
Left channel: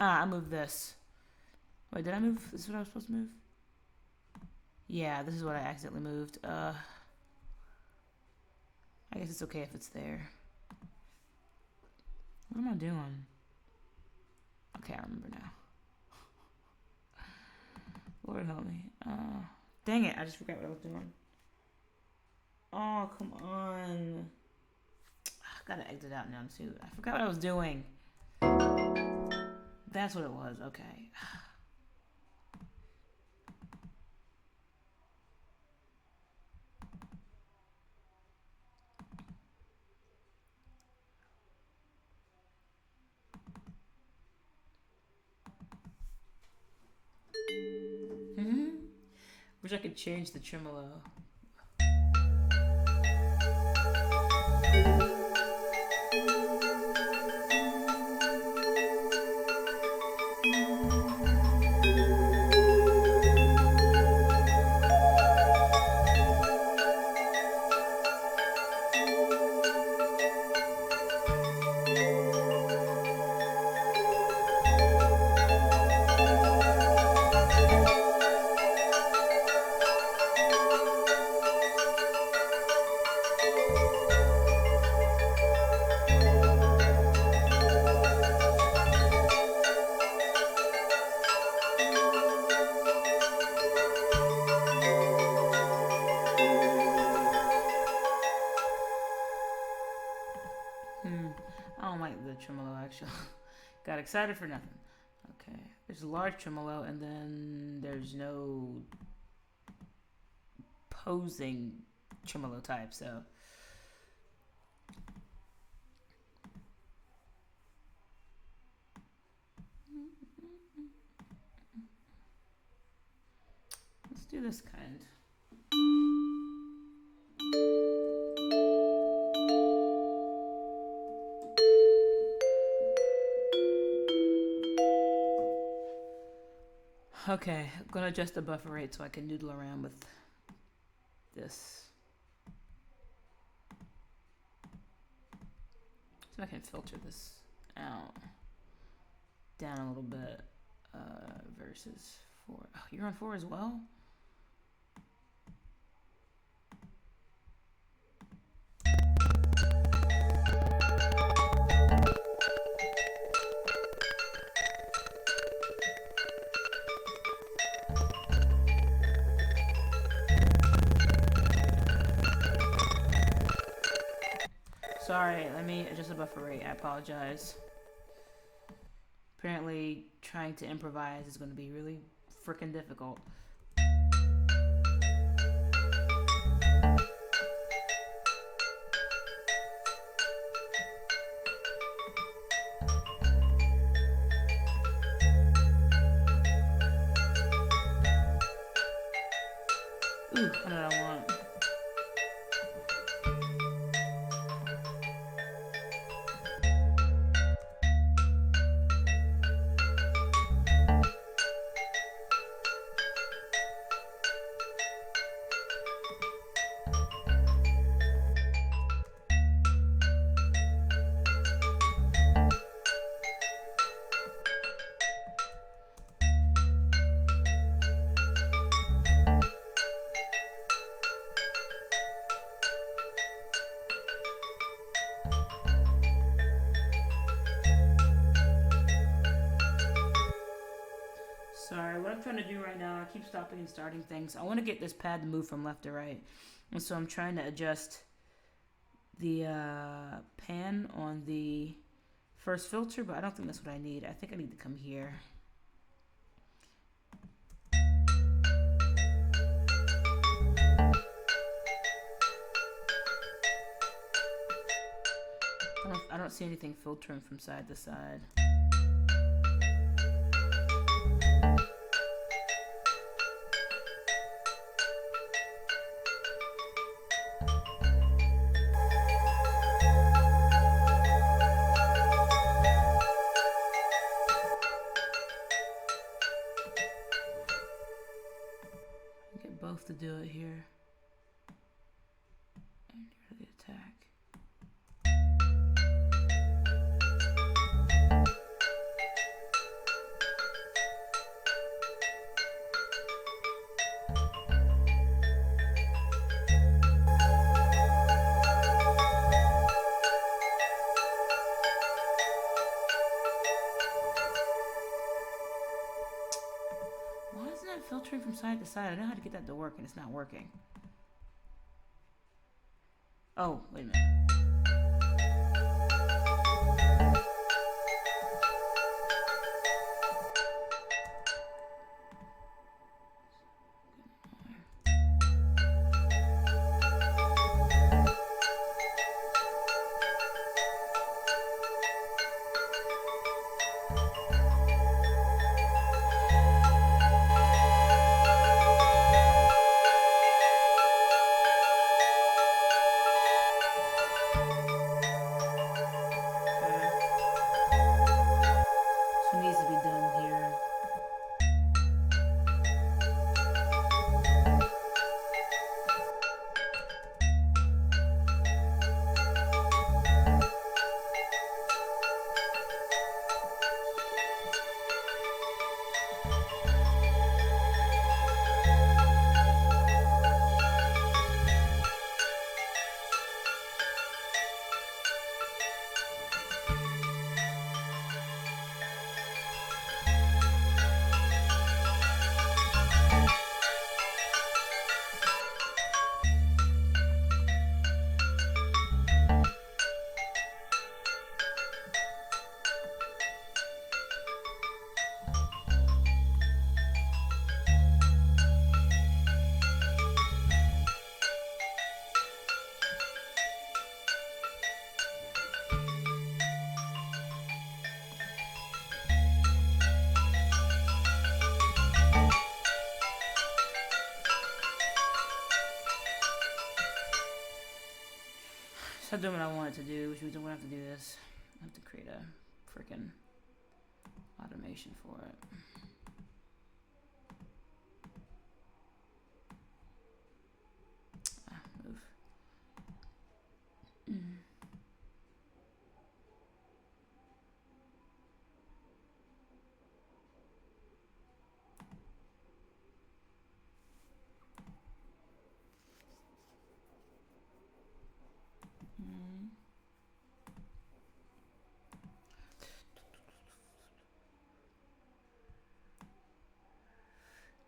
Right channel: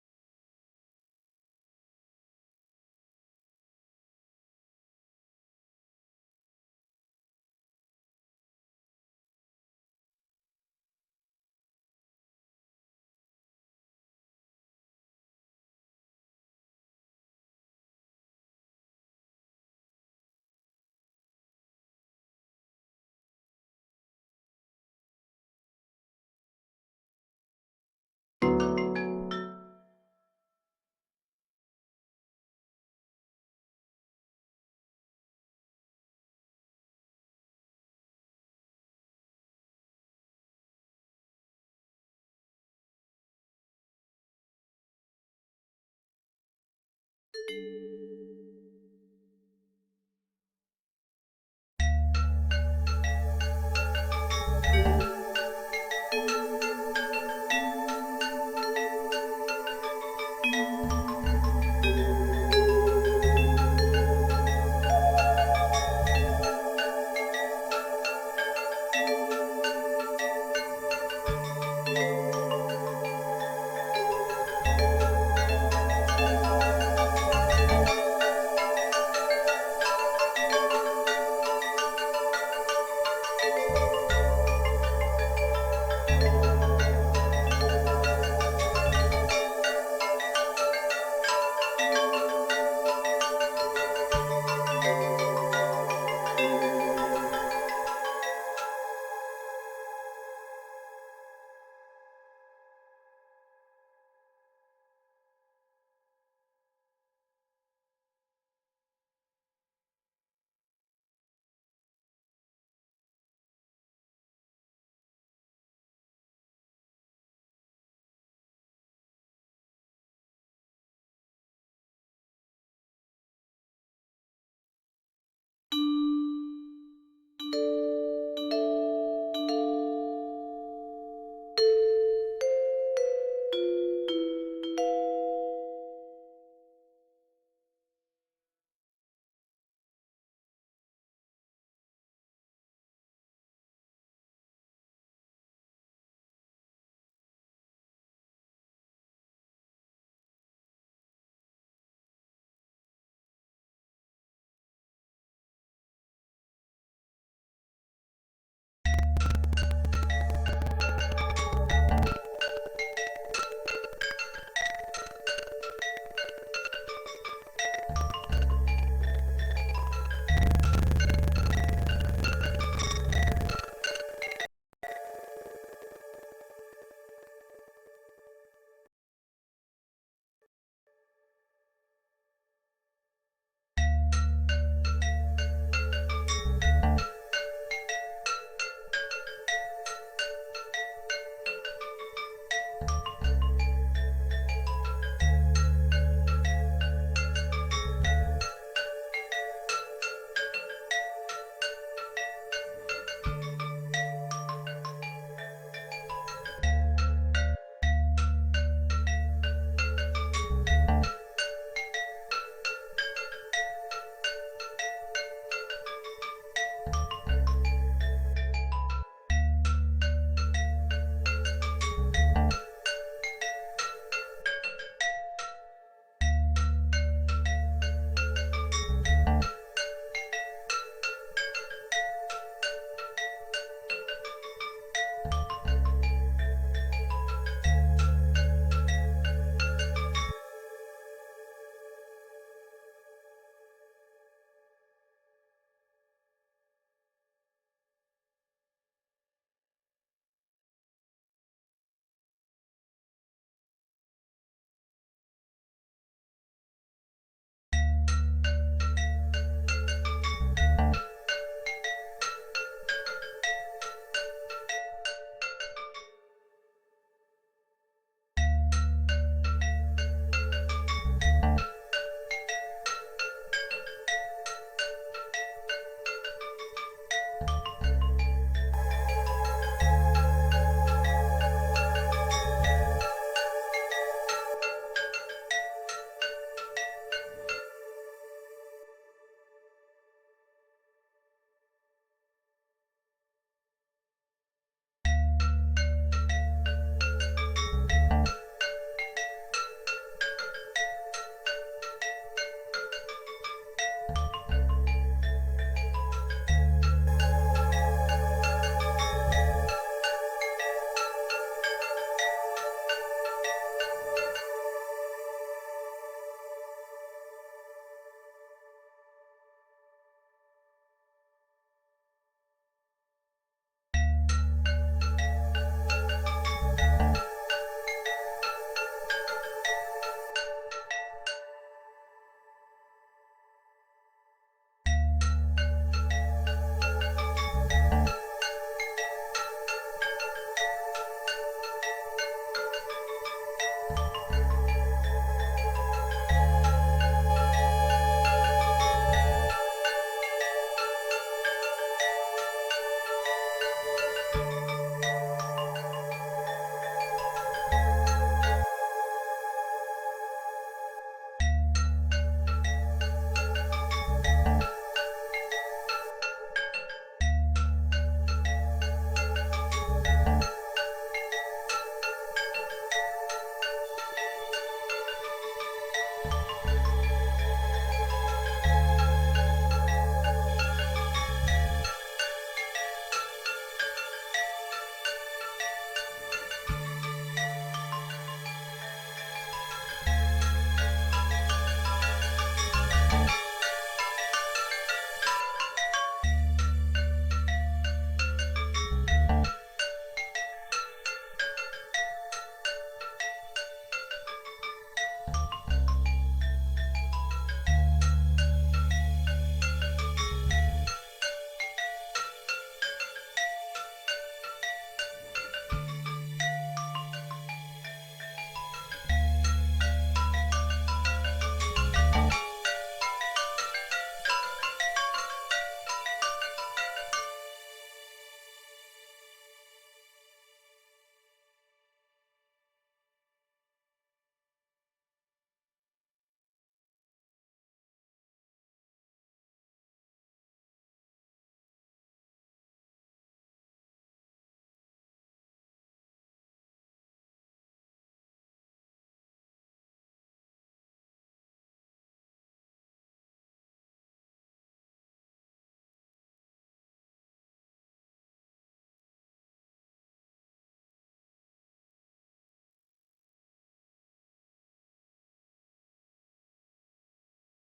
I moved this. Wait, did I move? This is what I was supposed to move? Yeah, this is what I accidentally moved. I guess it's okay if it's there. What am I doing? Okay, I remember now. Lord help me. Dang it, I just forgot what I was doing. Oh, come on. I gotta exit out now too. I forgot what I was doing. That's what it was. Okay. Wish I could change the tremolo. I don't like the tremolo actually. Got excited for nothing. Okay, there's a large tremolo and then there's no posing tremolo type, so let's do this kind. Okay, I'm gonna adjust the buffer rate so I can noodle around with this. So I can filter this out down a little bit versus 4. Oh, you're on 4 as well? Sorry, let me adjust the buffer rate. I apologize. Apparently, trying to improvise is going to be really freaking difficult. Ooh, what did I want? Sorry, what I'm trying to do right now, I keep stopping and starting things. I want to get this pad to move from left to right. And so I'm trying to adjust the pan on the first filter, but I don't think that's what I need. I think I need to come here. I don't see anything filtering from side to side. Get both to do it here. And get rid of the attack. side to side. I know how to get that to work, and it's not working. Oh, wait a minute. Stop doing what I wanted to do, which we don't have to do this. I have to create a freaking automation for it. Move.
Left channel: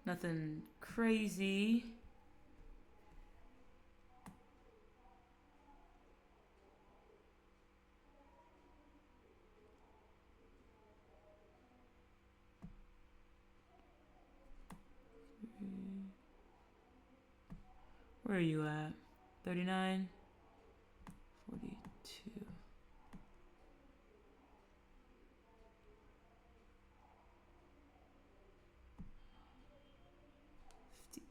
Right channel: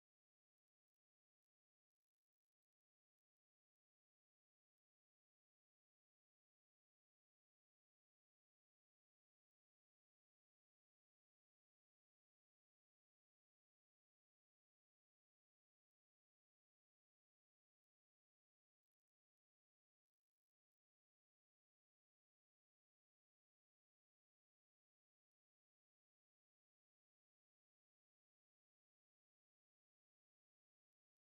Nothing crazy. Where are you at? 39? 42.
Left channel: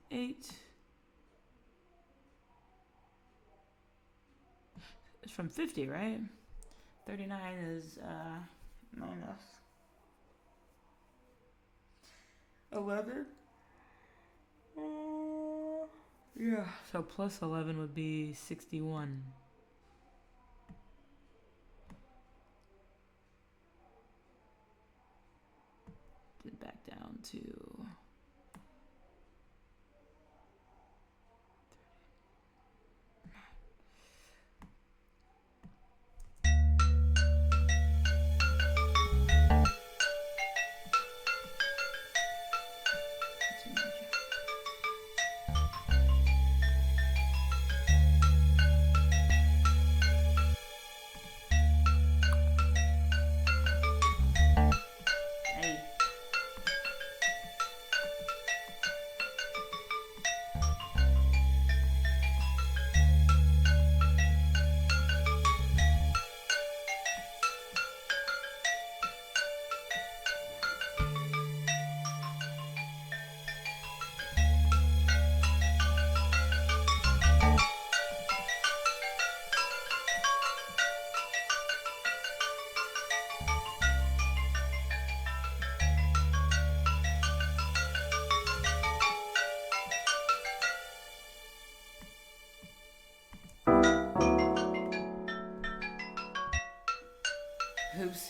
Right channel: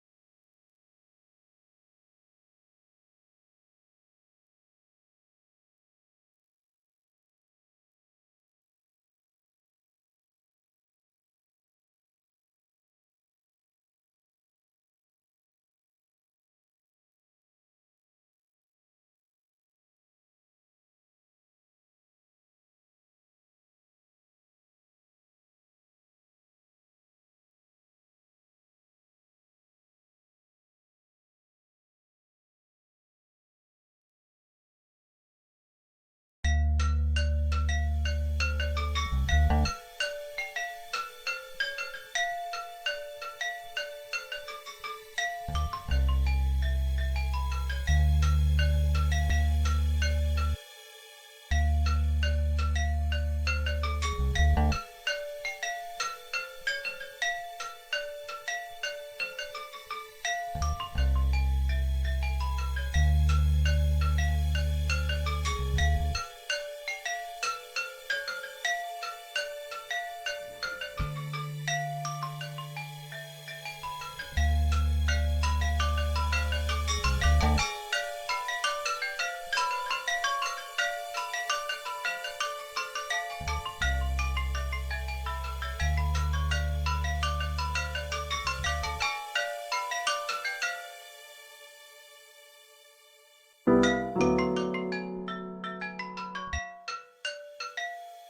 58. It's from 50, right? 39 is minus 11. Yeah, so plus 11 would be 61. Get back down to oops.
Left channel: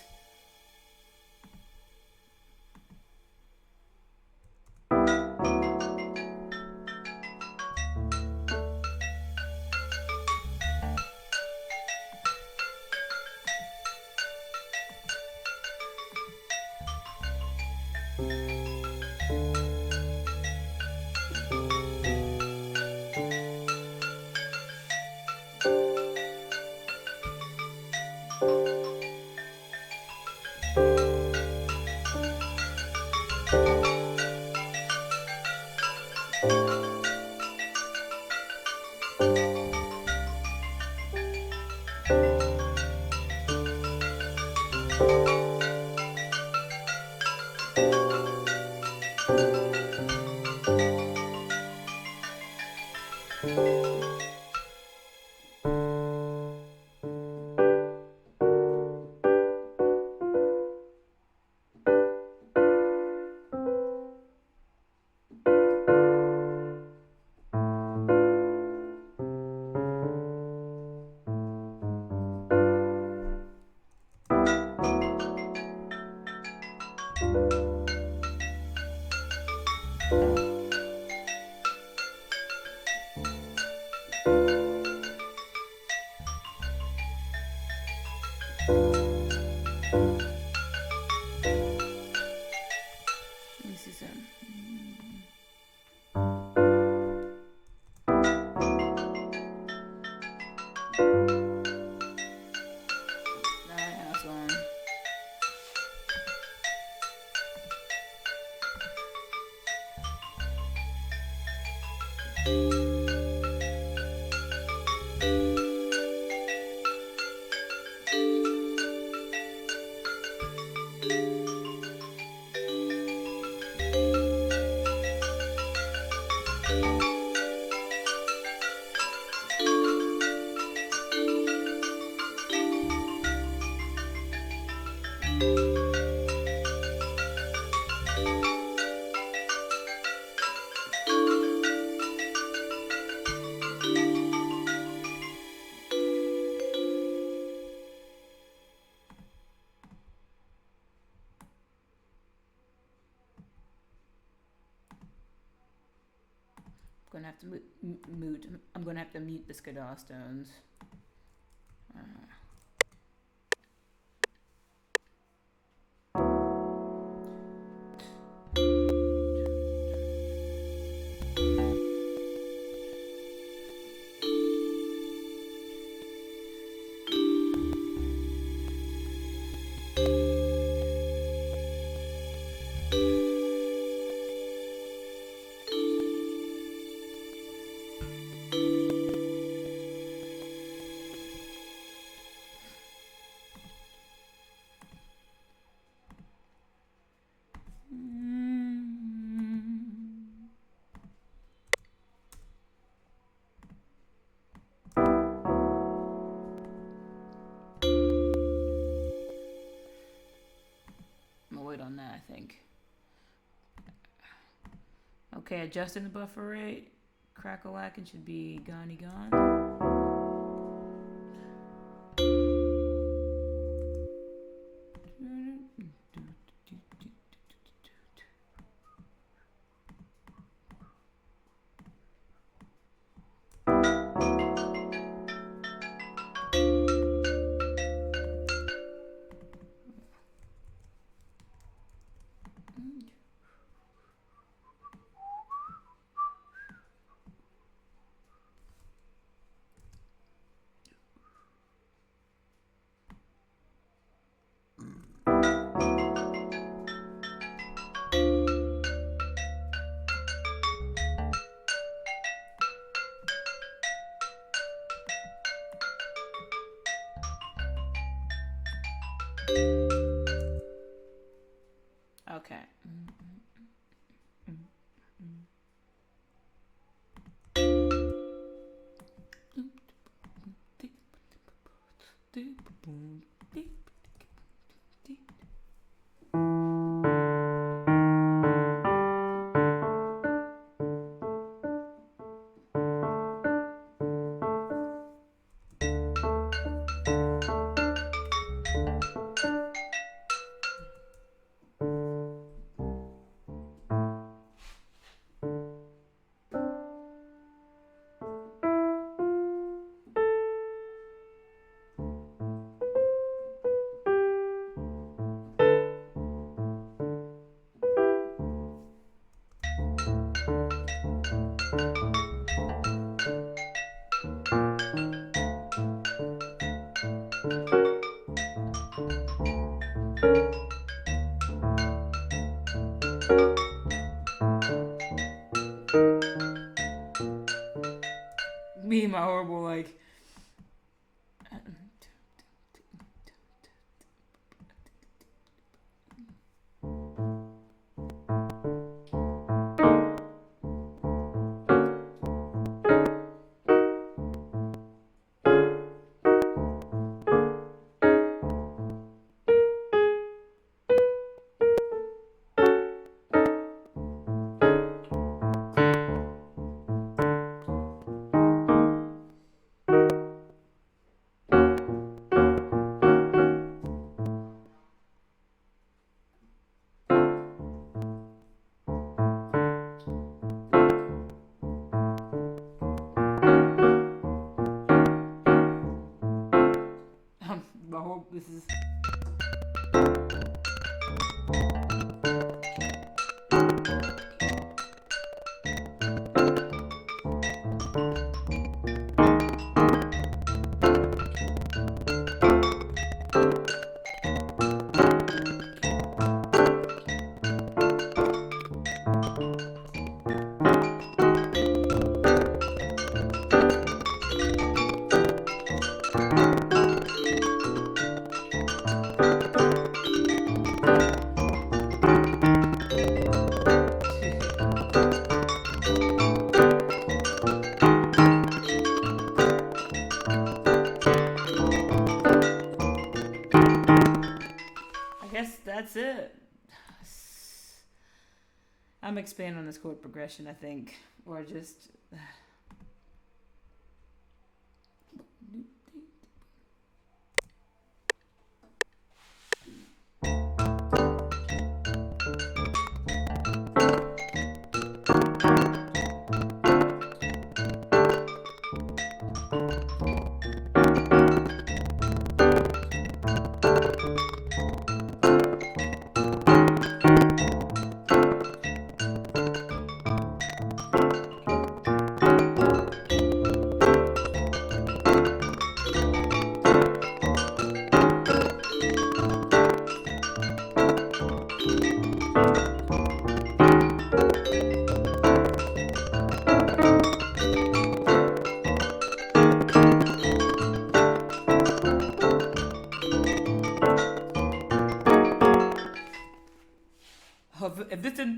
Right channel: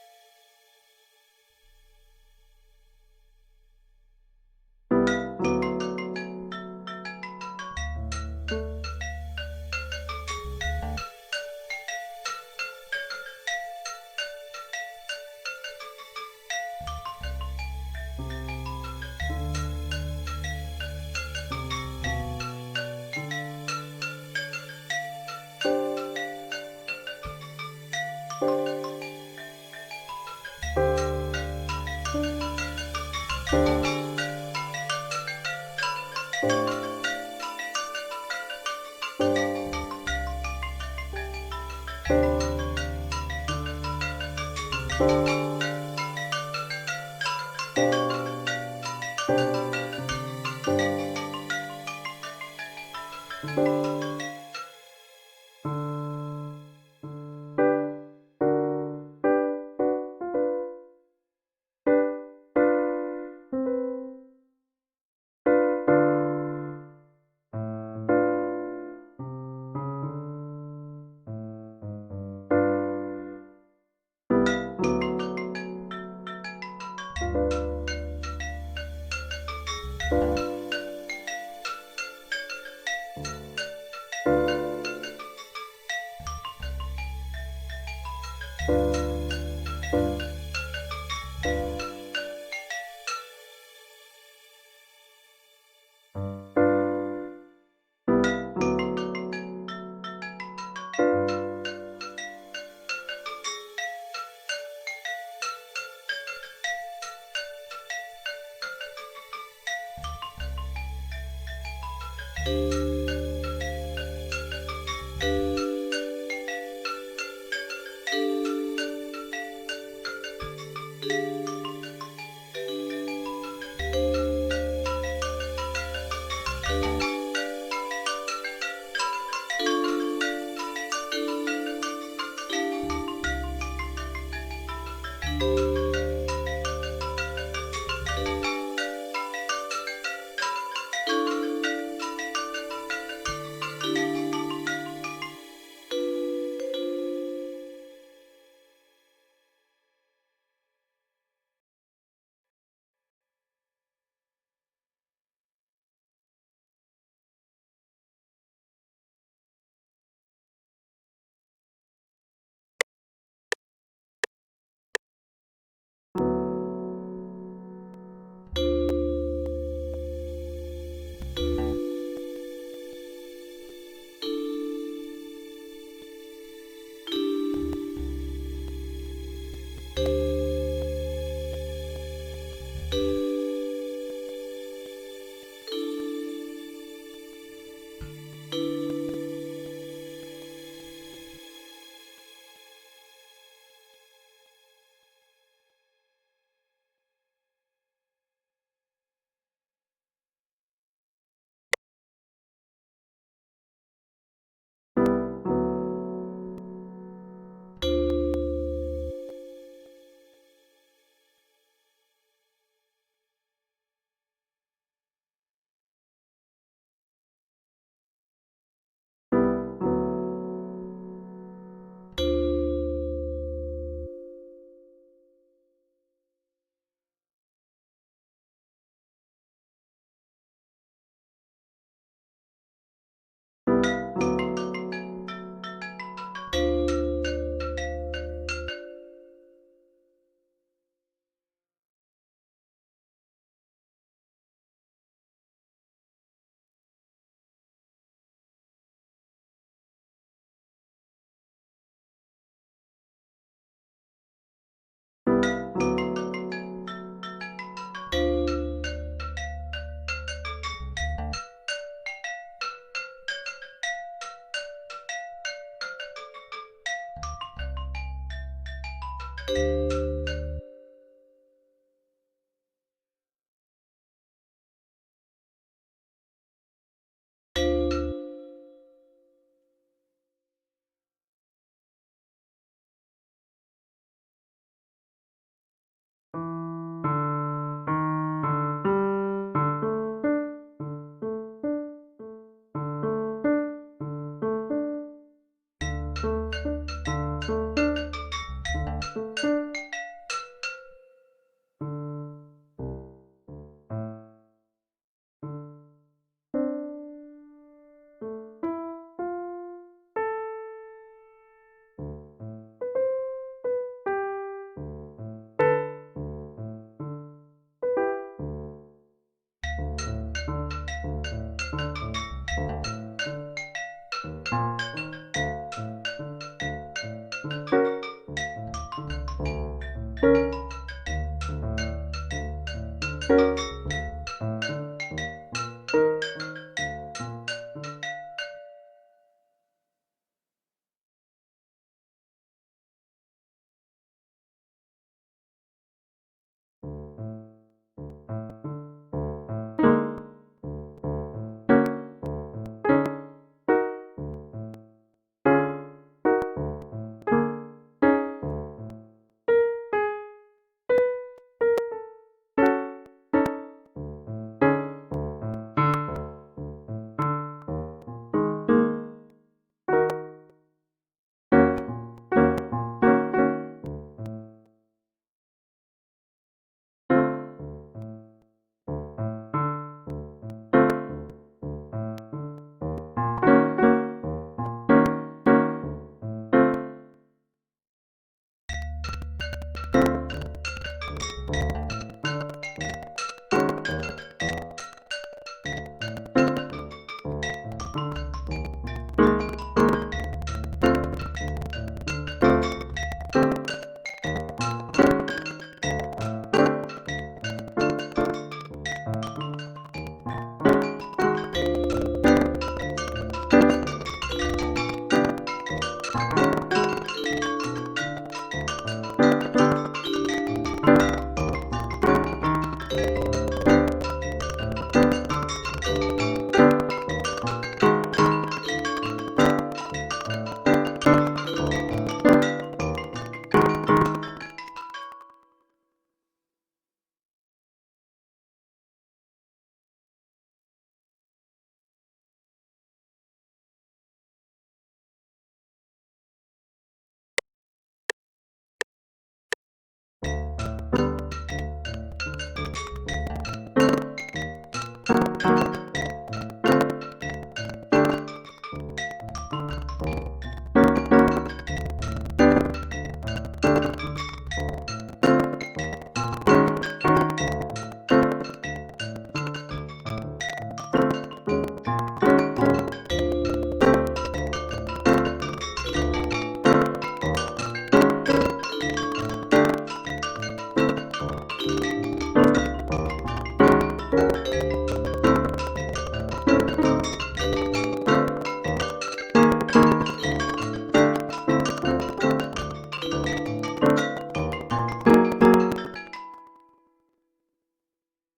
I'm gonna have to mute the Skiddaw stones. Okay, adjusting the buffer rate. Crack-a-lackin' should be gone. Okay. Me and my horrible, like... Oh, this is... That's it. I'm expanding on this chord progression, I think, or just.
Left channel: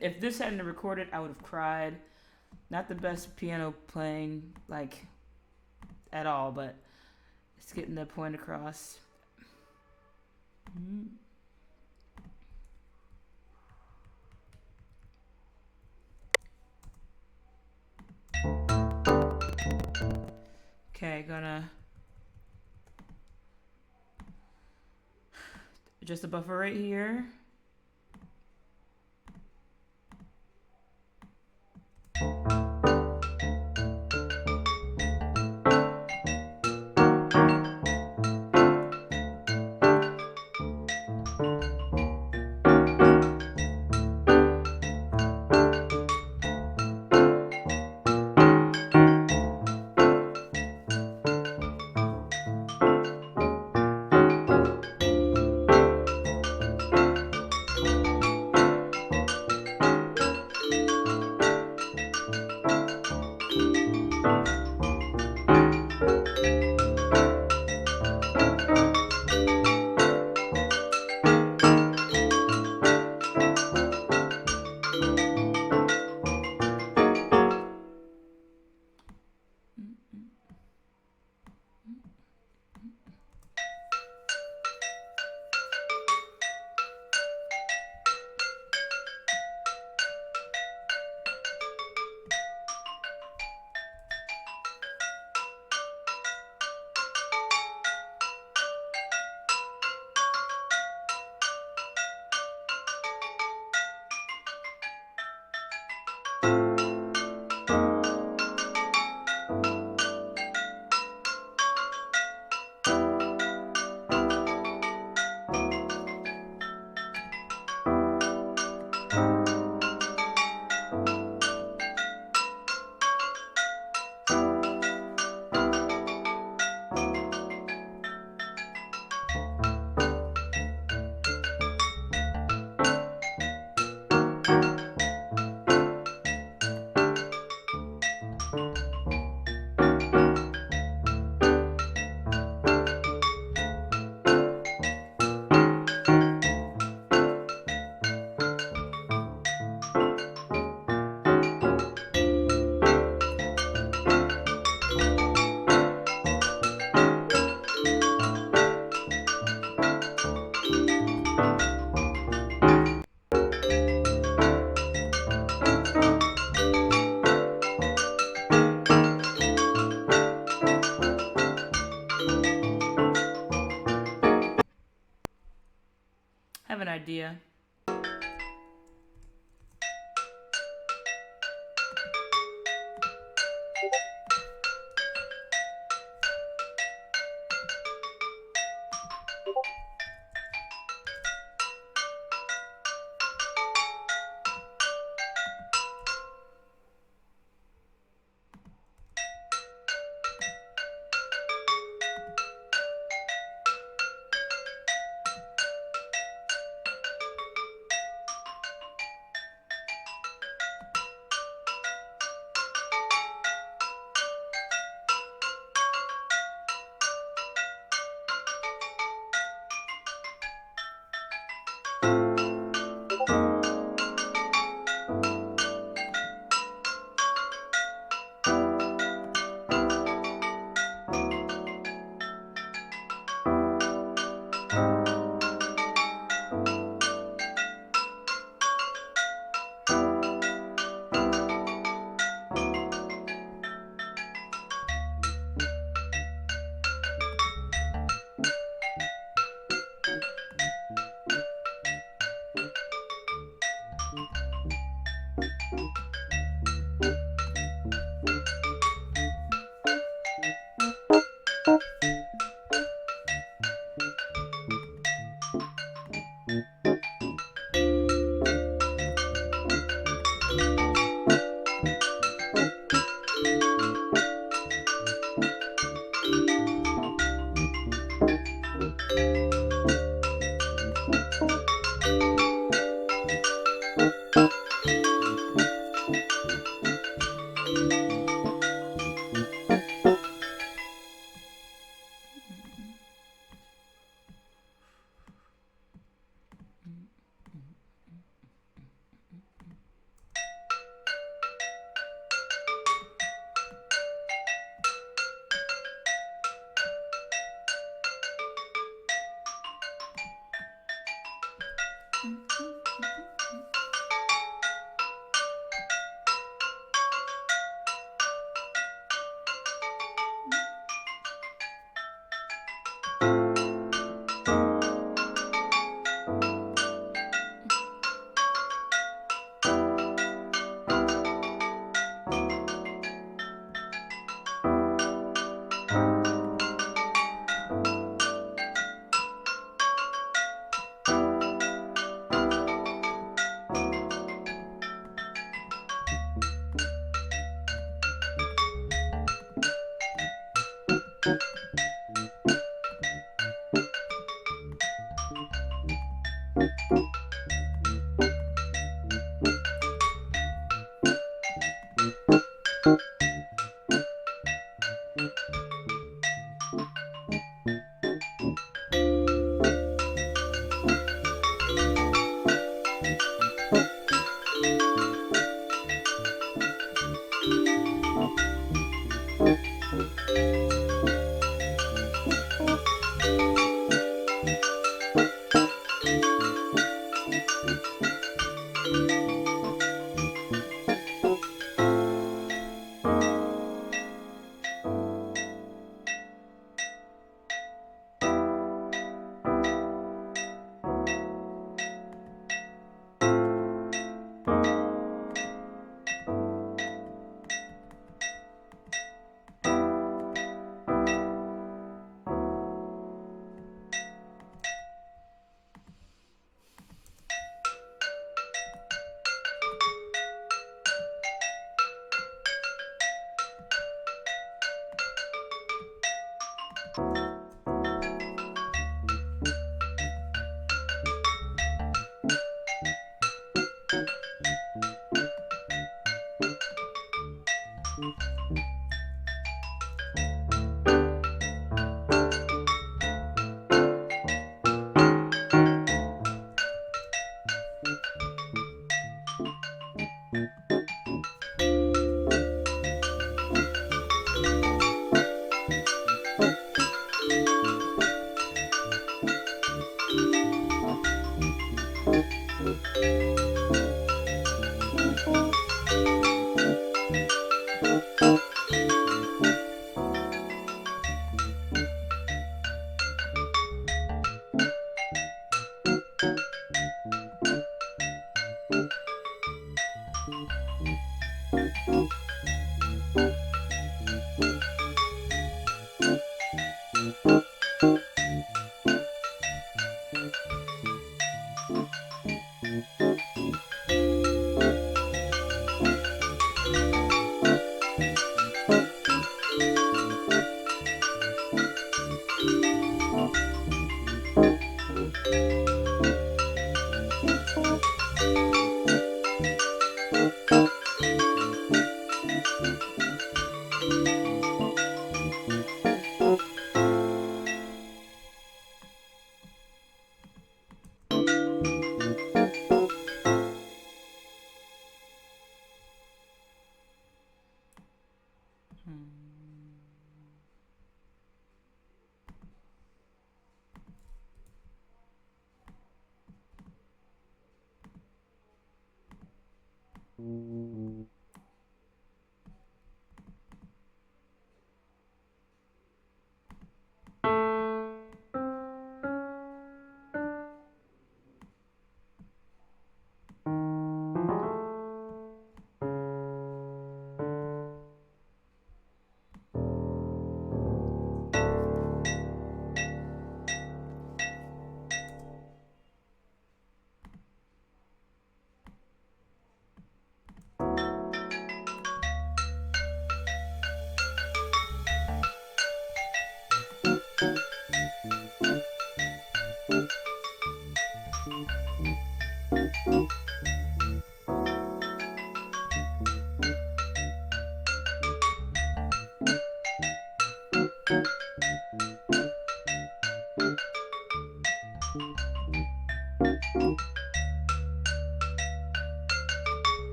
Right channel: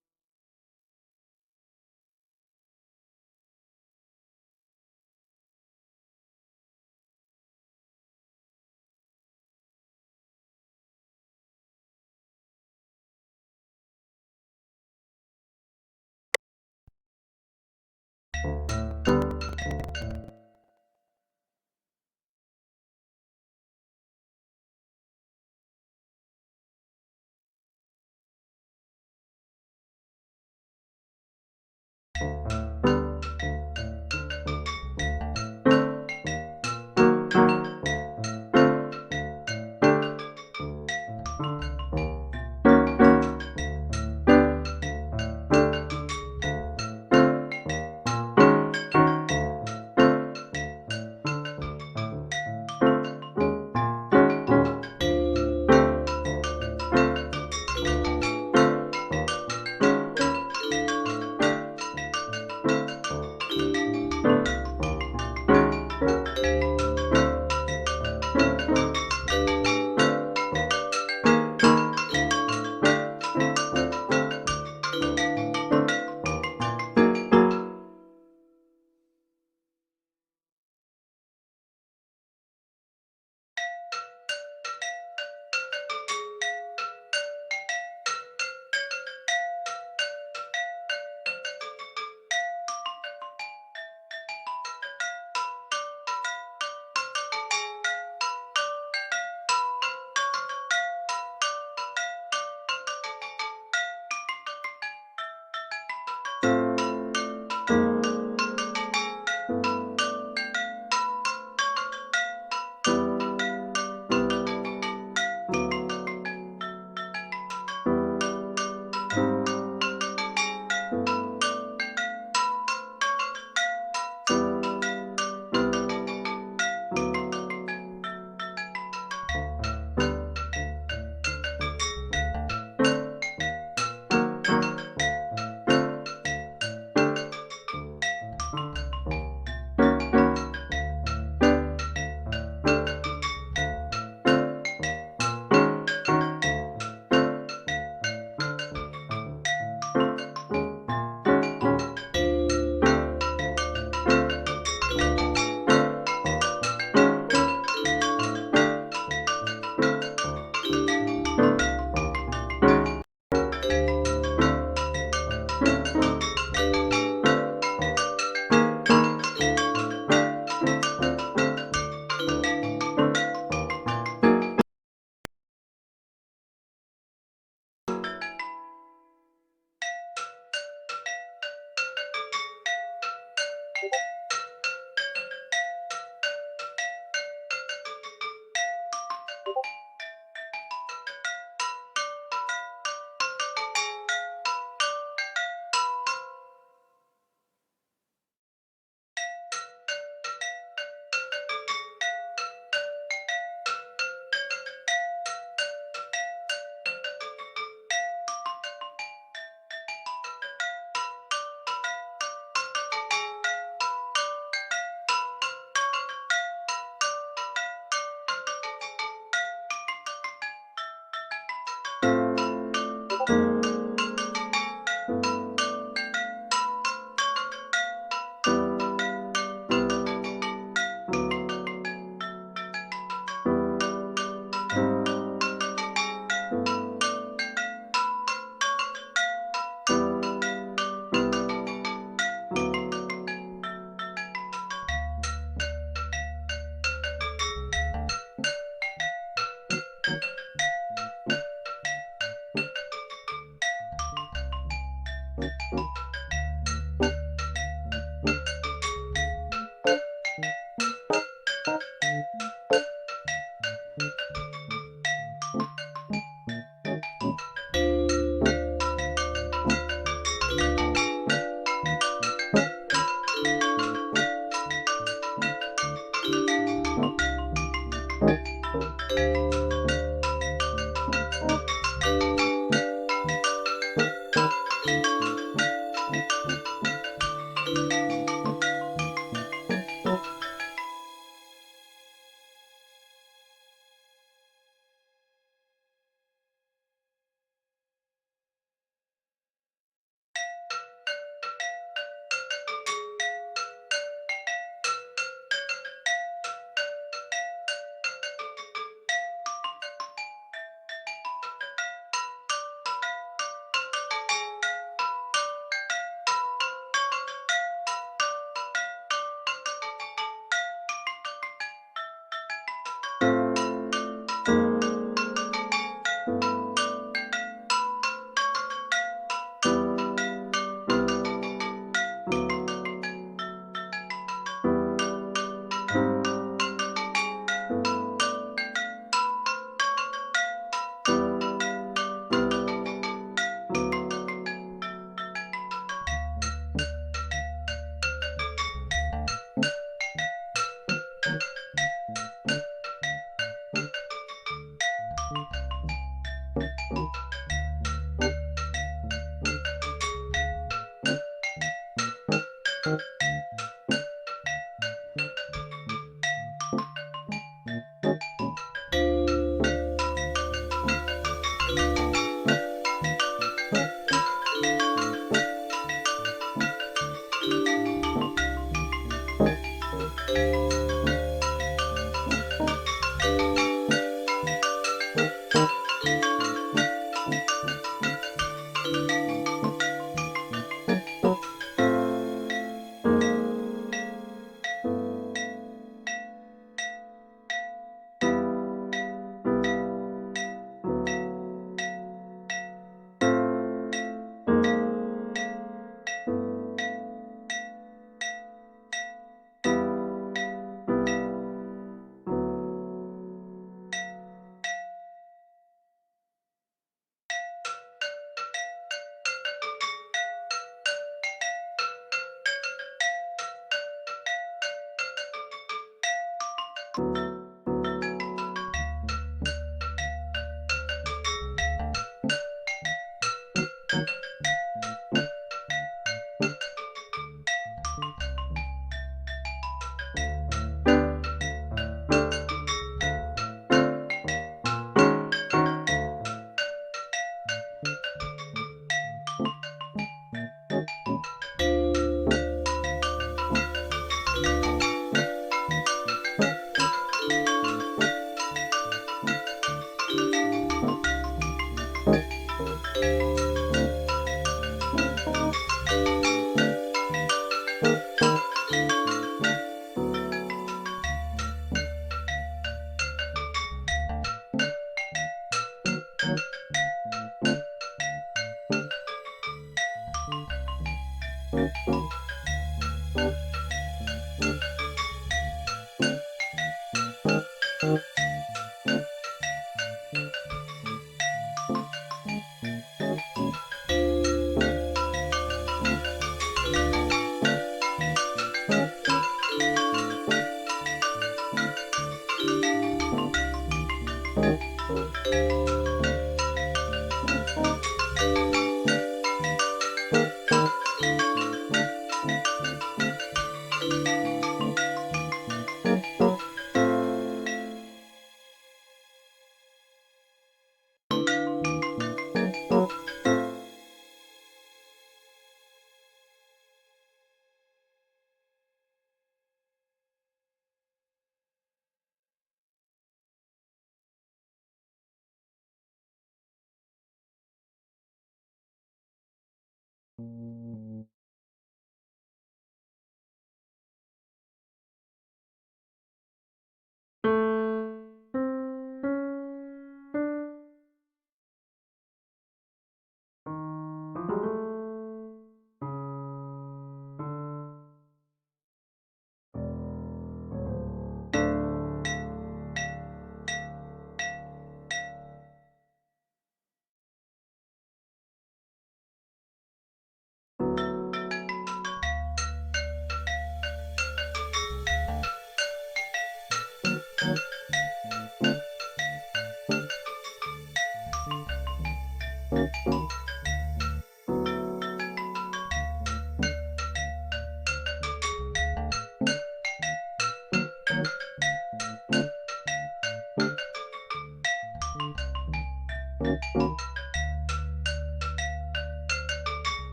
If this hadn't recorded, I would have cried. Not the best piano playing, like, at all, but it's getting the point across. Okay, gonna adjust the buffer right here. Have an idea.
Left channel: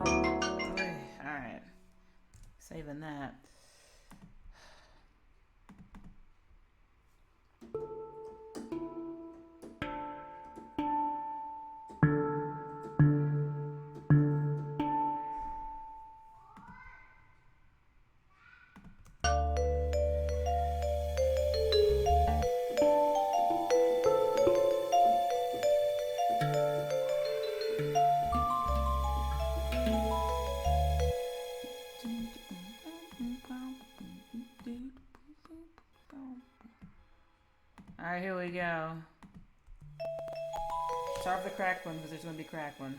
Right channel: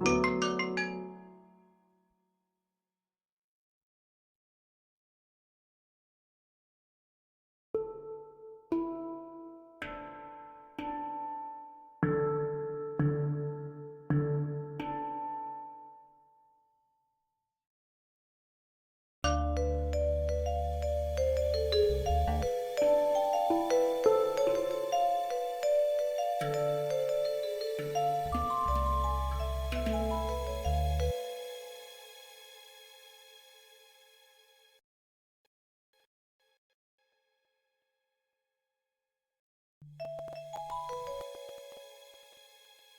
Alright. Saving that. Alright, here we go. Start with the crack one because there's going to be crack one.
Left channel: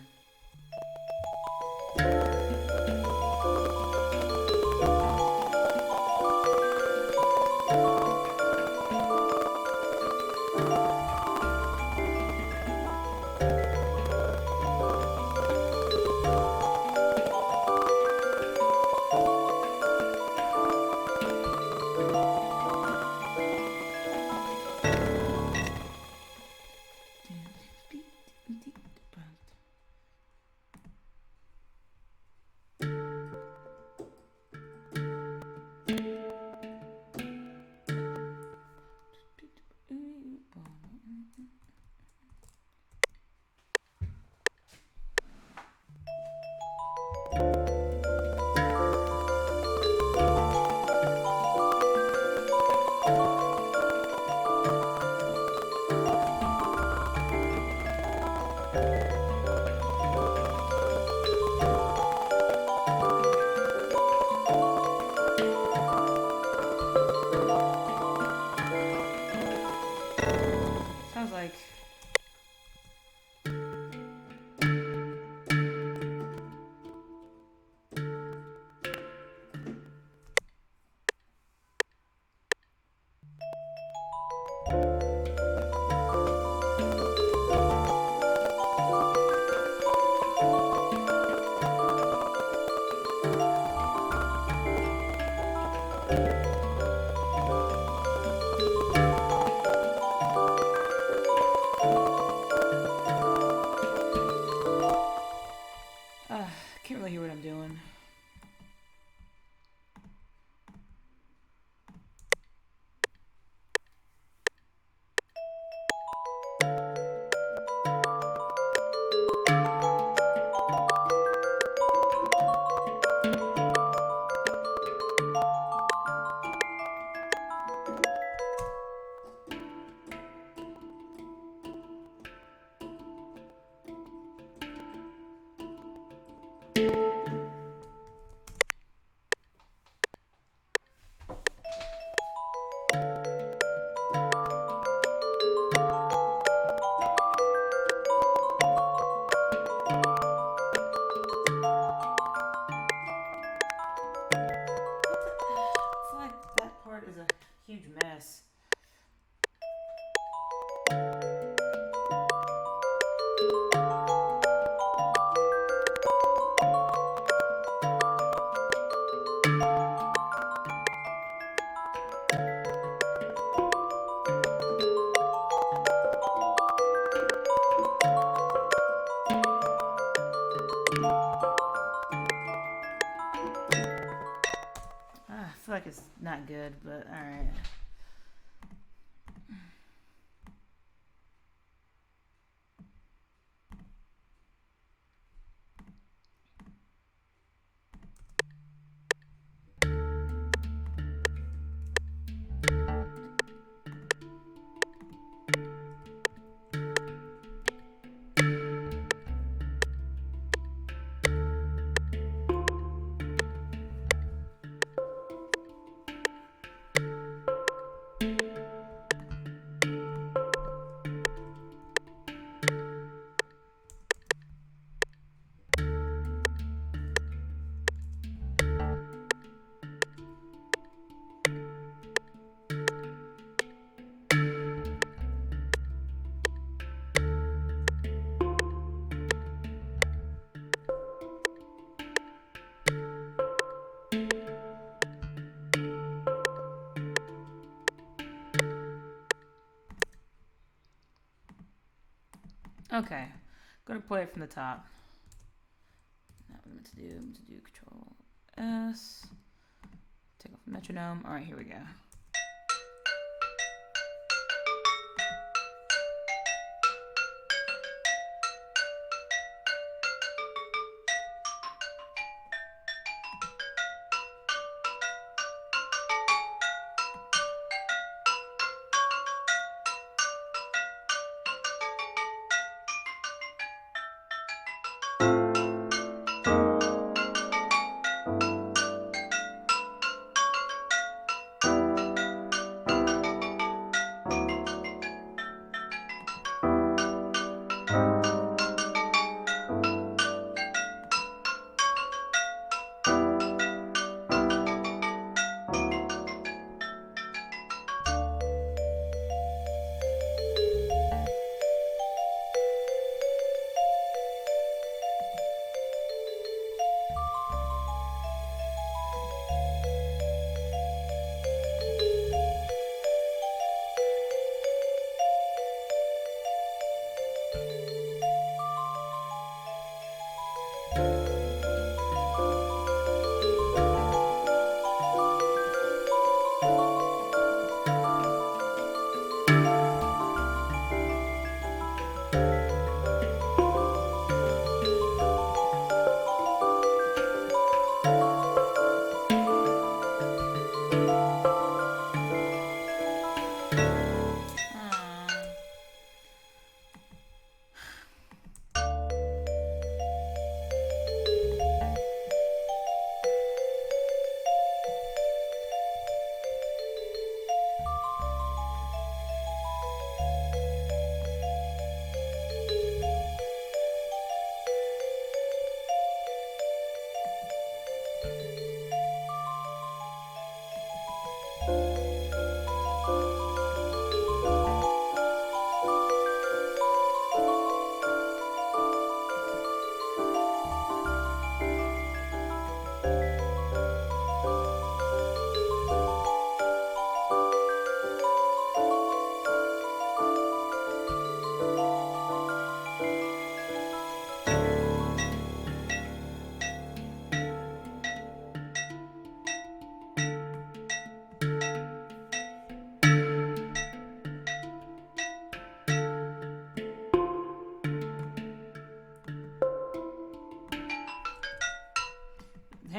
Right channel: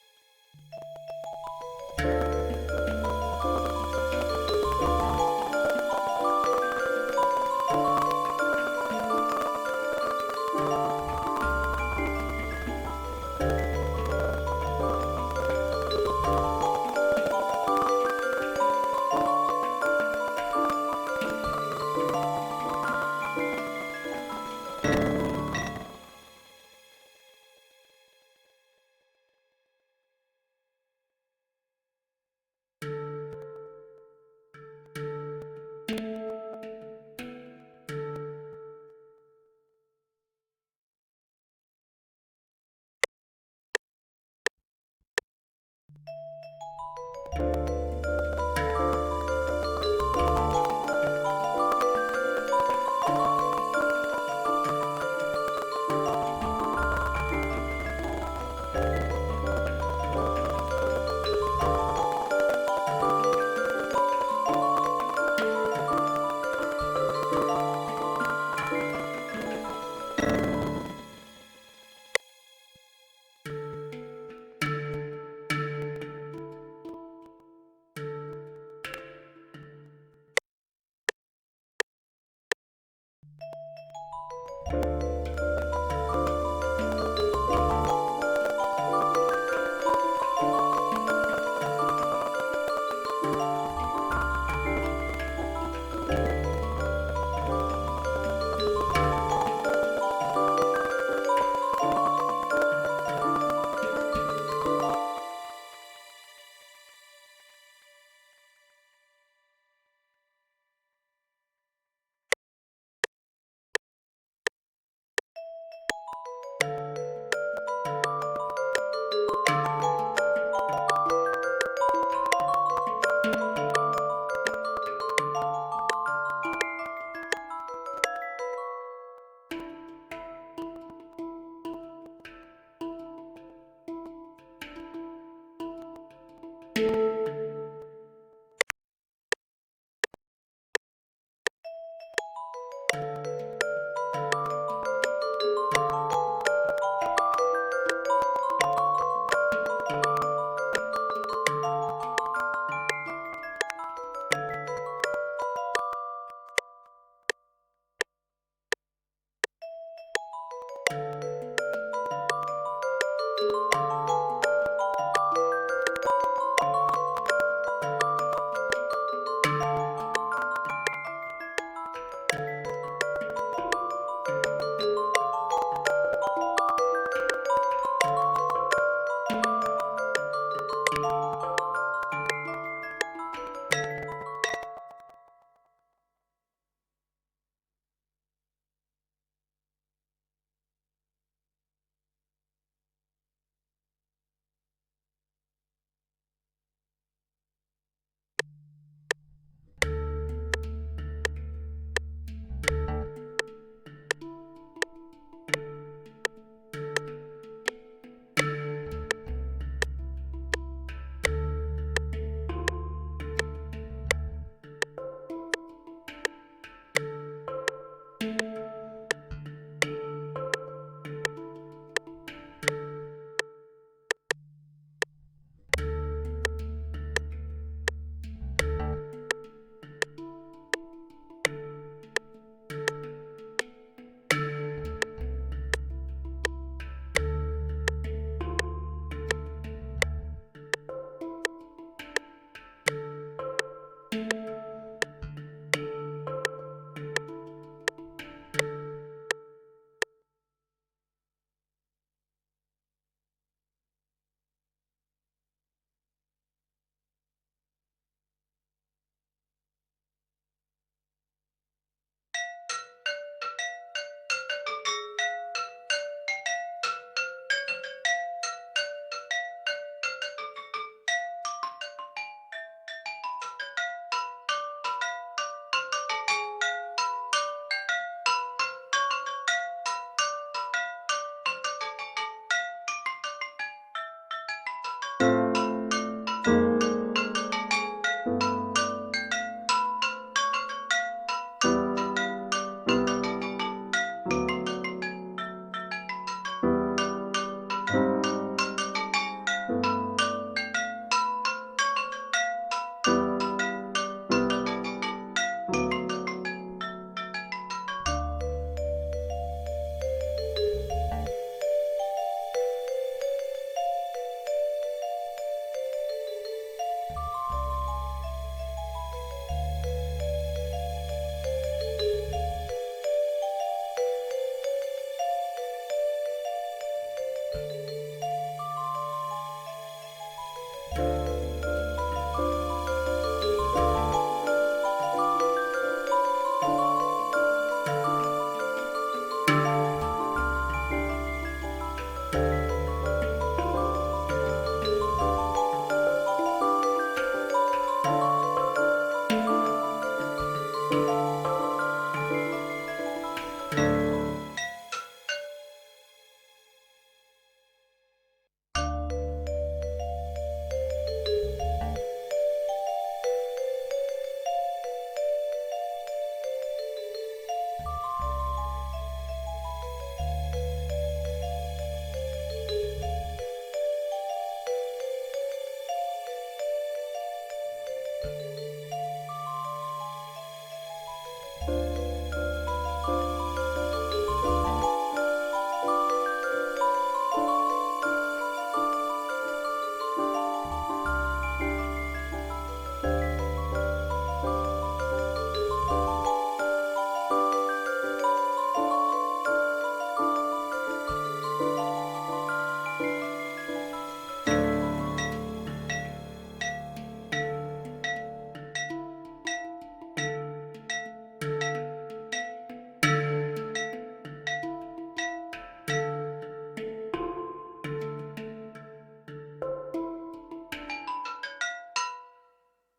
Can't really hear what I'm doing. feel like it's not good, but alright. Okay, gonna play it from the top. Now what I'm meant to do Control S. Take off the metronome. All right, here we go.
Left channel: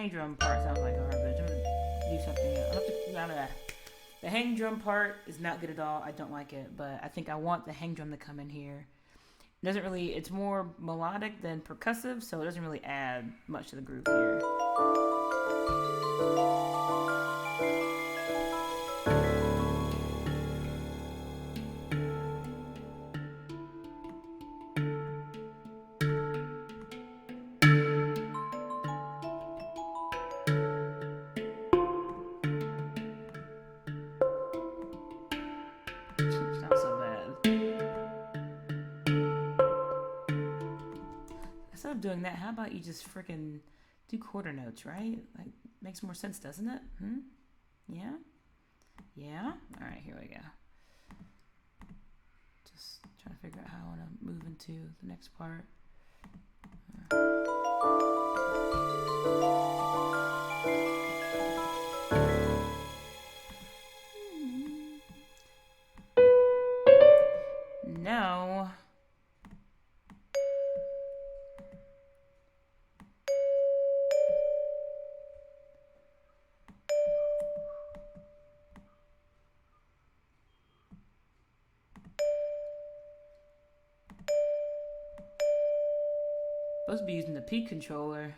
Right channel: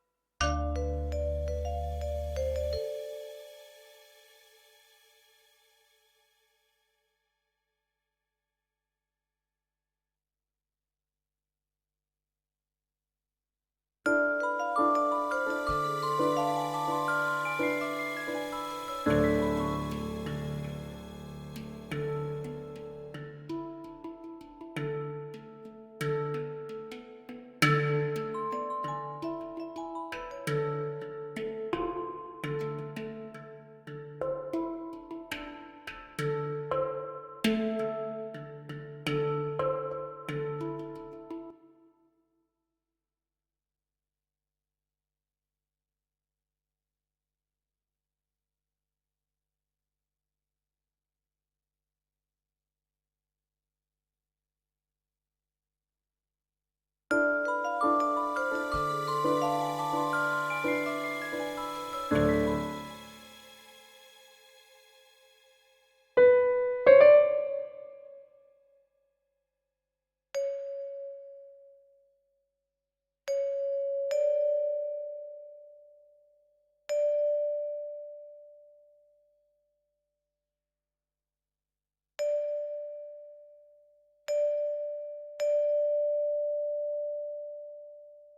hang drum part sounds like garbage. I'm gonna do something. I'll have to out of that. The hang drum part is not good at all. I don't like it, but I think I want the hang drum to come in here. It doesn't really. It's more melodic than percussive, so it doesn't really add much to the groove here. Doing that, how about you just freaking do quarter notes, right? Like, makes more sense, doesn't it? Yeah? Yeah? Alright, here we go. Just trying to figure out how I want to move into the next part. Supposed to be using the P controller.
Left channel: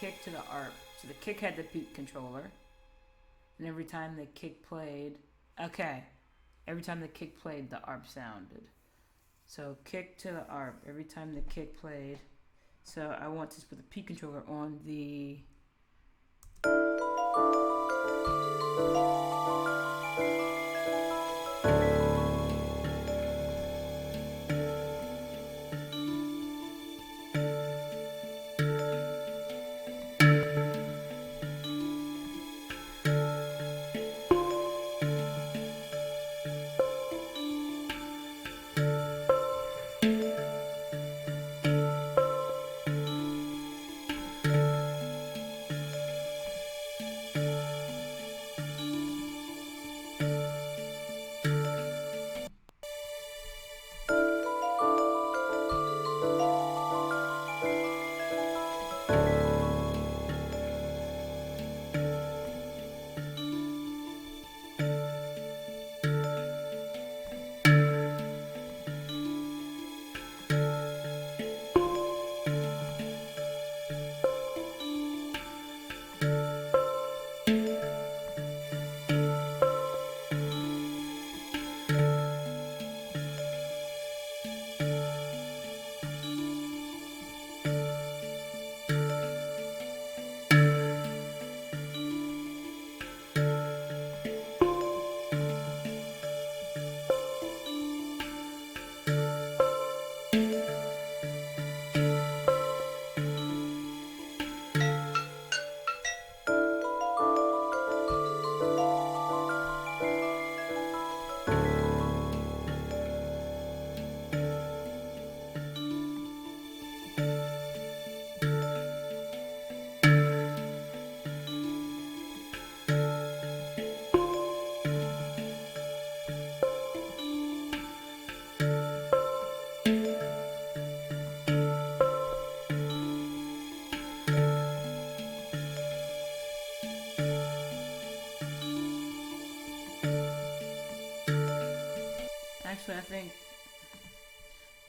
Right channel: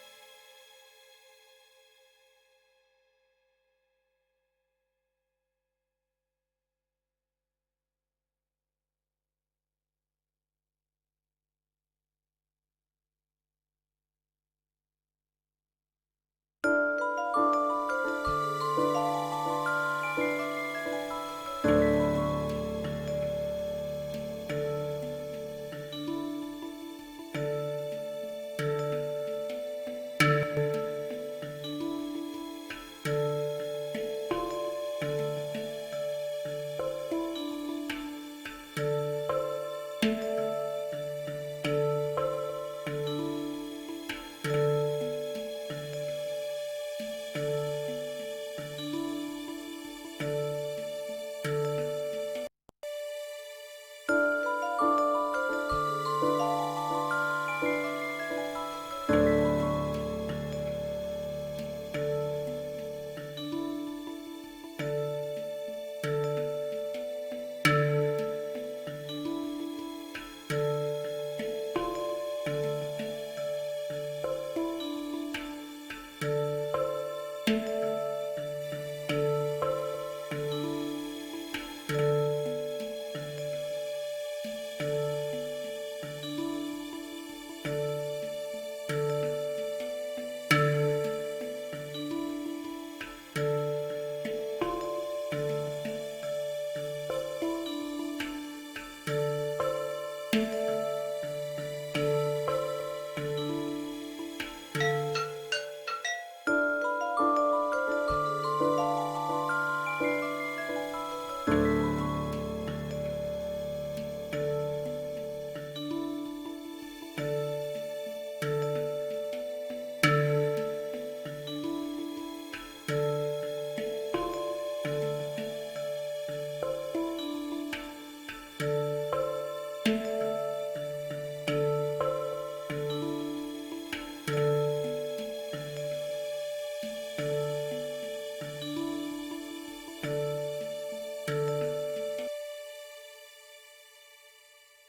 Kick to the ARP. So the kick had the peak controller. And every time the kick played, every time the kick played, the ARP sounded. So kick to the ARP. Every time the kick played. So I want to put the peak controller on the...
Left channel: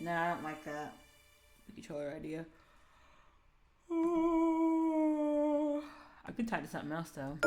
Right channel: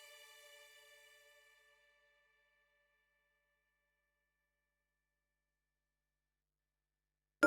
I don't like that controller idea. I could tie to something else though.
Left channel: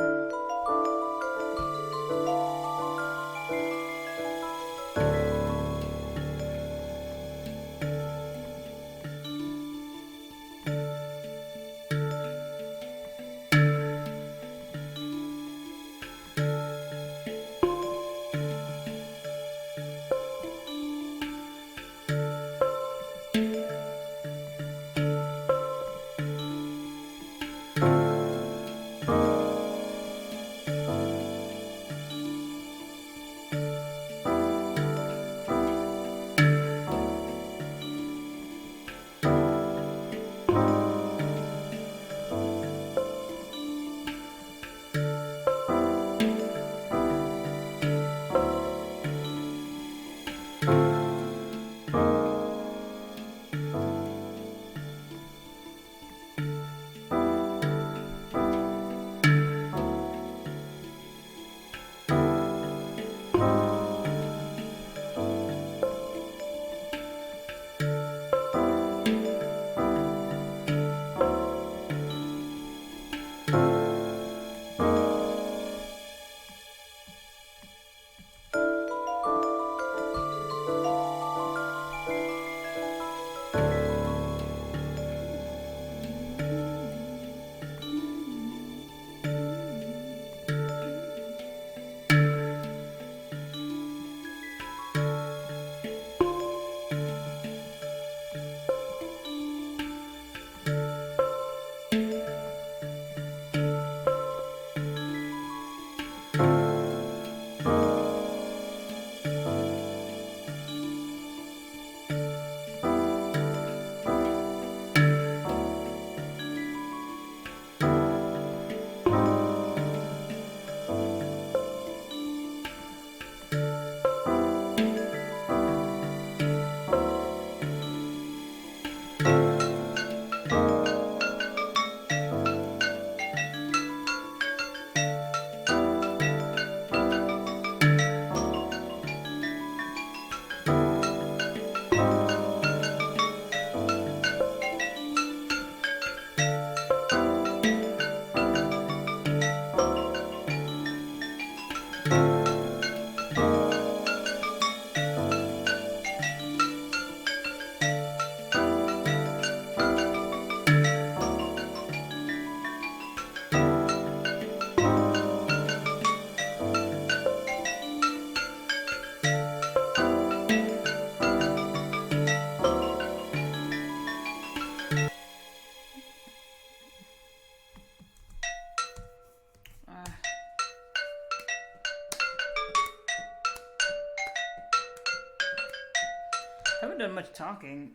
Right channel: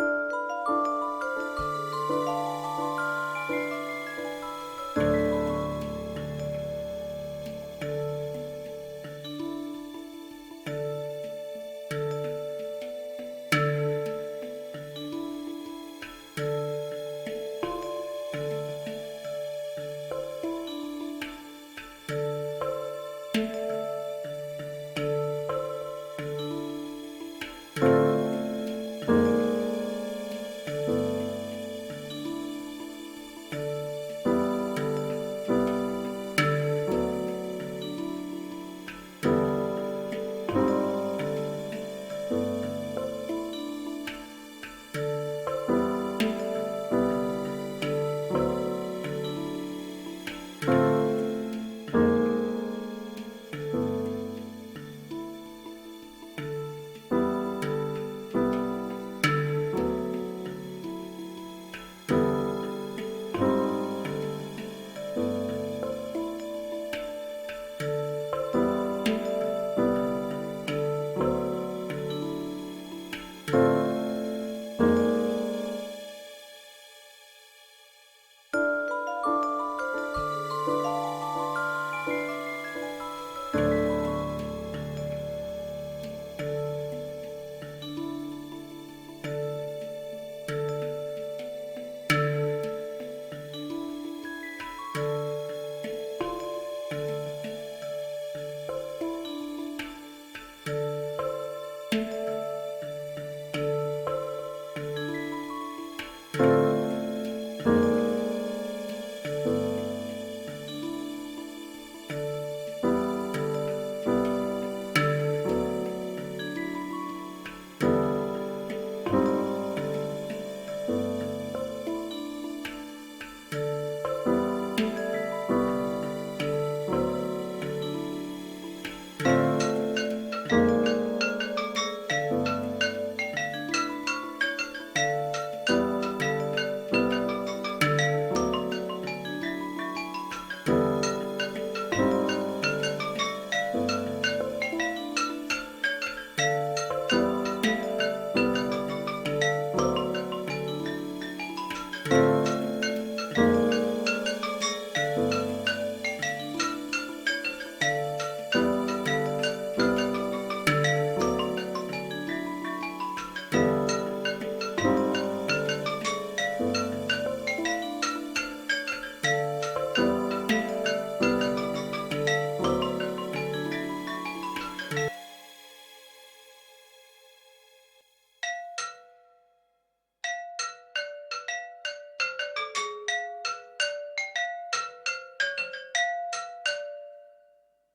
Haven't done much talking.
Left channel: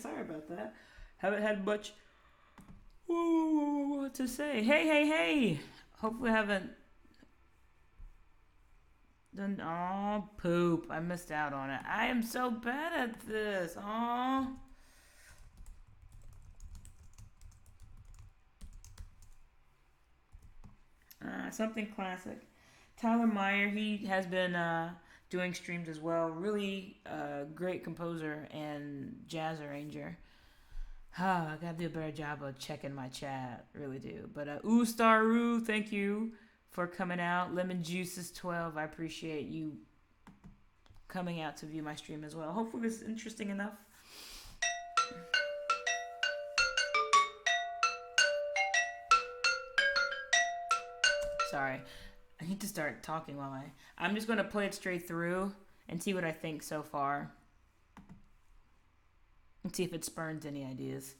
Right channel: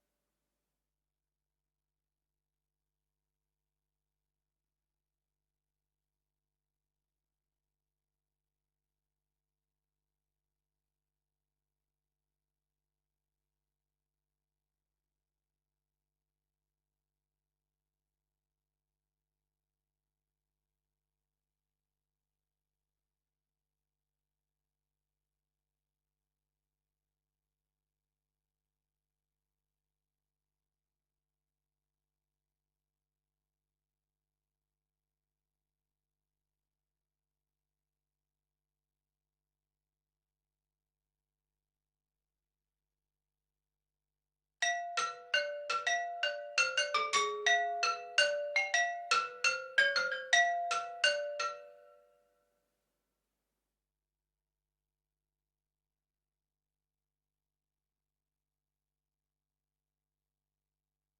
Sorry about that. Haven't had much to say. Hey. Hopefully I haven't done... Oh, poop. I missed out on it. I am so bad at this. Oh. Something classic. Tyler Meyer, he has been doing streams as well. Really great composer and jazz arranger. I gotta do a better job of checking my chat. Really do. But Staru, thank you for coming out. Lemon Juices 12, I appreciate you coming out to view my stream as well. Hopefully this is interesting enough. Sorry, I need to start talking while I'm just gonna play it straight through and see what I think so far. And see if it spurns any ideas.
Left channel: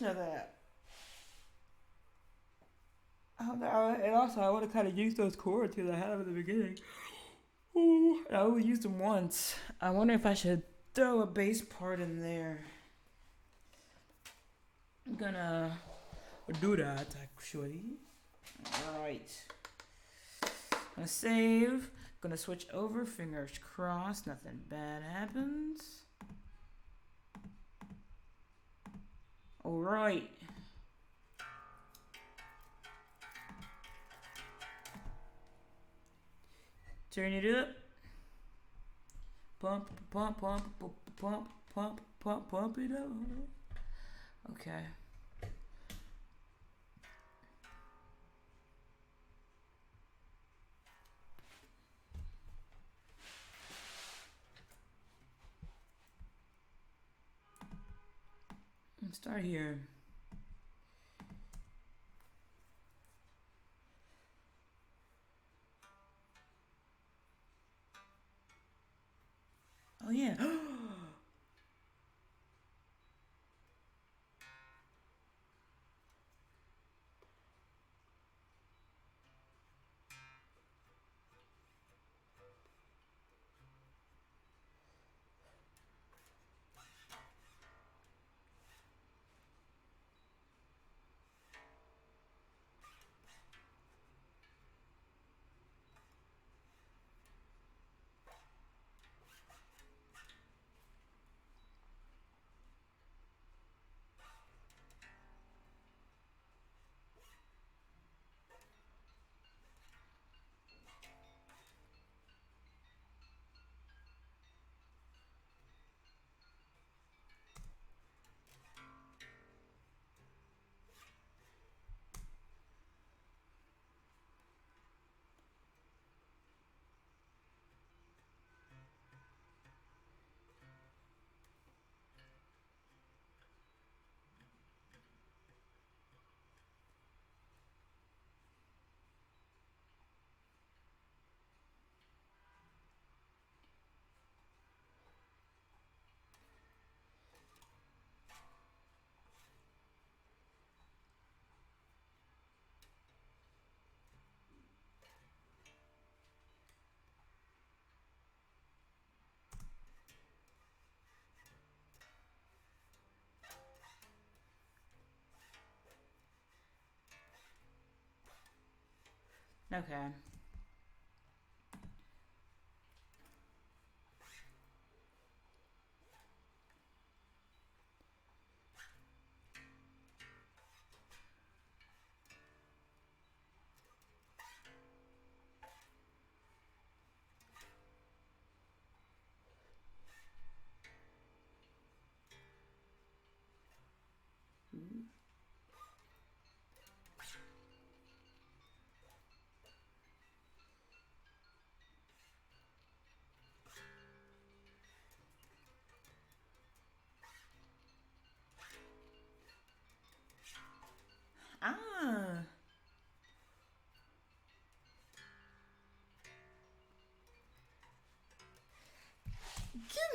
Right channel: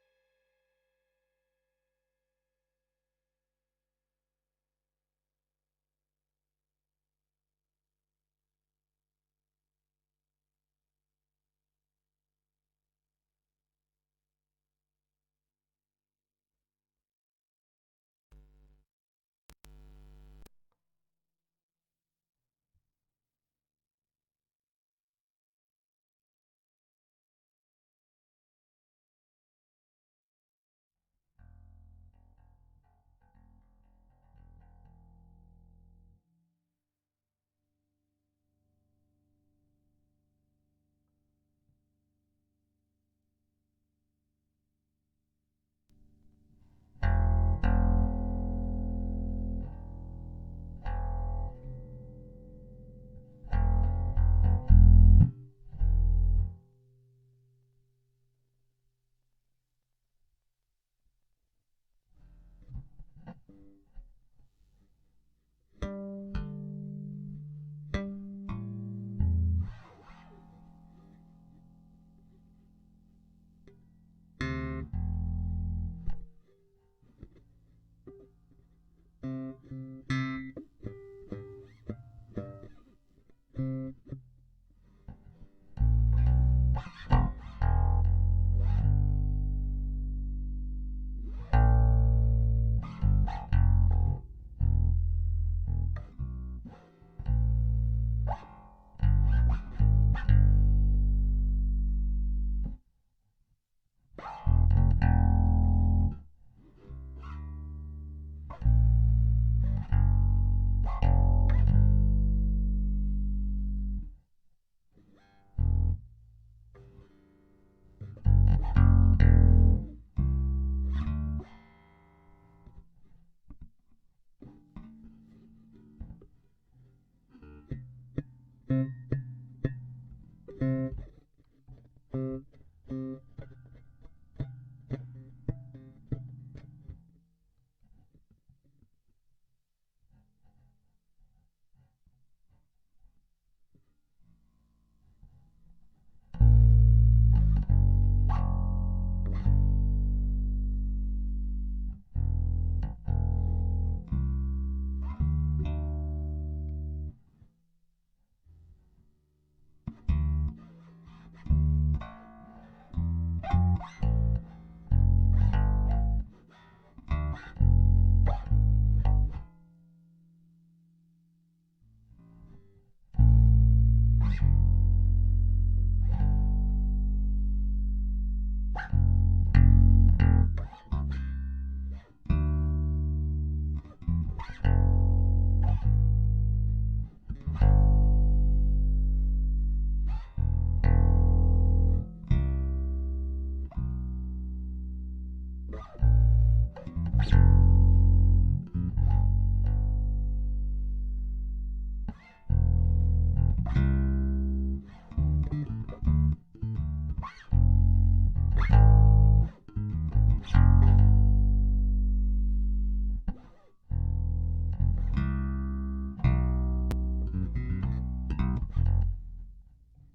Of that. And also, I want to kind of use those chords that I have at the beginning. Ooh, I only used them once. I wonder if I should throw a bass part in there. I'm gonna do that actually. Alright. Gonna save. Gonna switch over. Fingers crossed. Nothing bad happens. Alright. Turn it up. Pump it up. Okay. start here. Oh yeah. Okay.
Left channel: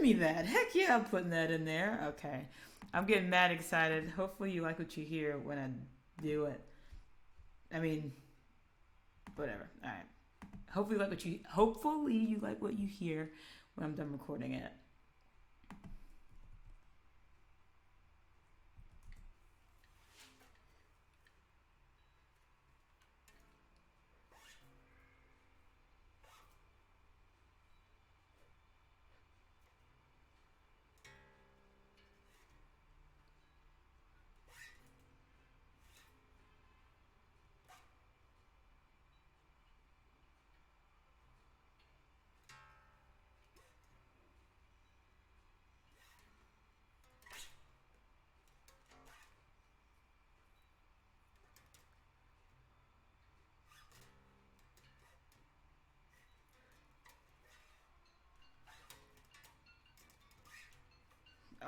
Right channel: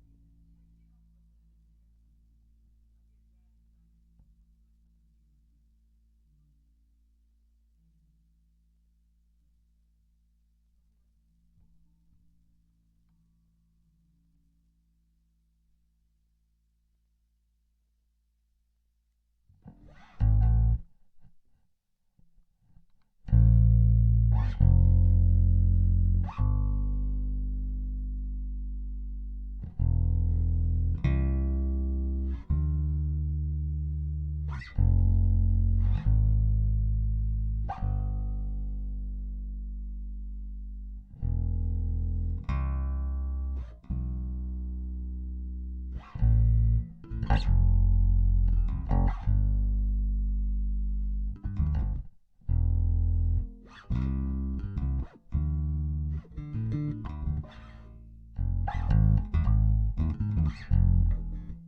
Me that. Heck yeah, I'm putting that in there. Okay. I'm getting mad excited. Hopefully you like what you hear when I do it. I mean, whatever. All right. Hopefully you like what you hear when I'm done recording it.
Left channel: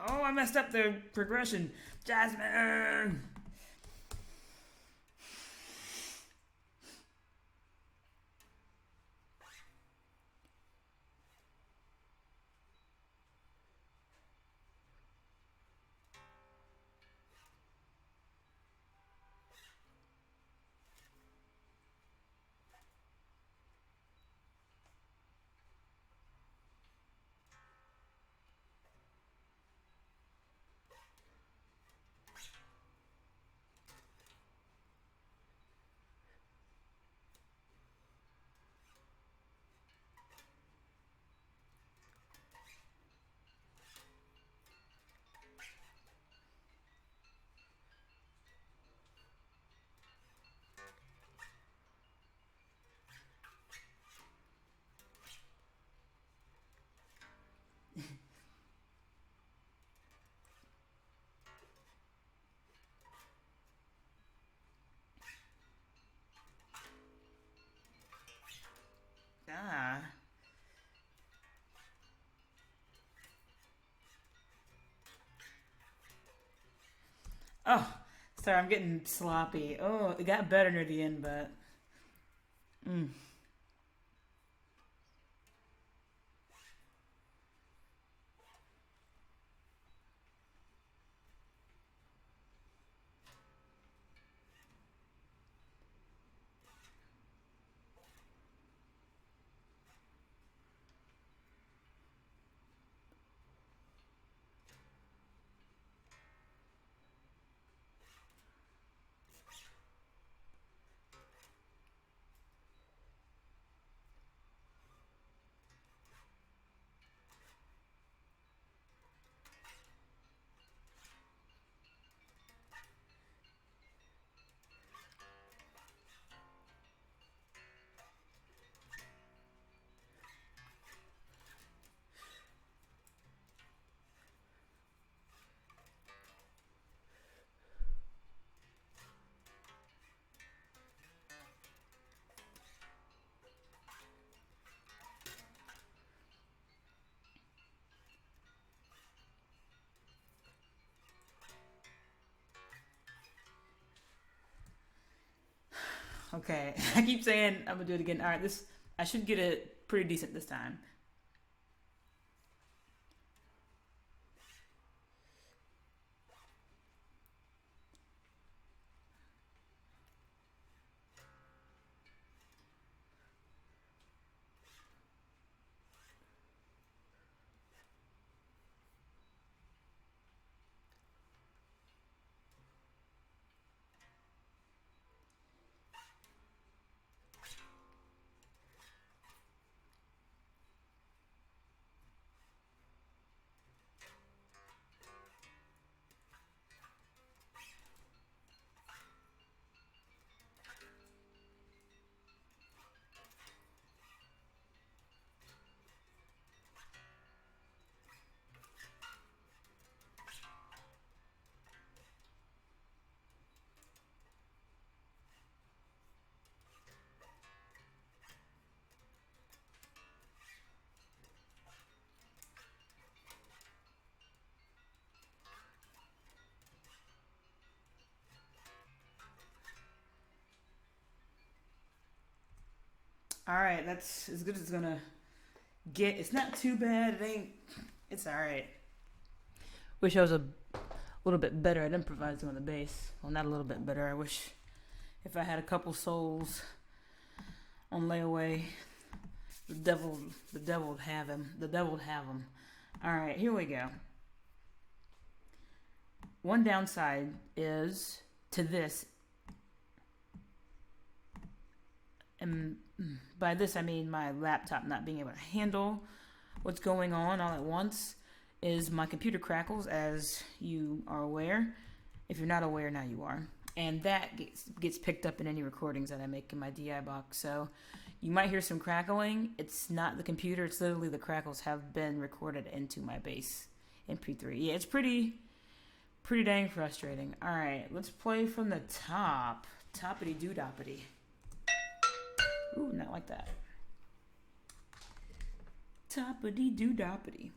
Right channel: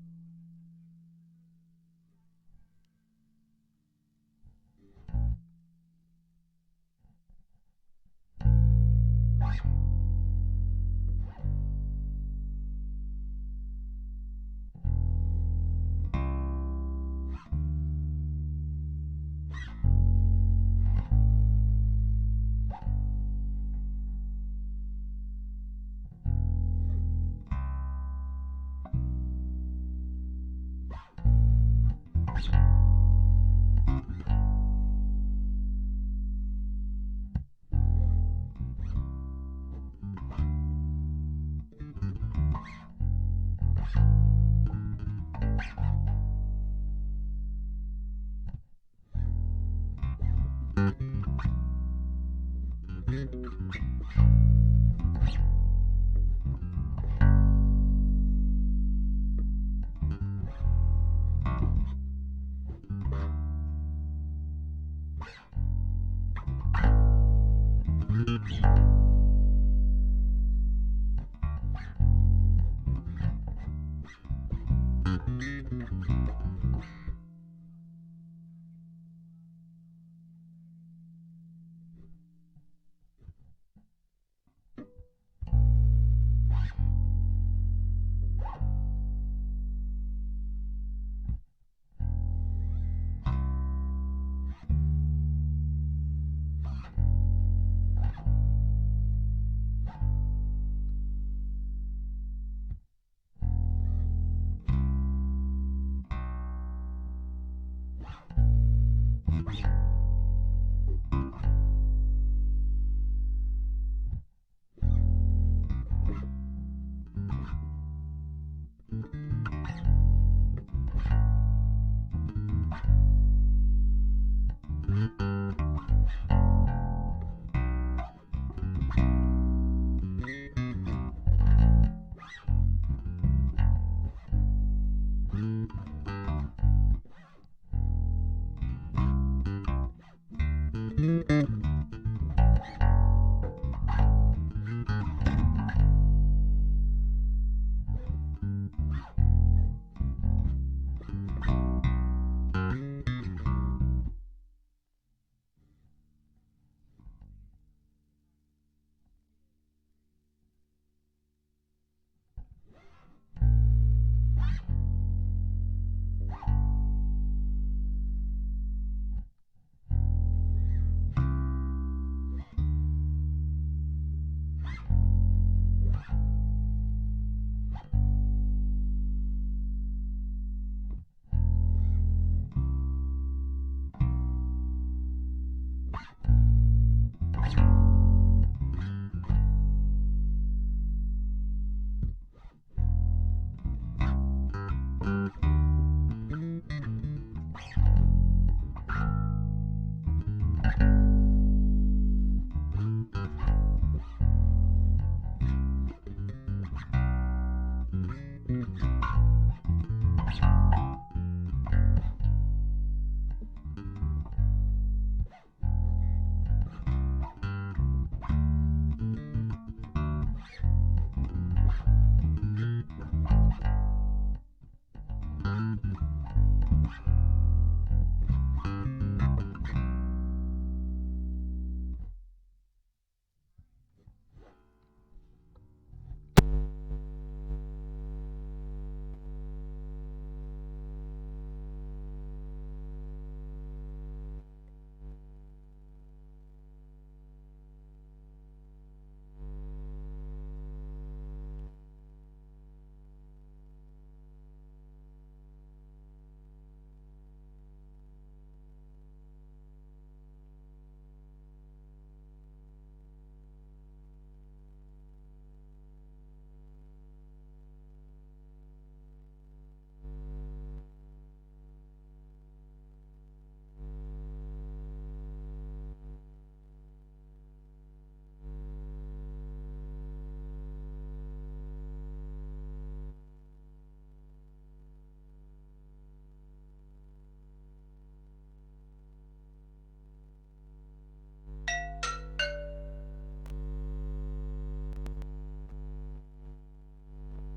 Oh, I messed up the progression. Jasmine! I'm getting sloppy. Oh, it got better near the end, but... Okay, I keep saying I'm gonna do it again. All right, I should get it pretty decent this time. Alright, that's as good as it's gonna get. It's not too bad. It's alright. Wish I was a little bit better at improvising on the bass. Well, not a little bit better. I wish if I had a couple souls on layaway, the devil would have him. The devil would have him. Alright, here we go. One downside is to this, and by this I mean my laptop not being able to handle what's going on all at once, is my computer crackles, as you are aware. If you're not aware, now you are. And that gets picked up in any recordings that I make in my DI box. So you might hear some crackling. It's not the computer, it's literally the crackles have been recorded into my bass MP3. Yeah, it's pretty dang frustrating. Alright, let's play from the top. Toppity doo doppity. Ooh, not like that. Toppity doo doppity.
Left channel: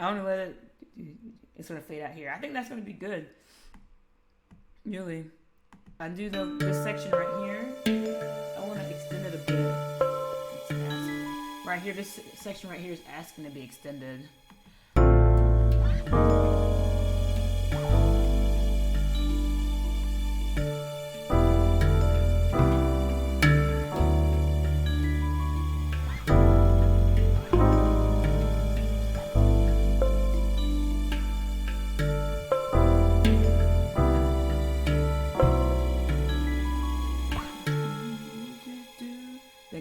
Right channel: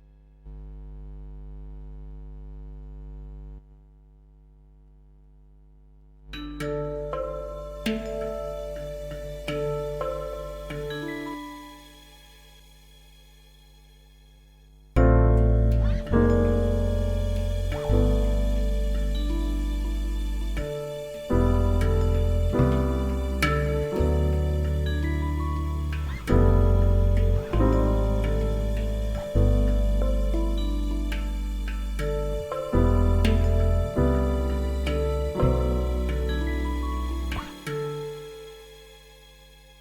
I want to let it. It's gonna fade out here. I think that's gonna be good. Really. I do this section right here. I want to extend it a bit. Right here, this section right here is asking to be extended.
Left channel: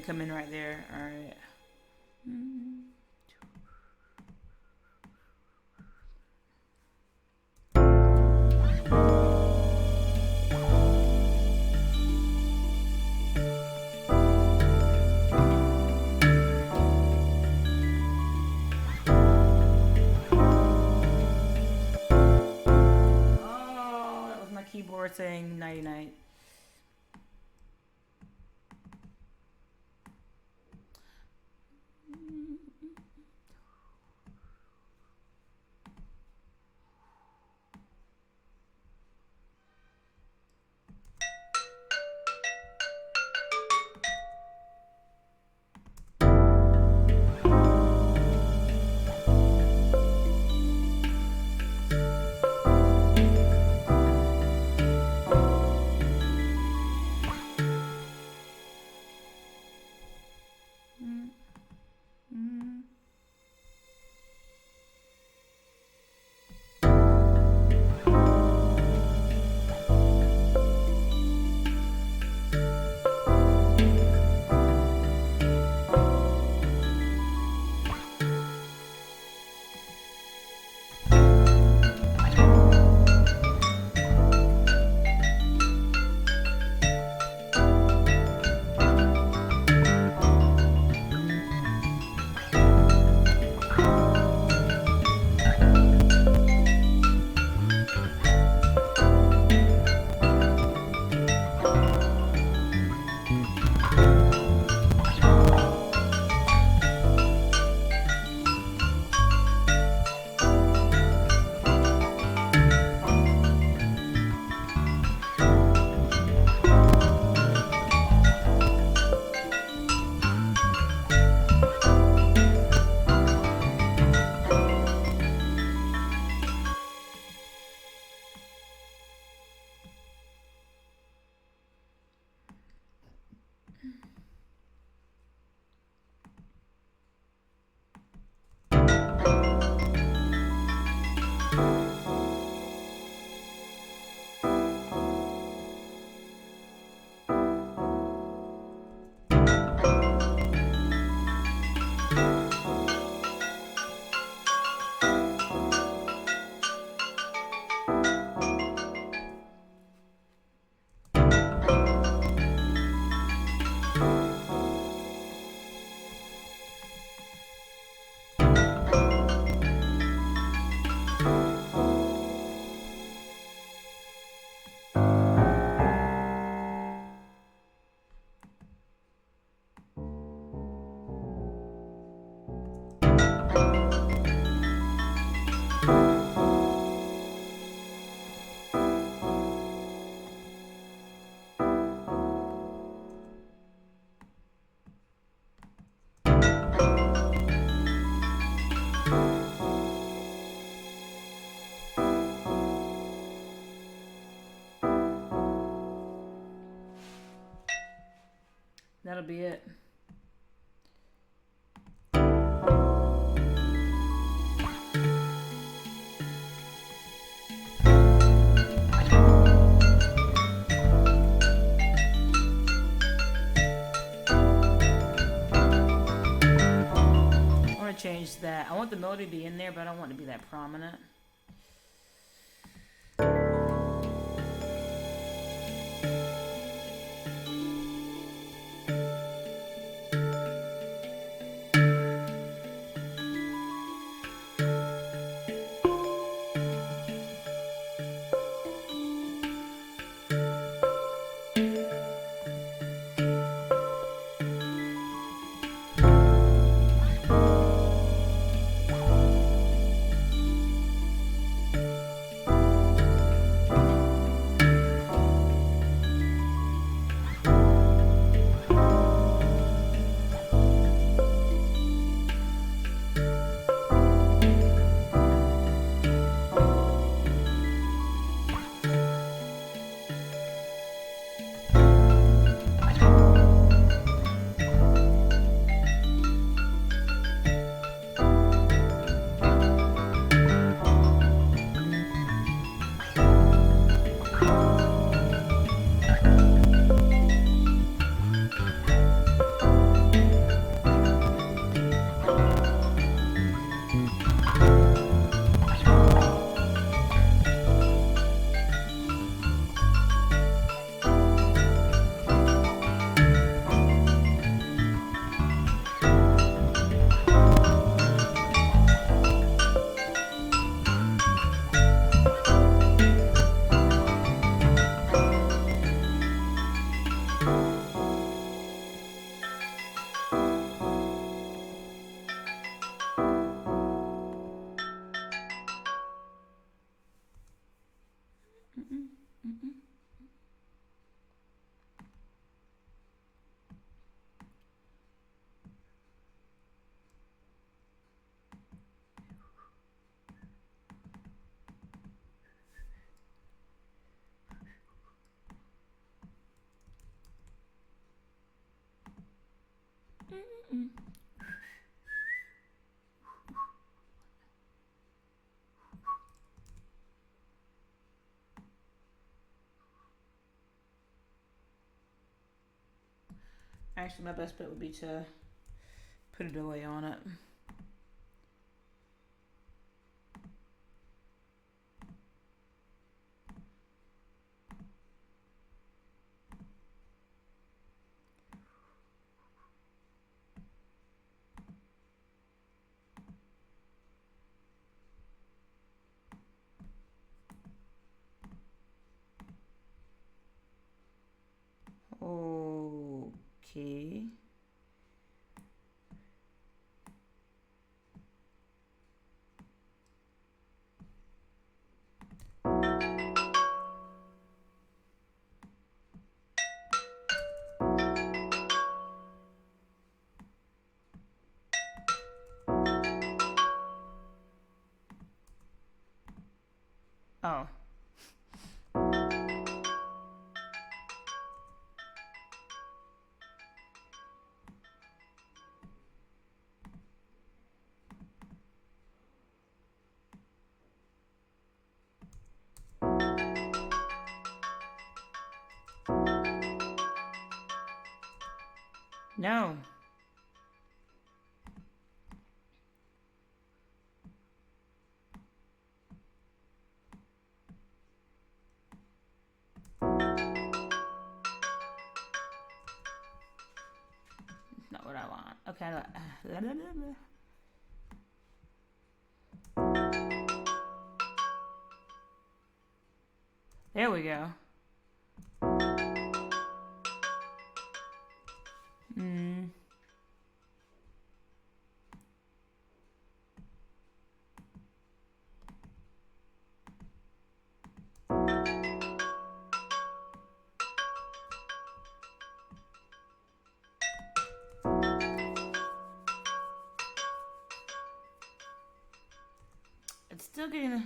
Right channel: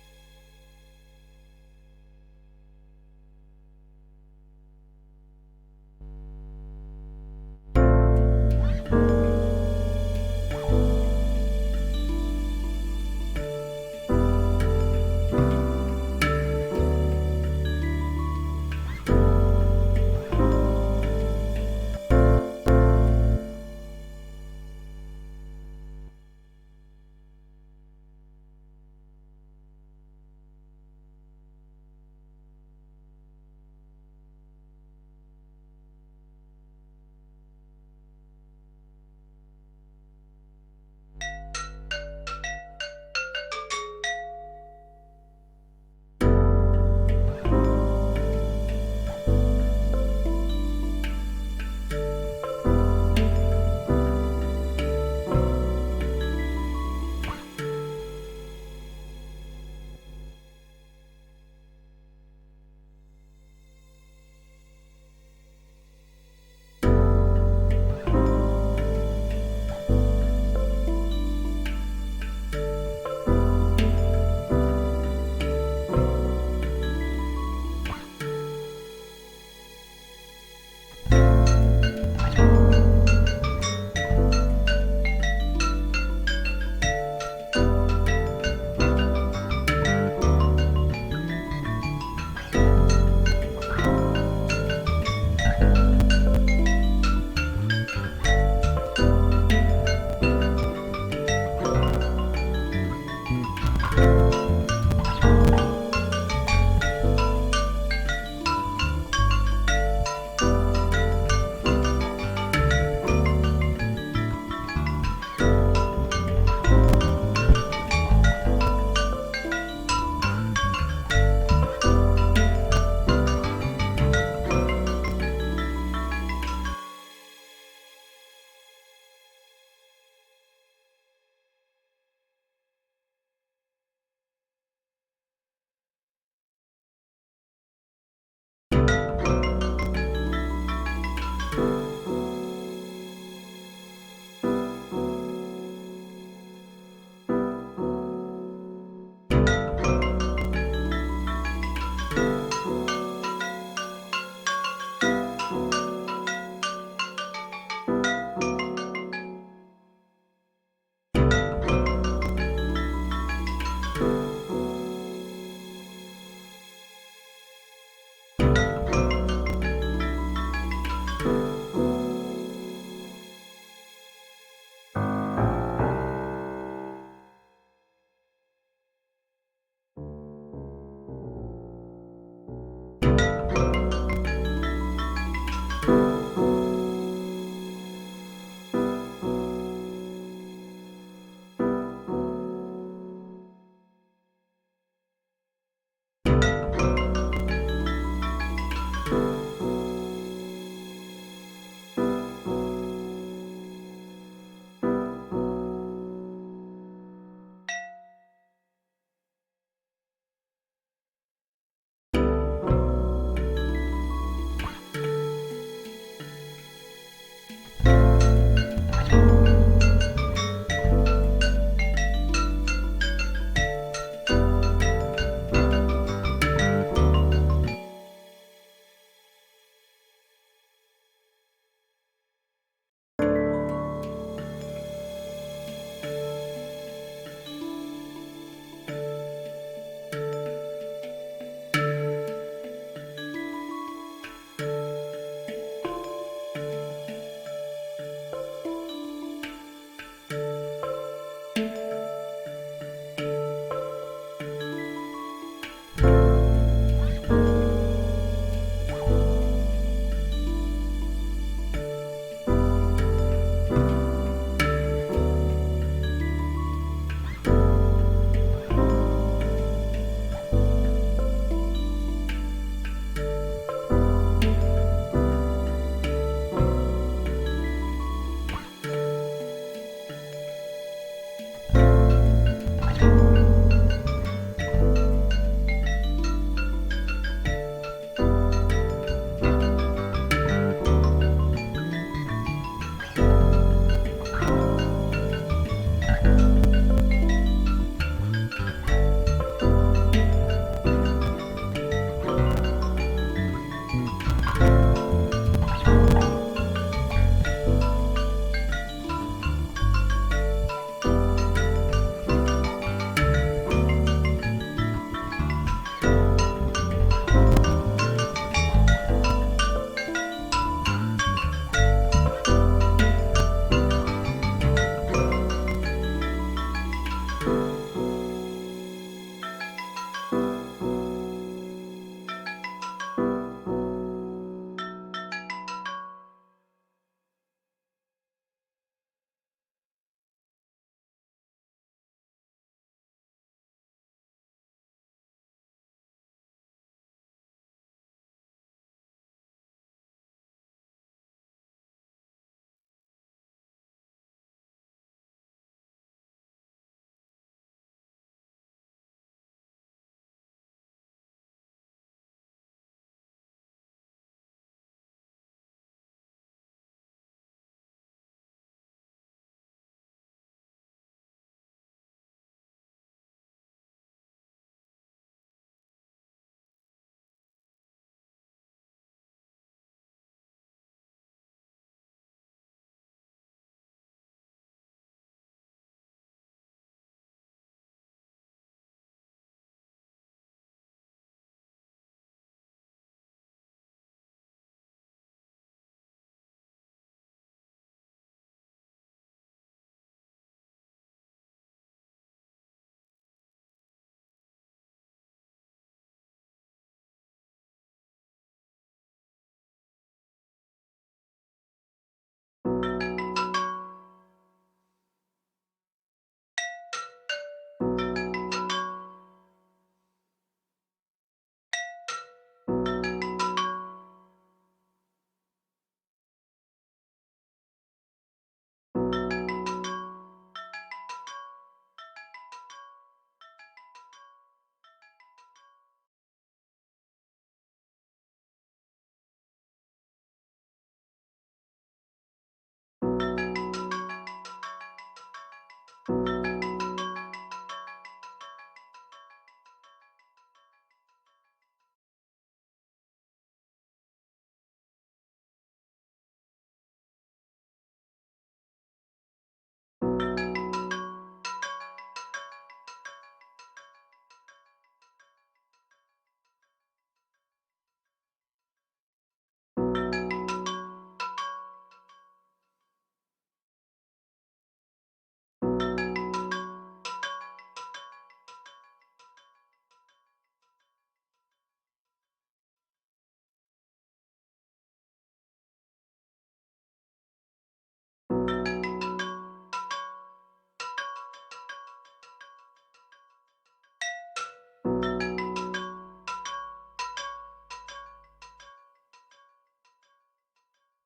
Come in right there. All right. Oh, that was my keyboard saying nighty night. That'll be it. I want to change that. I want the melody to be in there, but I don't want it to be that prominent. Actually, my best bet would be to put a delay on it. Okay. Oh. No. Not what I want. Okay. There we go. It's still getting.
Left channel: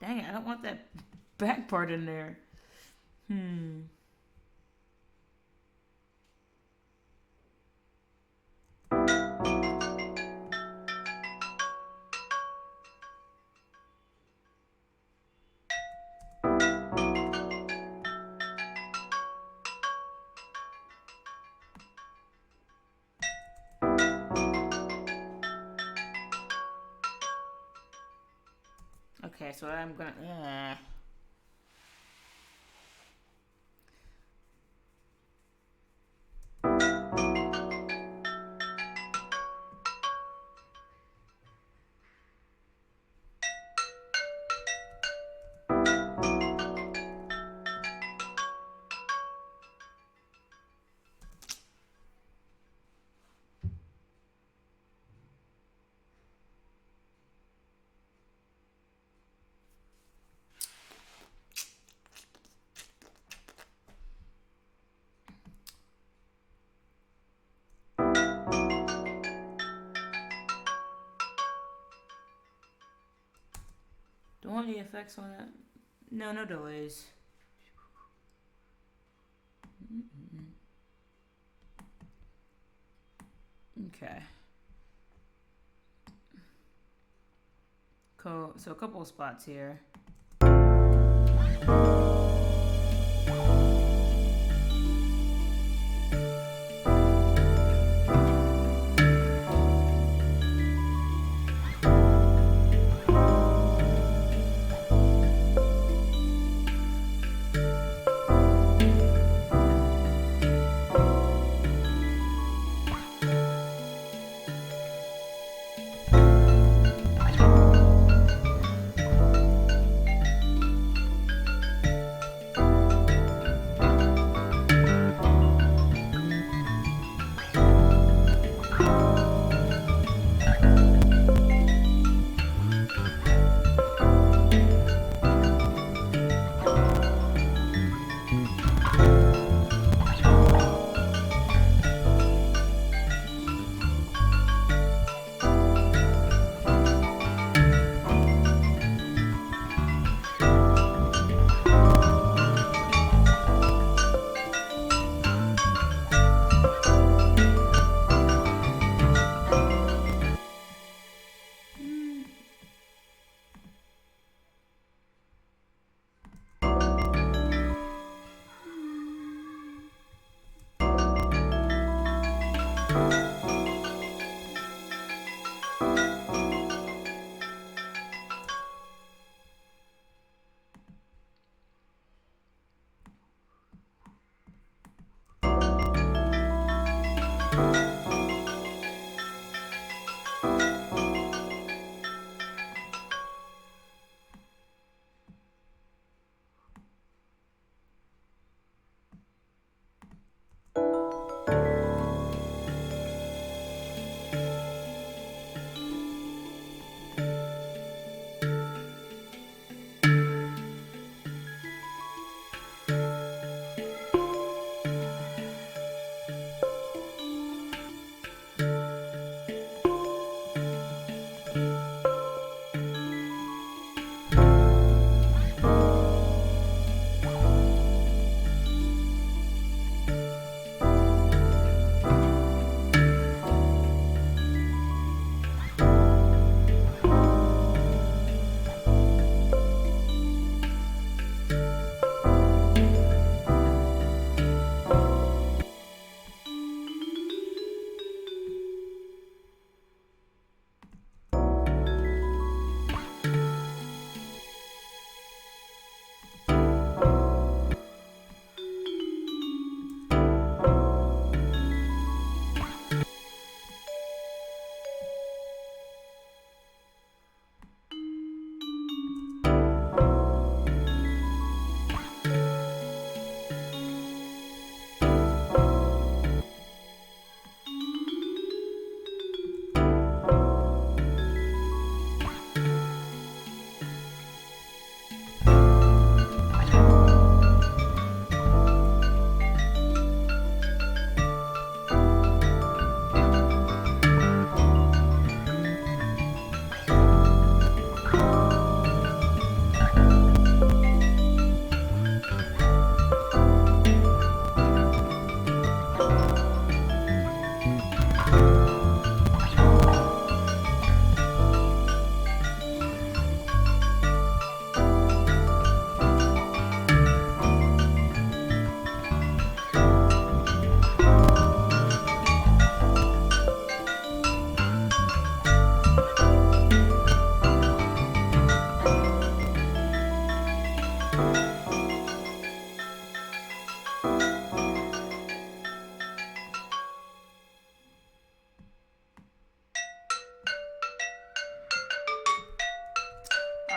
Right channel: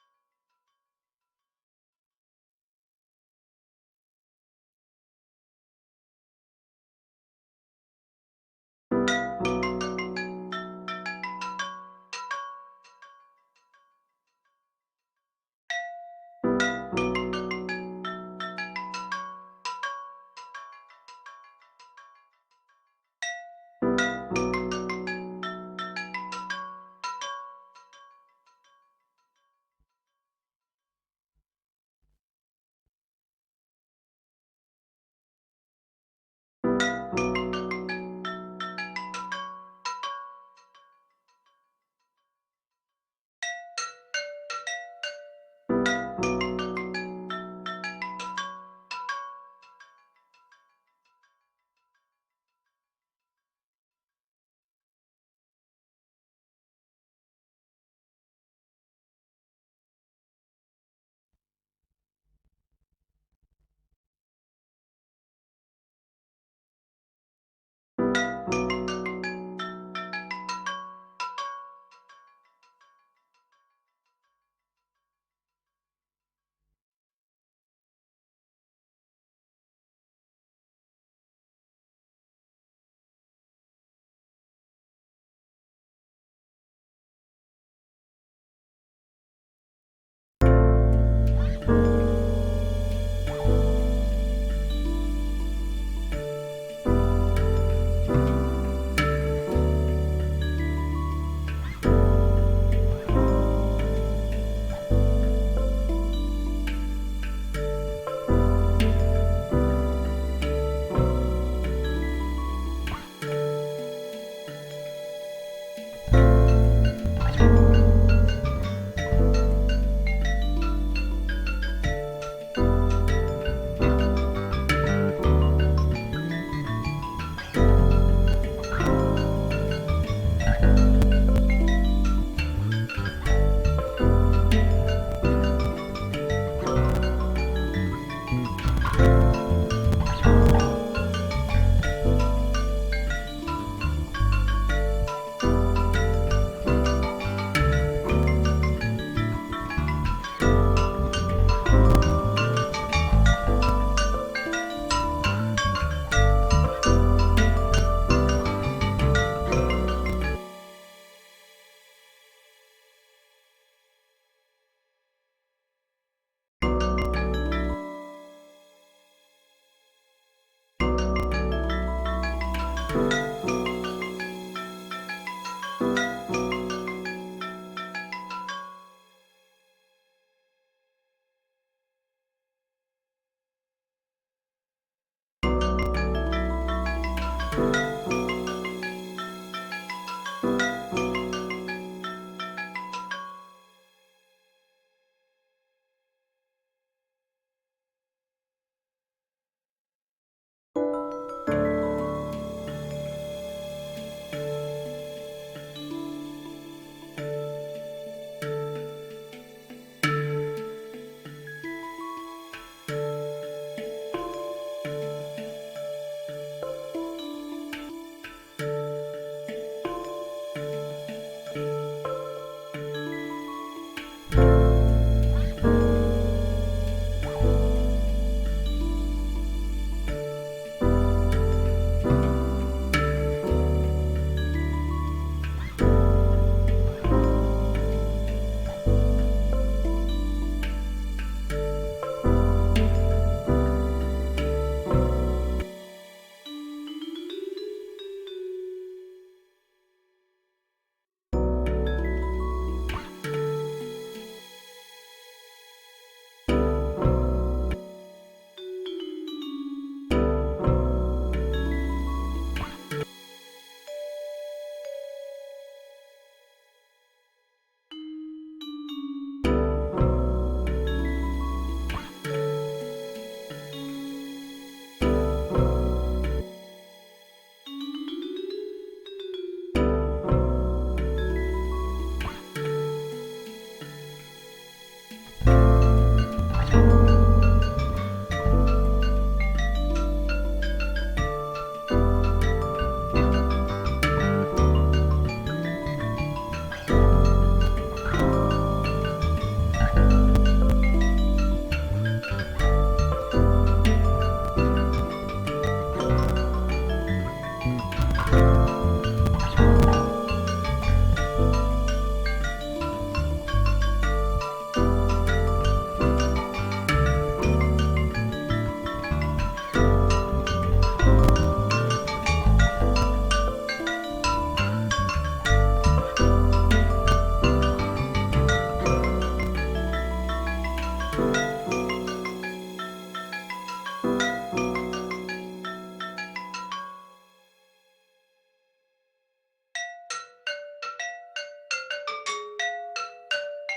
Dang it, I don't want that back part in there. Okay, so I'm gonna. Don't want any effects on that. No, no delays. Okay. Cool. So a couple of spots here.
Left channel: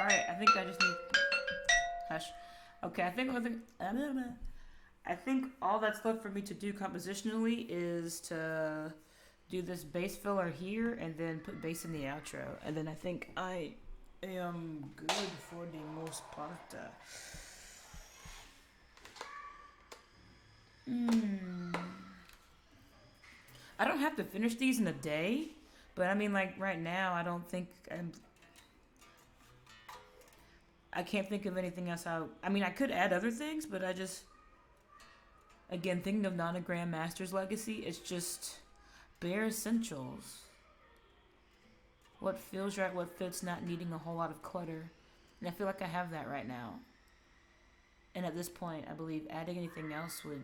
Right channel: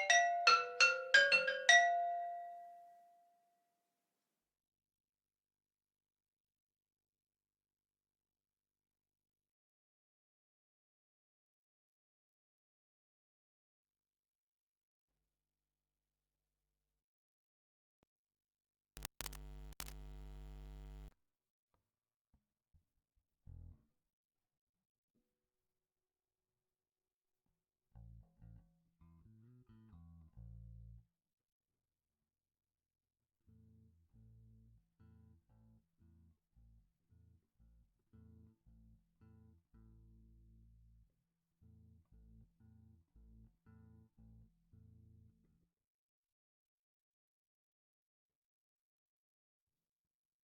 Alright, I think I just need... Hush. Okay, I think all that's left for me to do compositionally is to do this bass filler here and then put bass in the outro. And then I think I am good for the most part. I don't have to finish these in a day, but I mean, like, right now, I don't think I can't think of anything else I mean, I could add other things, but I just... Again, thinking of Nonogram Master's Legacy, it's just bare essentials. What feels right, what fits, not needing a whole lot of clutter. And I feel like I have that right now. And at this point, I believe adding anything else would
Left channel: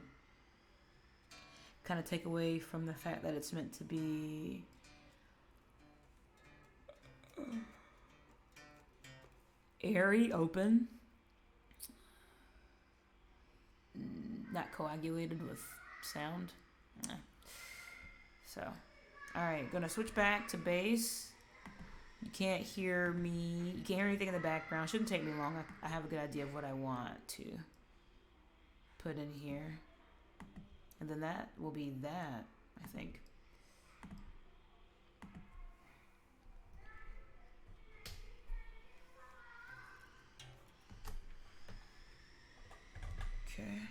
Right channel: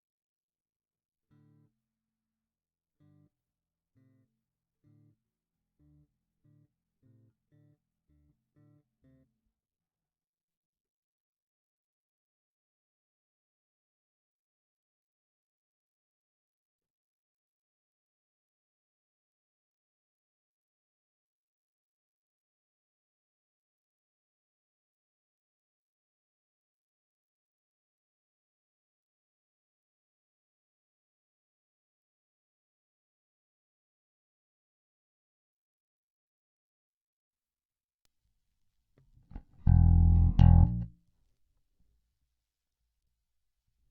kind of take away from the fact that it's meant to be... airy, open. Not coagulated with sound. So, alright, gonna switch back to bass. You can't hear me. You can't hear anything in the background. Shouldn't take me long. I have a good idea of what I want to put in here. And then that will be that, I think. Okay.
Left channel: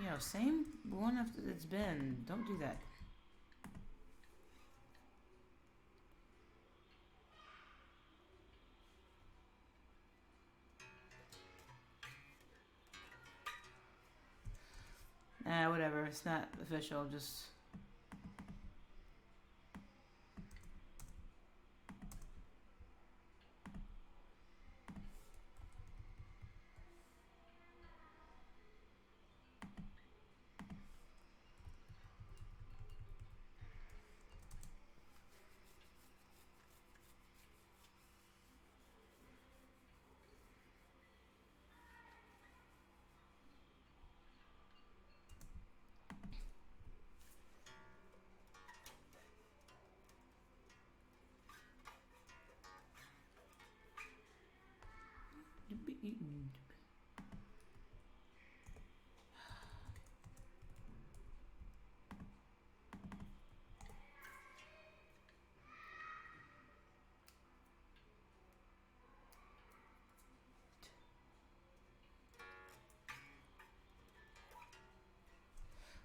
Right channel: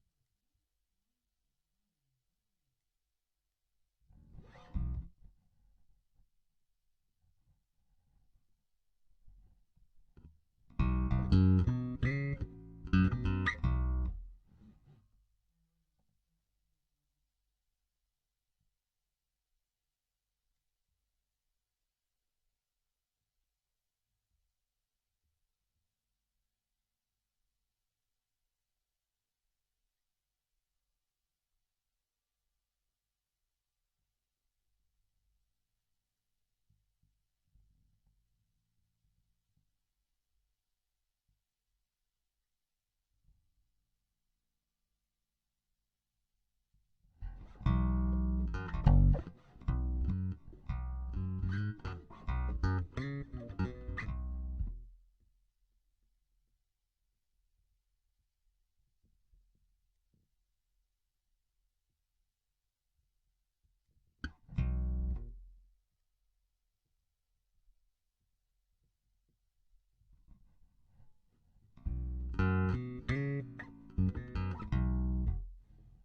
Yo, same one after it's been. Don't do that. Whatever. It's not official. Just...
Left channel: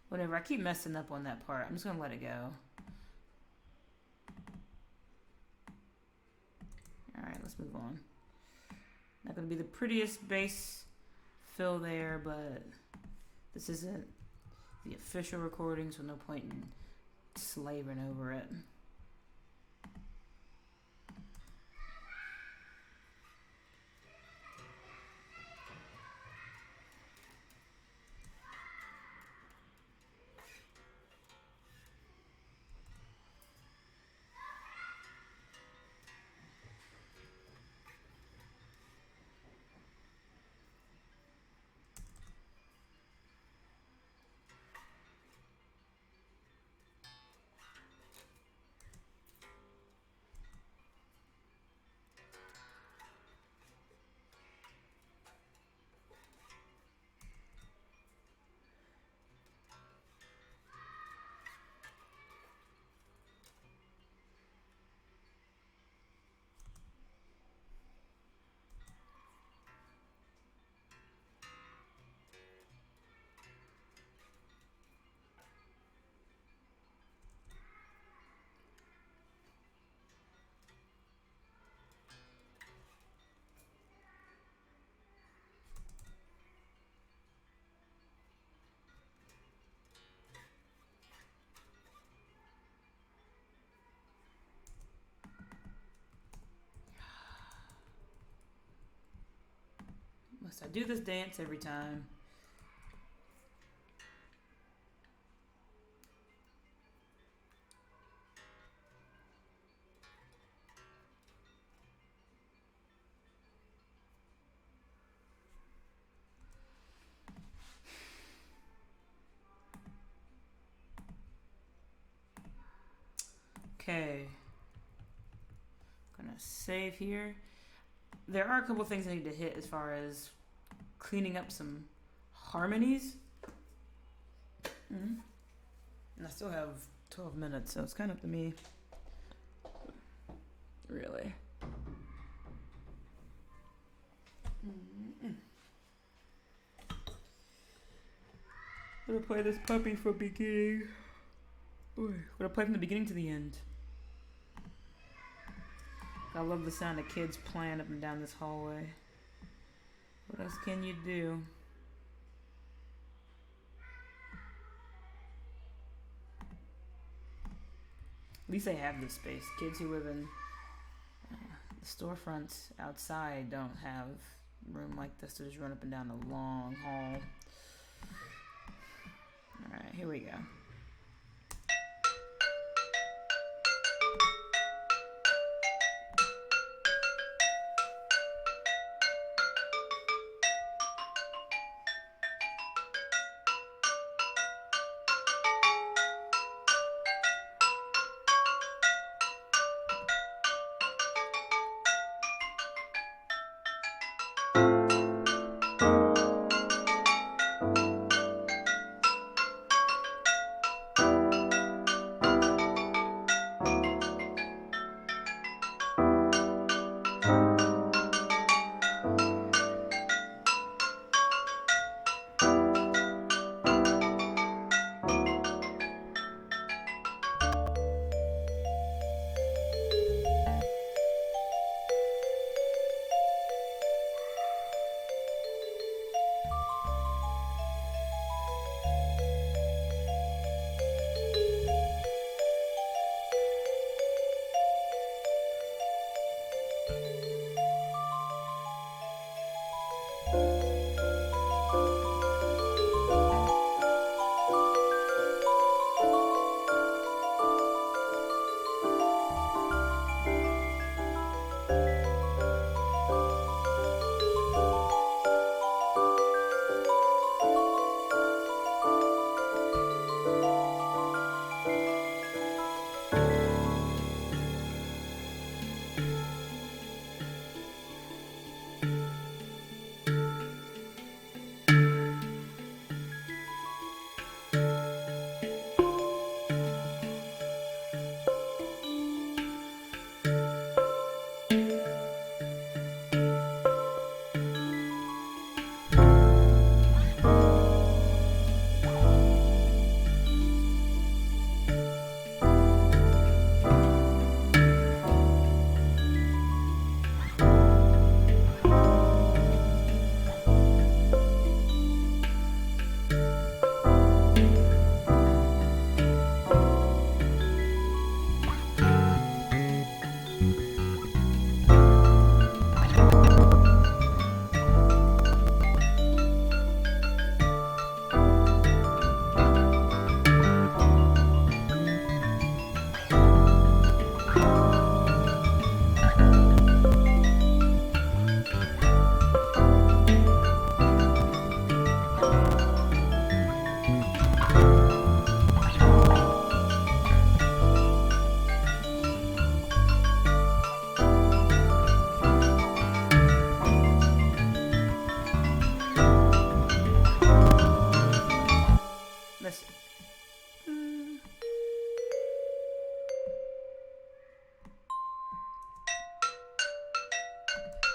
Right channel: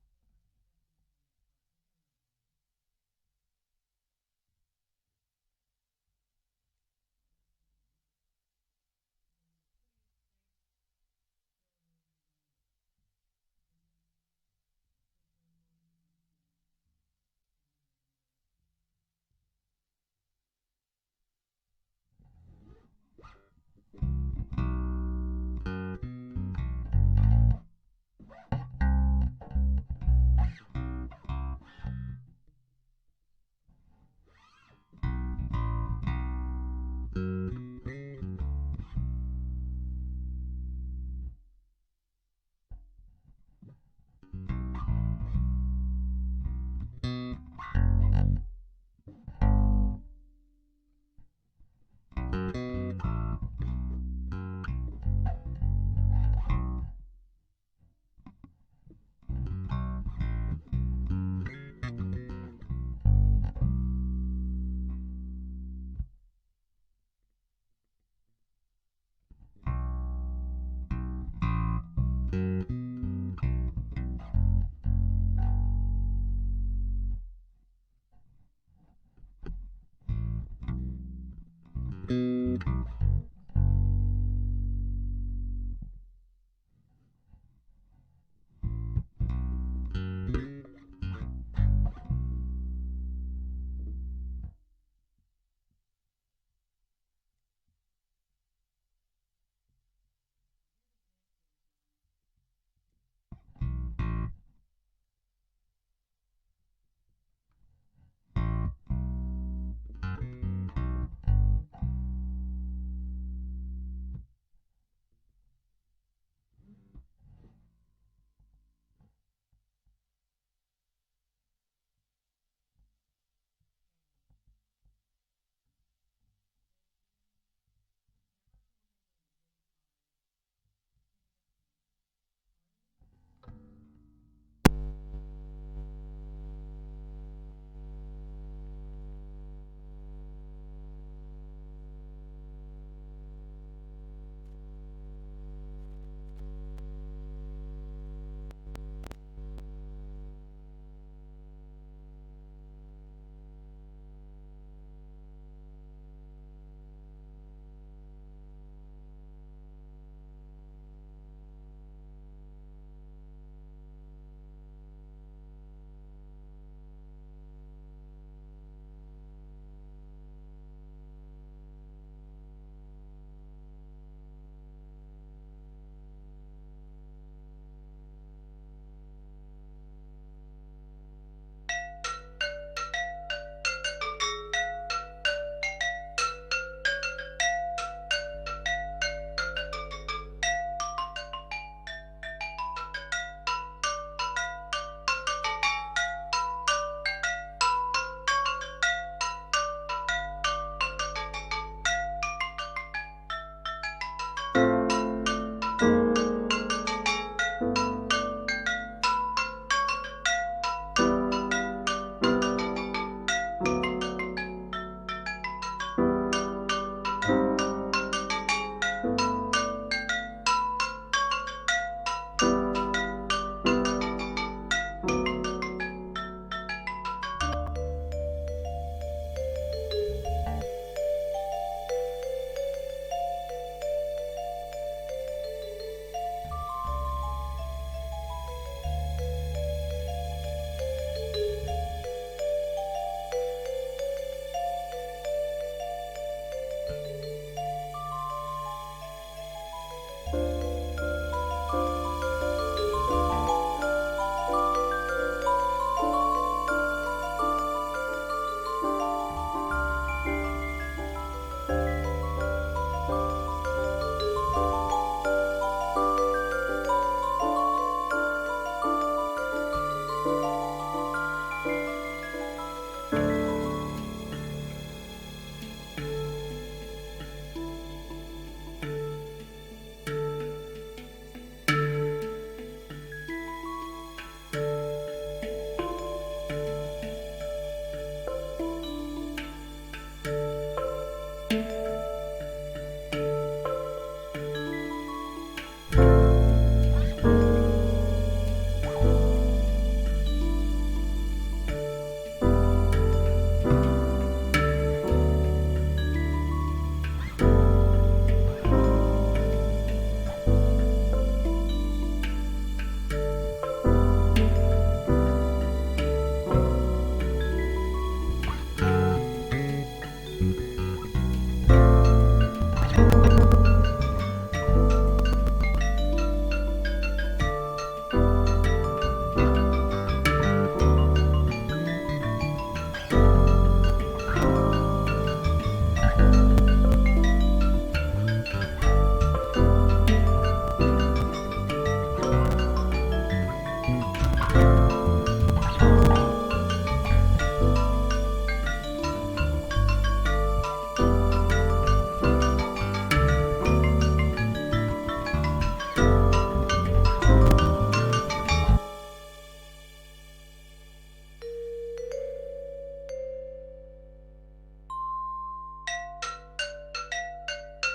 Whatever, I keep messing up on that part. I'm just gonna let it go. Alright, let's move on. Not gonna be the prettiest bass fill there, but this isn't the official recording, so no point in slaving over it. Must I do this dance every time? Okay. I'm gonna save here. There are a couple things I need to hit as far as cleaning up some harmonies. And I still have 12 minutes, so it's kind of up to me. Really. I'm gonna play this puppy from beginning. I'm gonna play from the beginning to the end. I love the sound of kids playing up and down this hallway. What else can you do? At least they have this space. Kids who live in the storefronts outside don't have room like this to just run up and down a long hall. Alright, here we go.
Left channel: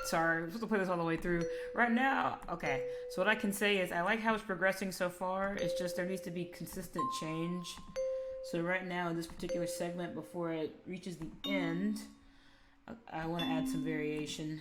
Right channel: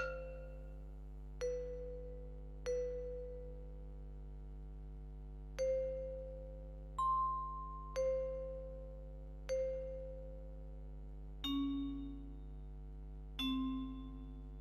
Sorry, I'm supposed to play this all the way through. Right now, okay, so what I can say is I like how it's progressing so far. It's just there needs to be consistent change. So right now, in this particular segment, before it reaches the end, I want to add some variation.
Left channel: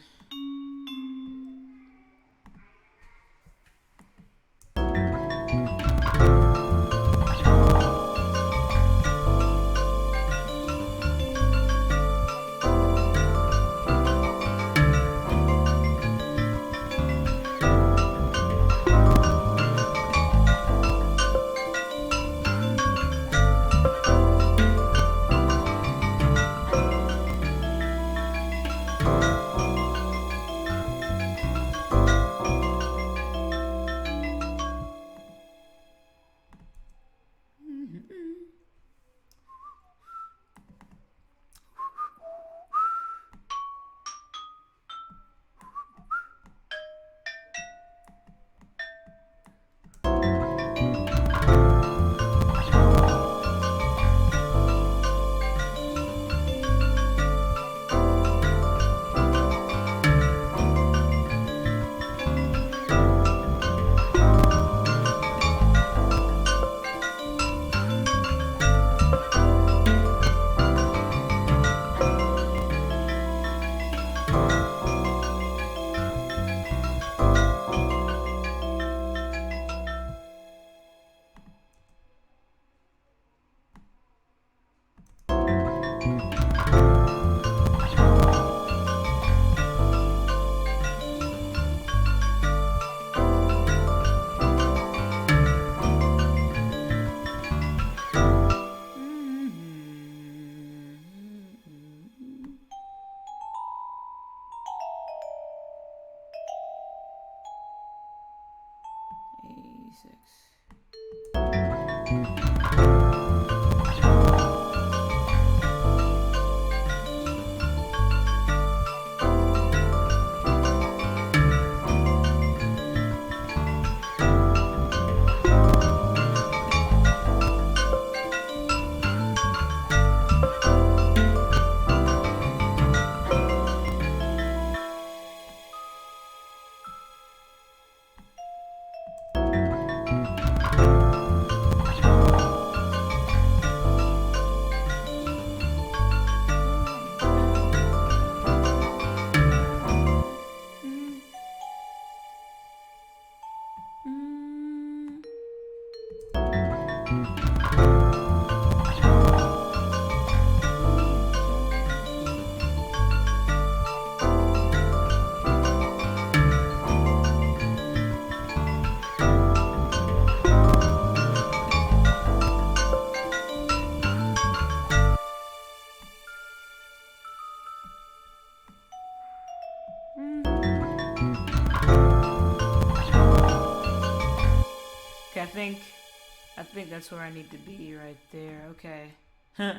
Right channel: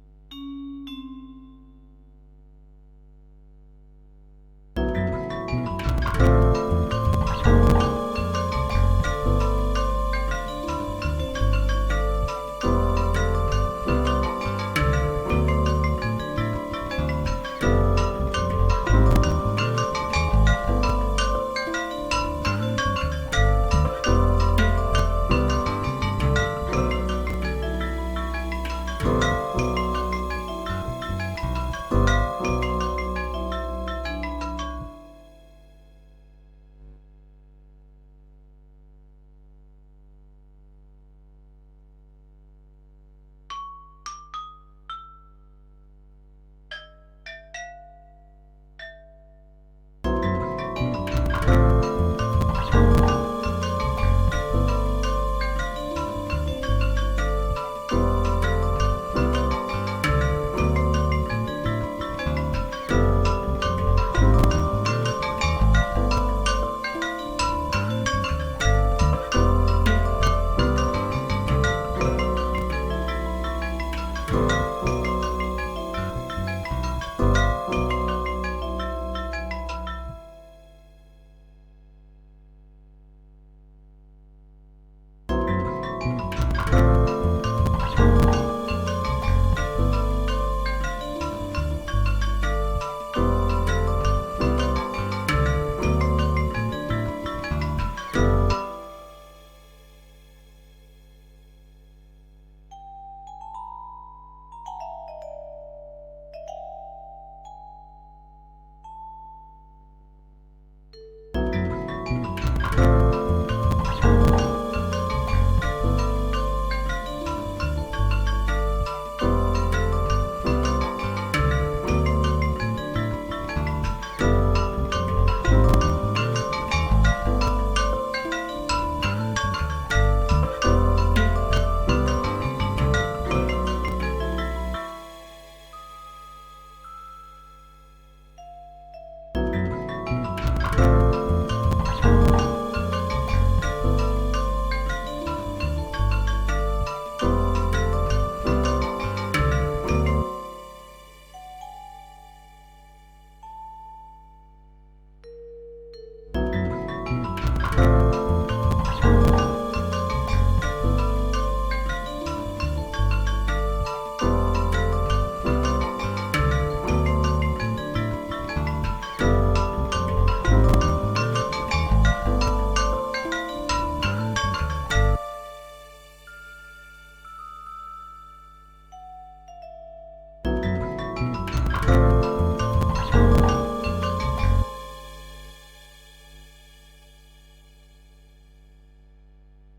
I think that's where I need to be right there. Okay.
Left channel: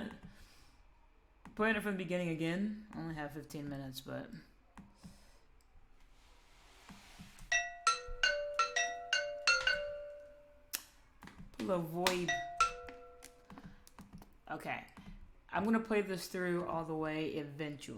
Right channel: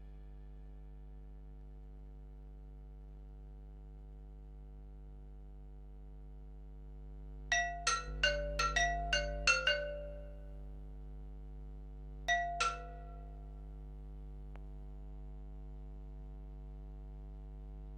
Playing it from the beginning again. Only have 15 minutes, but pull a void. Okay. I'm gonna play this through all the way eventually.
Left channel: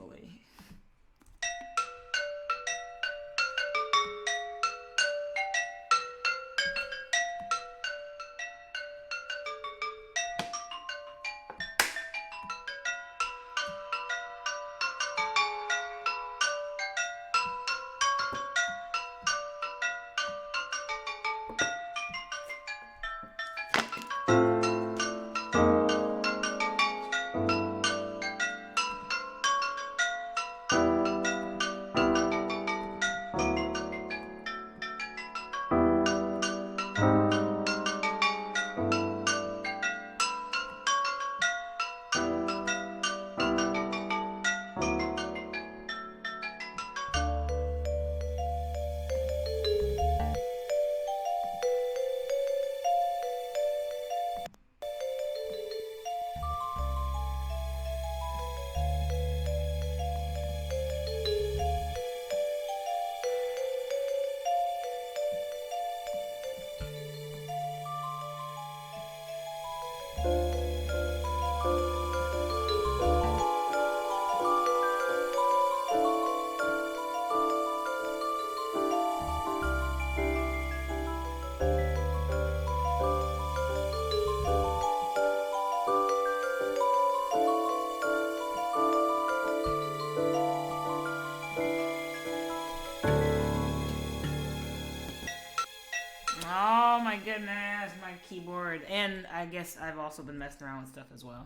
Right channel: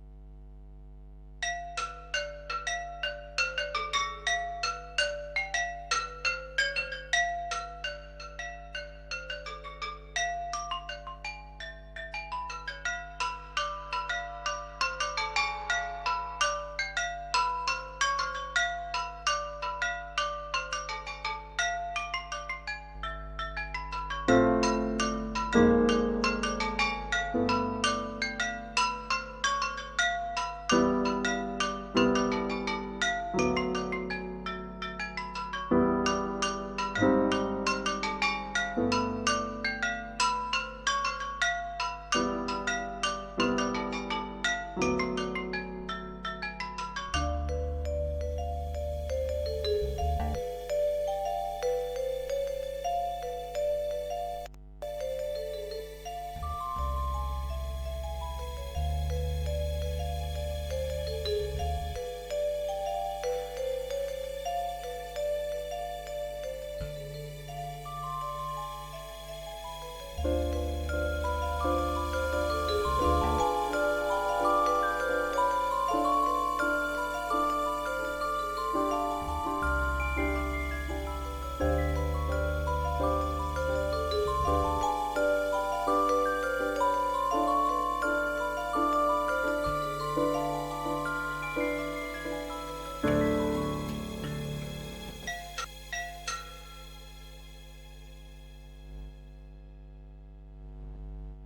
I've also been messing around with stuff as well.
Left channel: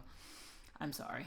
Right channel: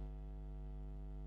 I'm sorry.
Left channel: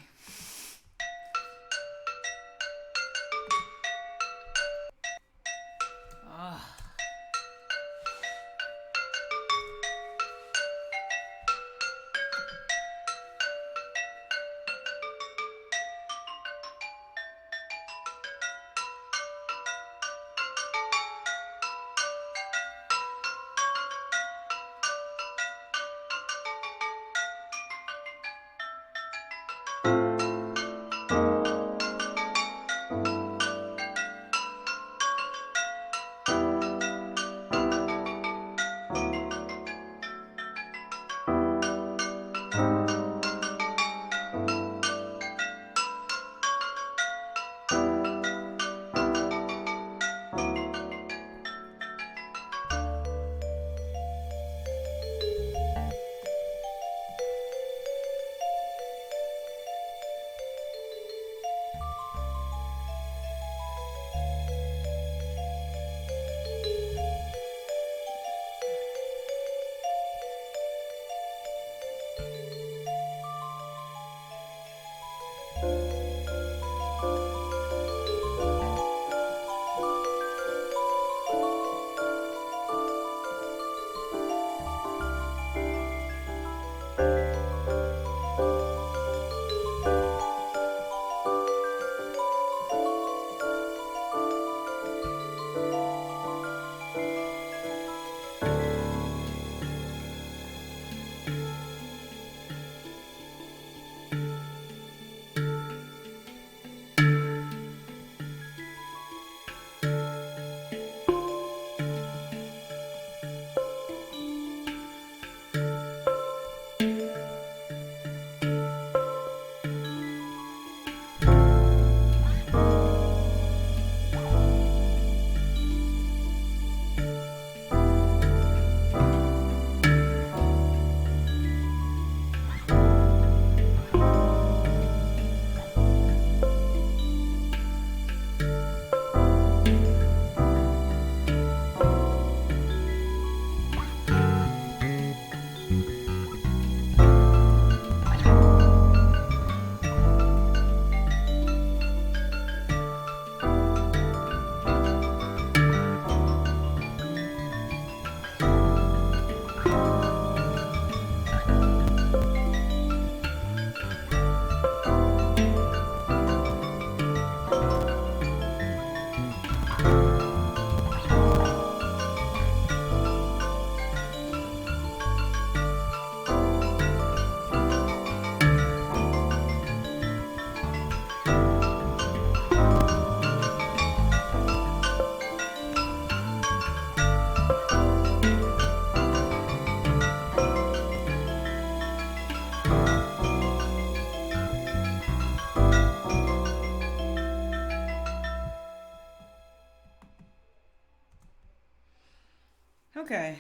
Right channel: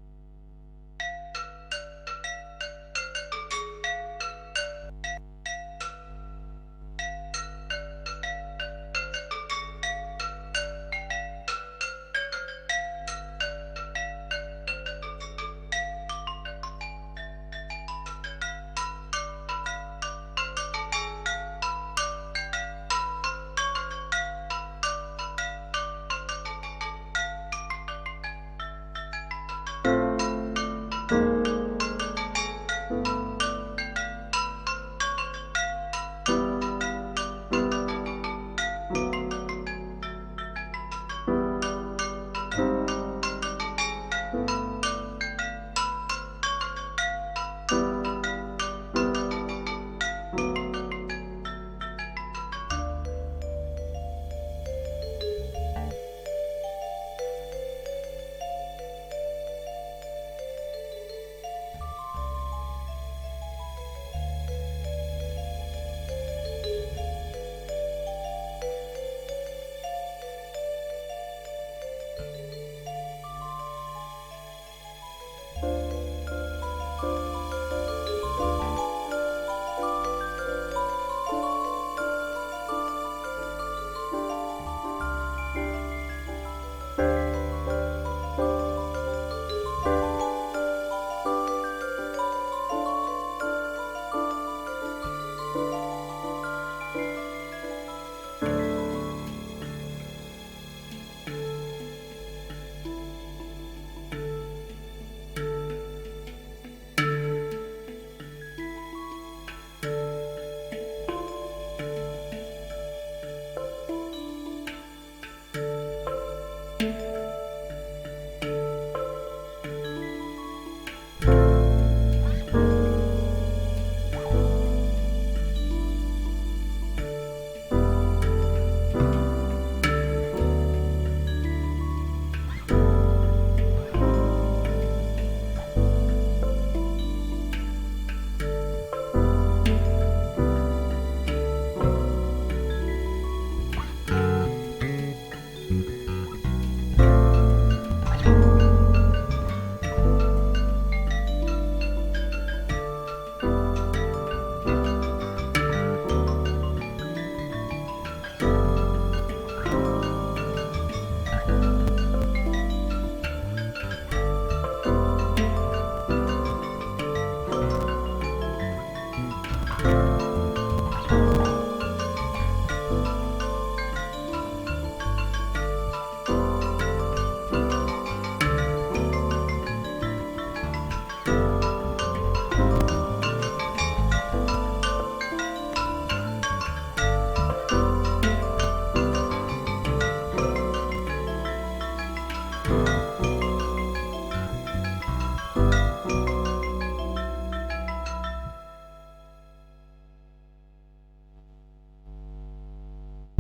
Okay.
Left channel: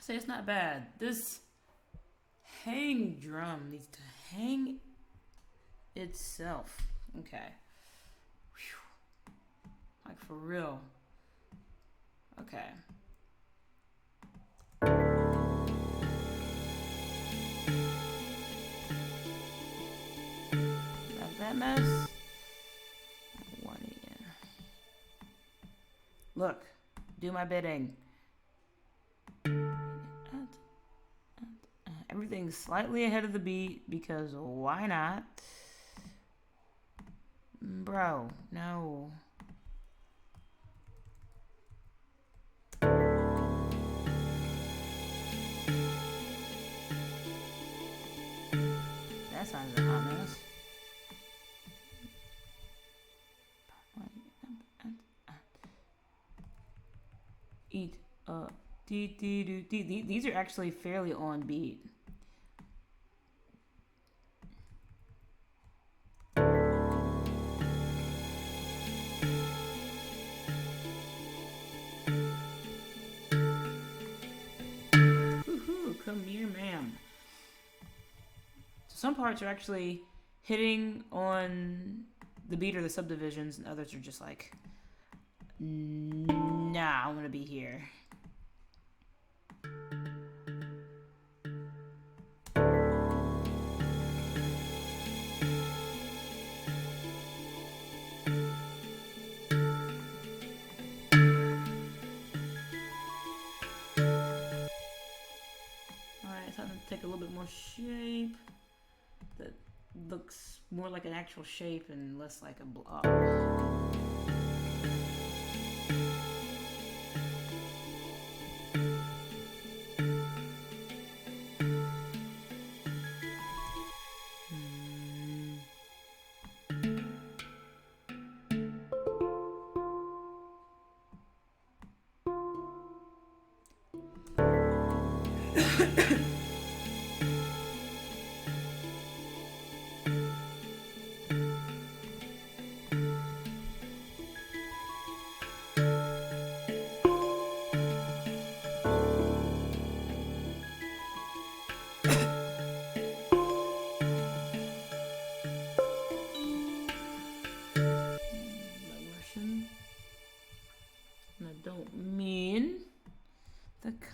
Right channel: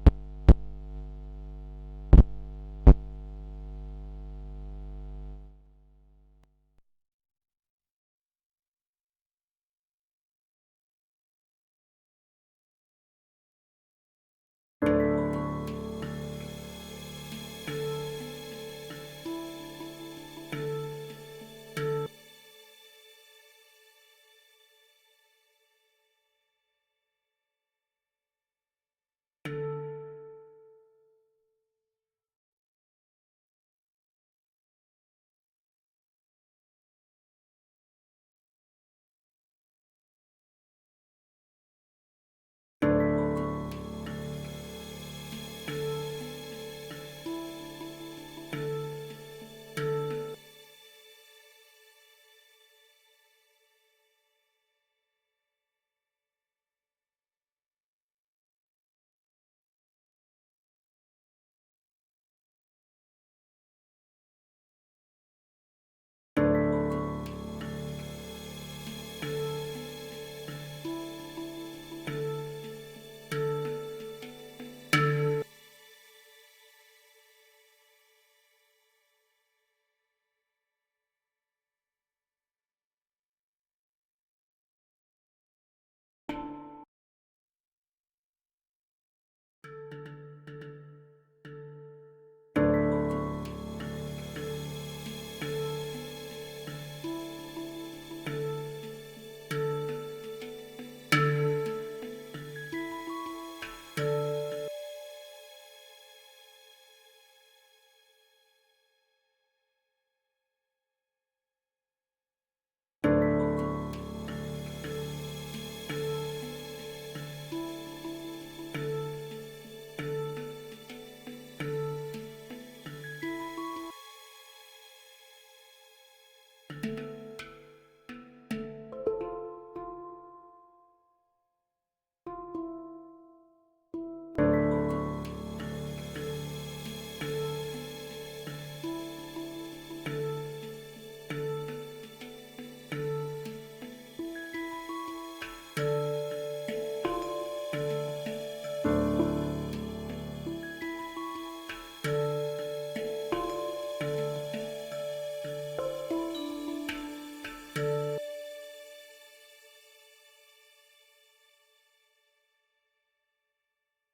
So it's not bad. This hang drum needs to hang itself. Okay. Whew. Like for real. Okay. Got that mess. Look. Do my bidding. Everything's slightly ahead of the beat because why not? Bro, no. That sounds like a hot mess. Eat up. These are actually fairly on beat. Come here, ma'am. So some parts are actually hitting on the beat or the subdivisions, and others are just like, nah, I'm gonna be here. more shape that looks more like an actual shape and less like a blob.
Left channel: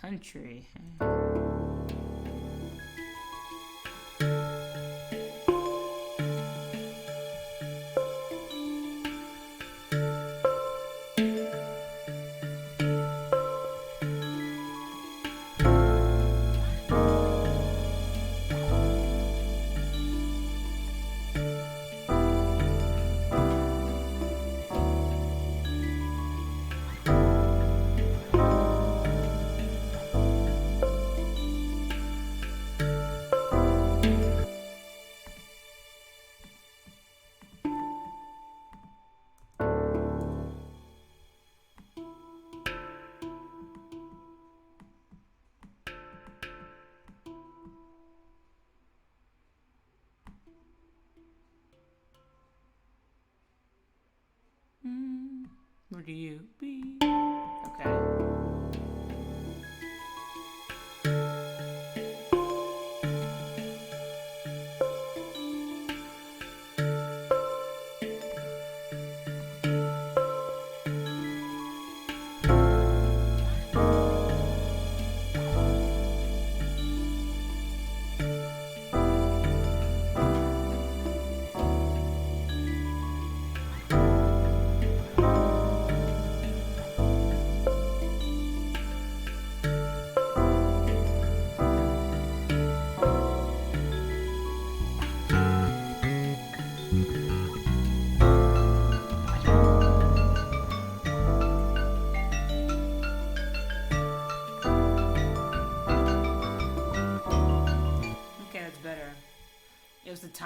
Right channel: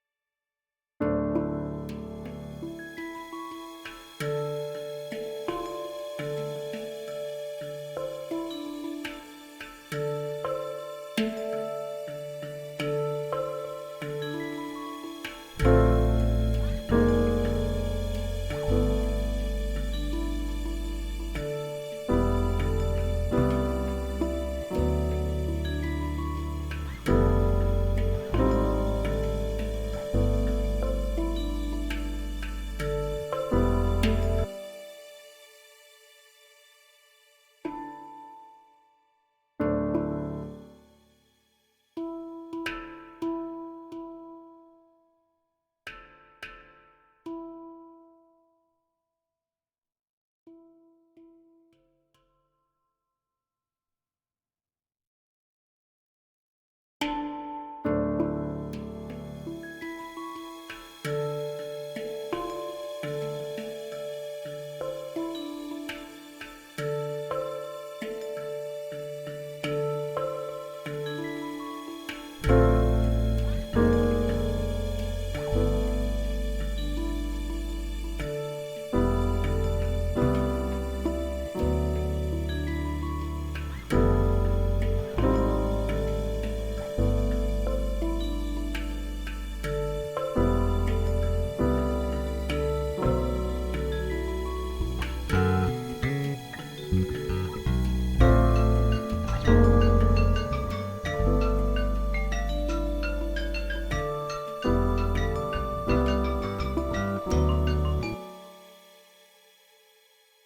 Country. Where do you be? Okay.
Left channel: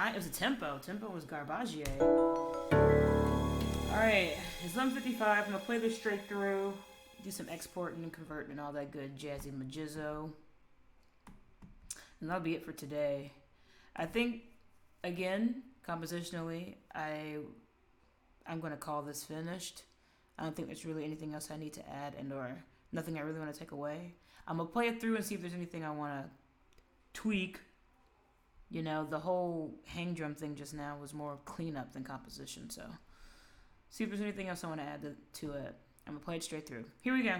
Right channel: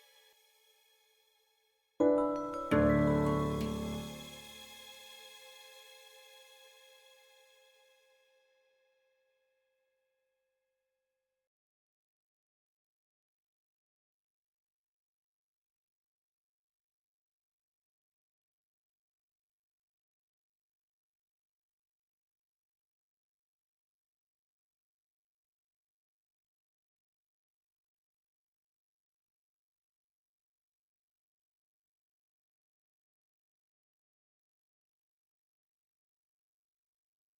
It was a tempo. Tempo was Garbagier. Alright, it's 11:55. I'm gonna play this straight through, do some exporting and converting and all that good jazzy majizzo. And that'll be it for today. I think, again, compositionally, I'm gonna call this finished. I don't think there's really anything else I need to add and or nothing I really want to take away. I'm gonna play it through and see if there's anything I want to tweak. You know, the whole hang drum thing just now was more cleanup than composition, so see if there's anything else I want to add to it. I'm gonna play it straight through. Here we go.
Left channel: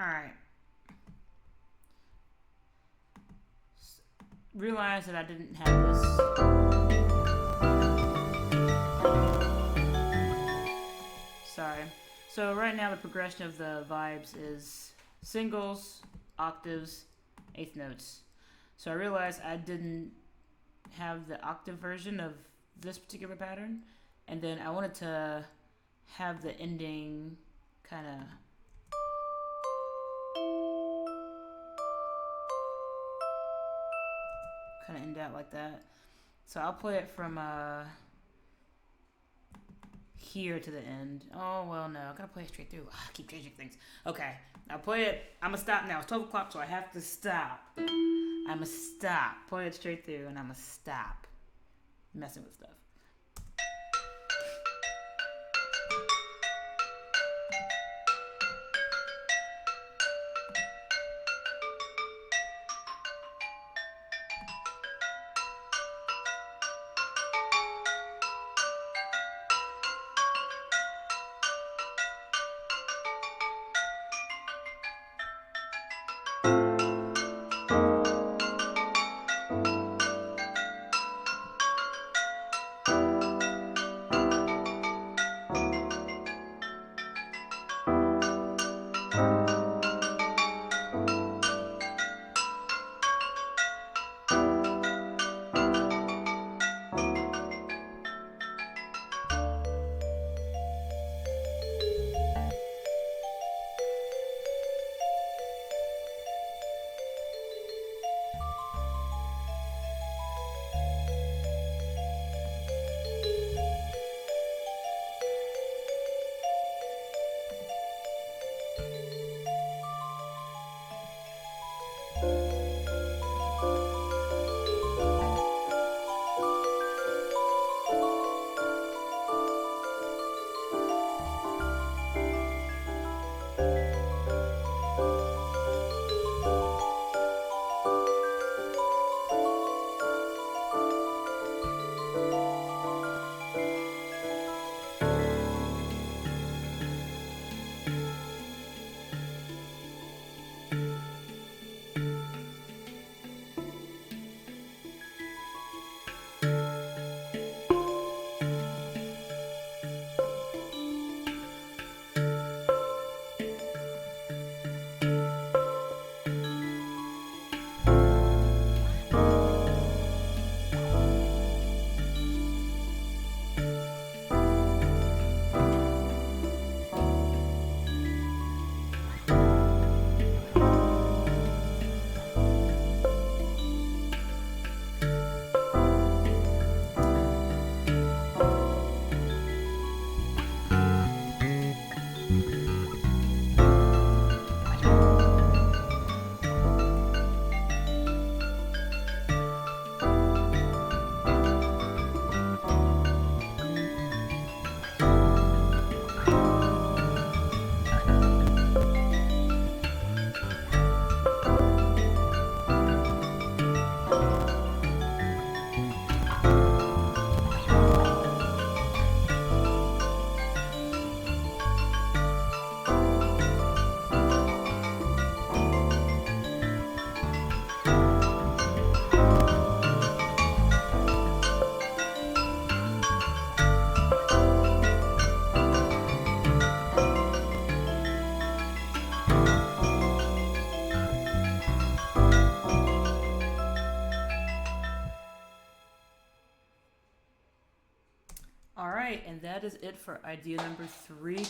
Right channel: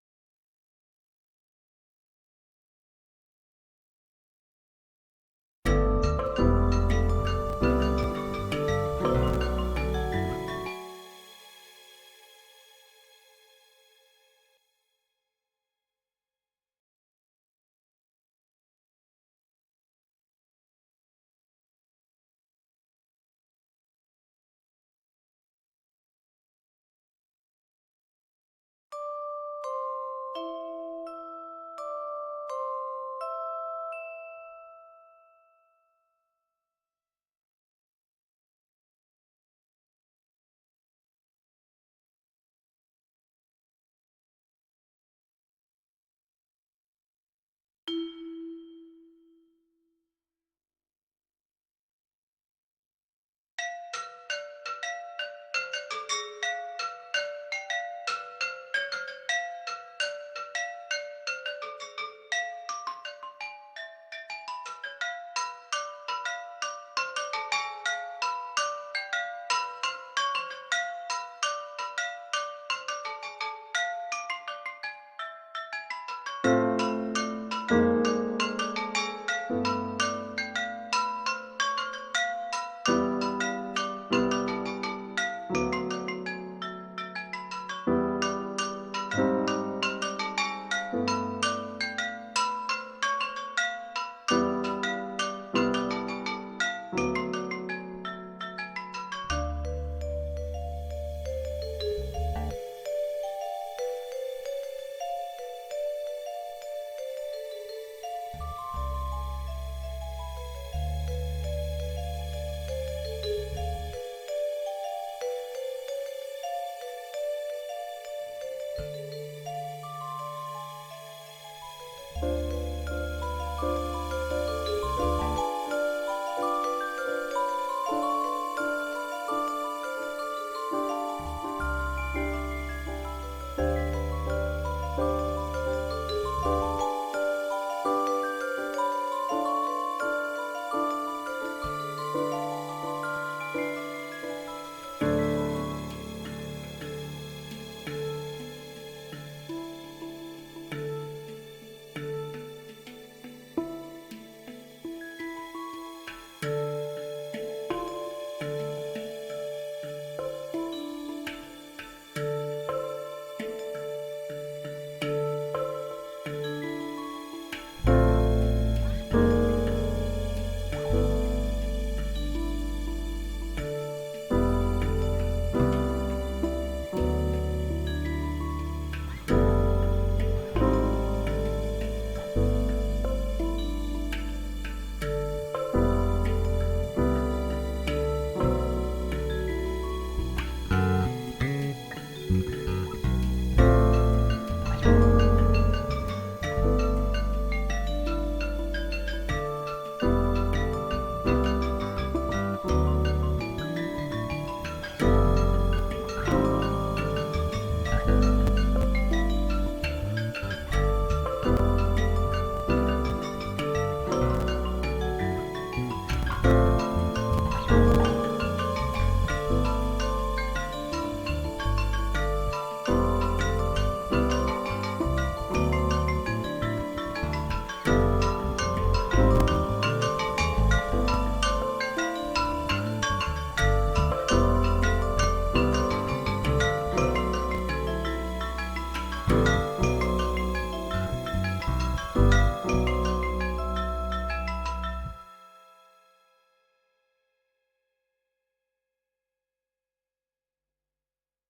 Alright. Realized that I didn't have this. Sorry. So right now the progression of the vibes is singles, octaves, eighth notes. So I realized I didn't have the octave version of this particular pattern, and then I wanted to have the ending kind of end out like that. So I'll play it from here to the end. Oh, well, no. I gotta play it straight through. I keep changing things. Okay. I'll play it. I'm gonna stop now. It's 12 o'clock, so I have to stop. I'm gonna stop. Play it straight through, and I'm gonna stop messing with stuff. And that is it for idea number 3.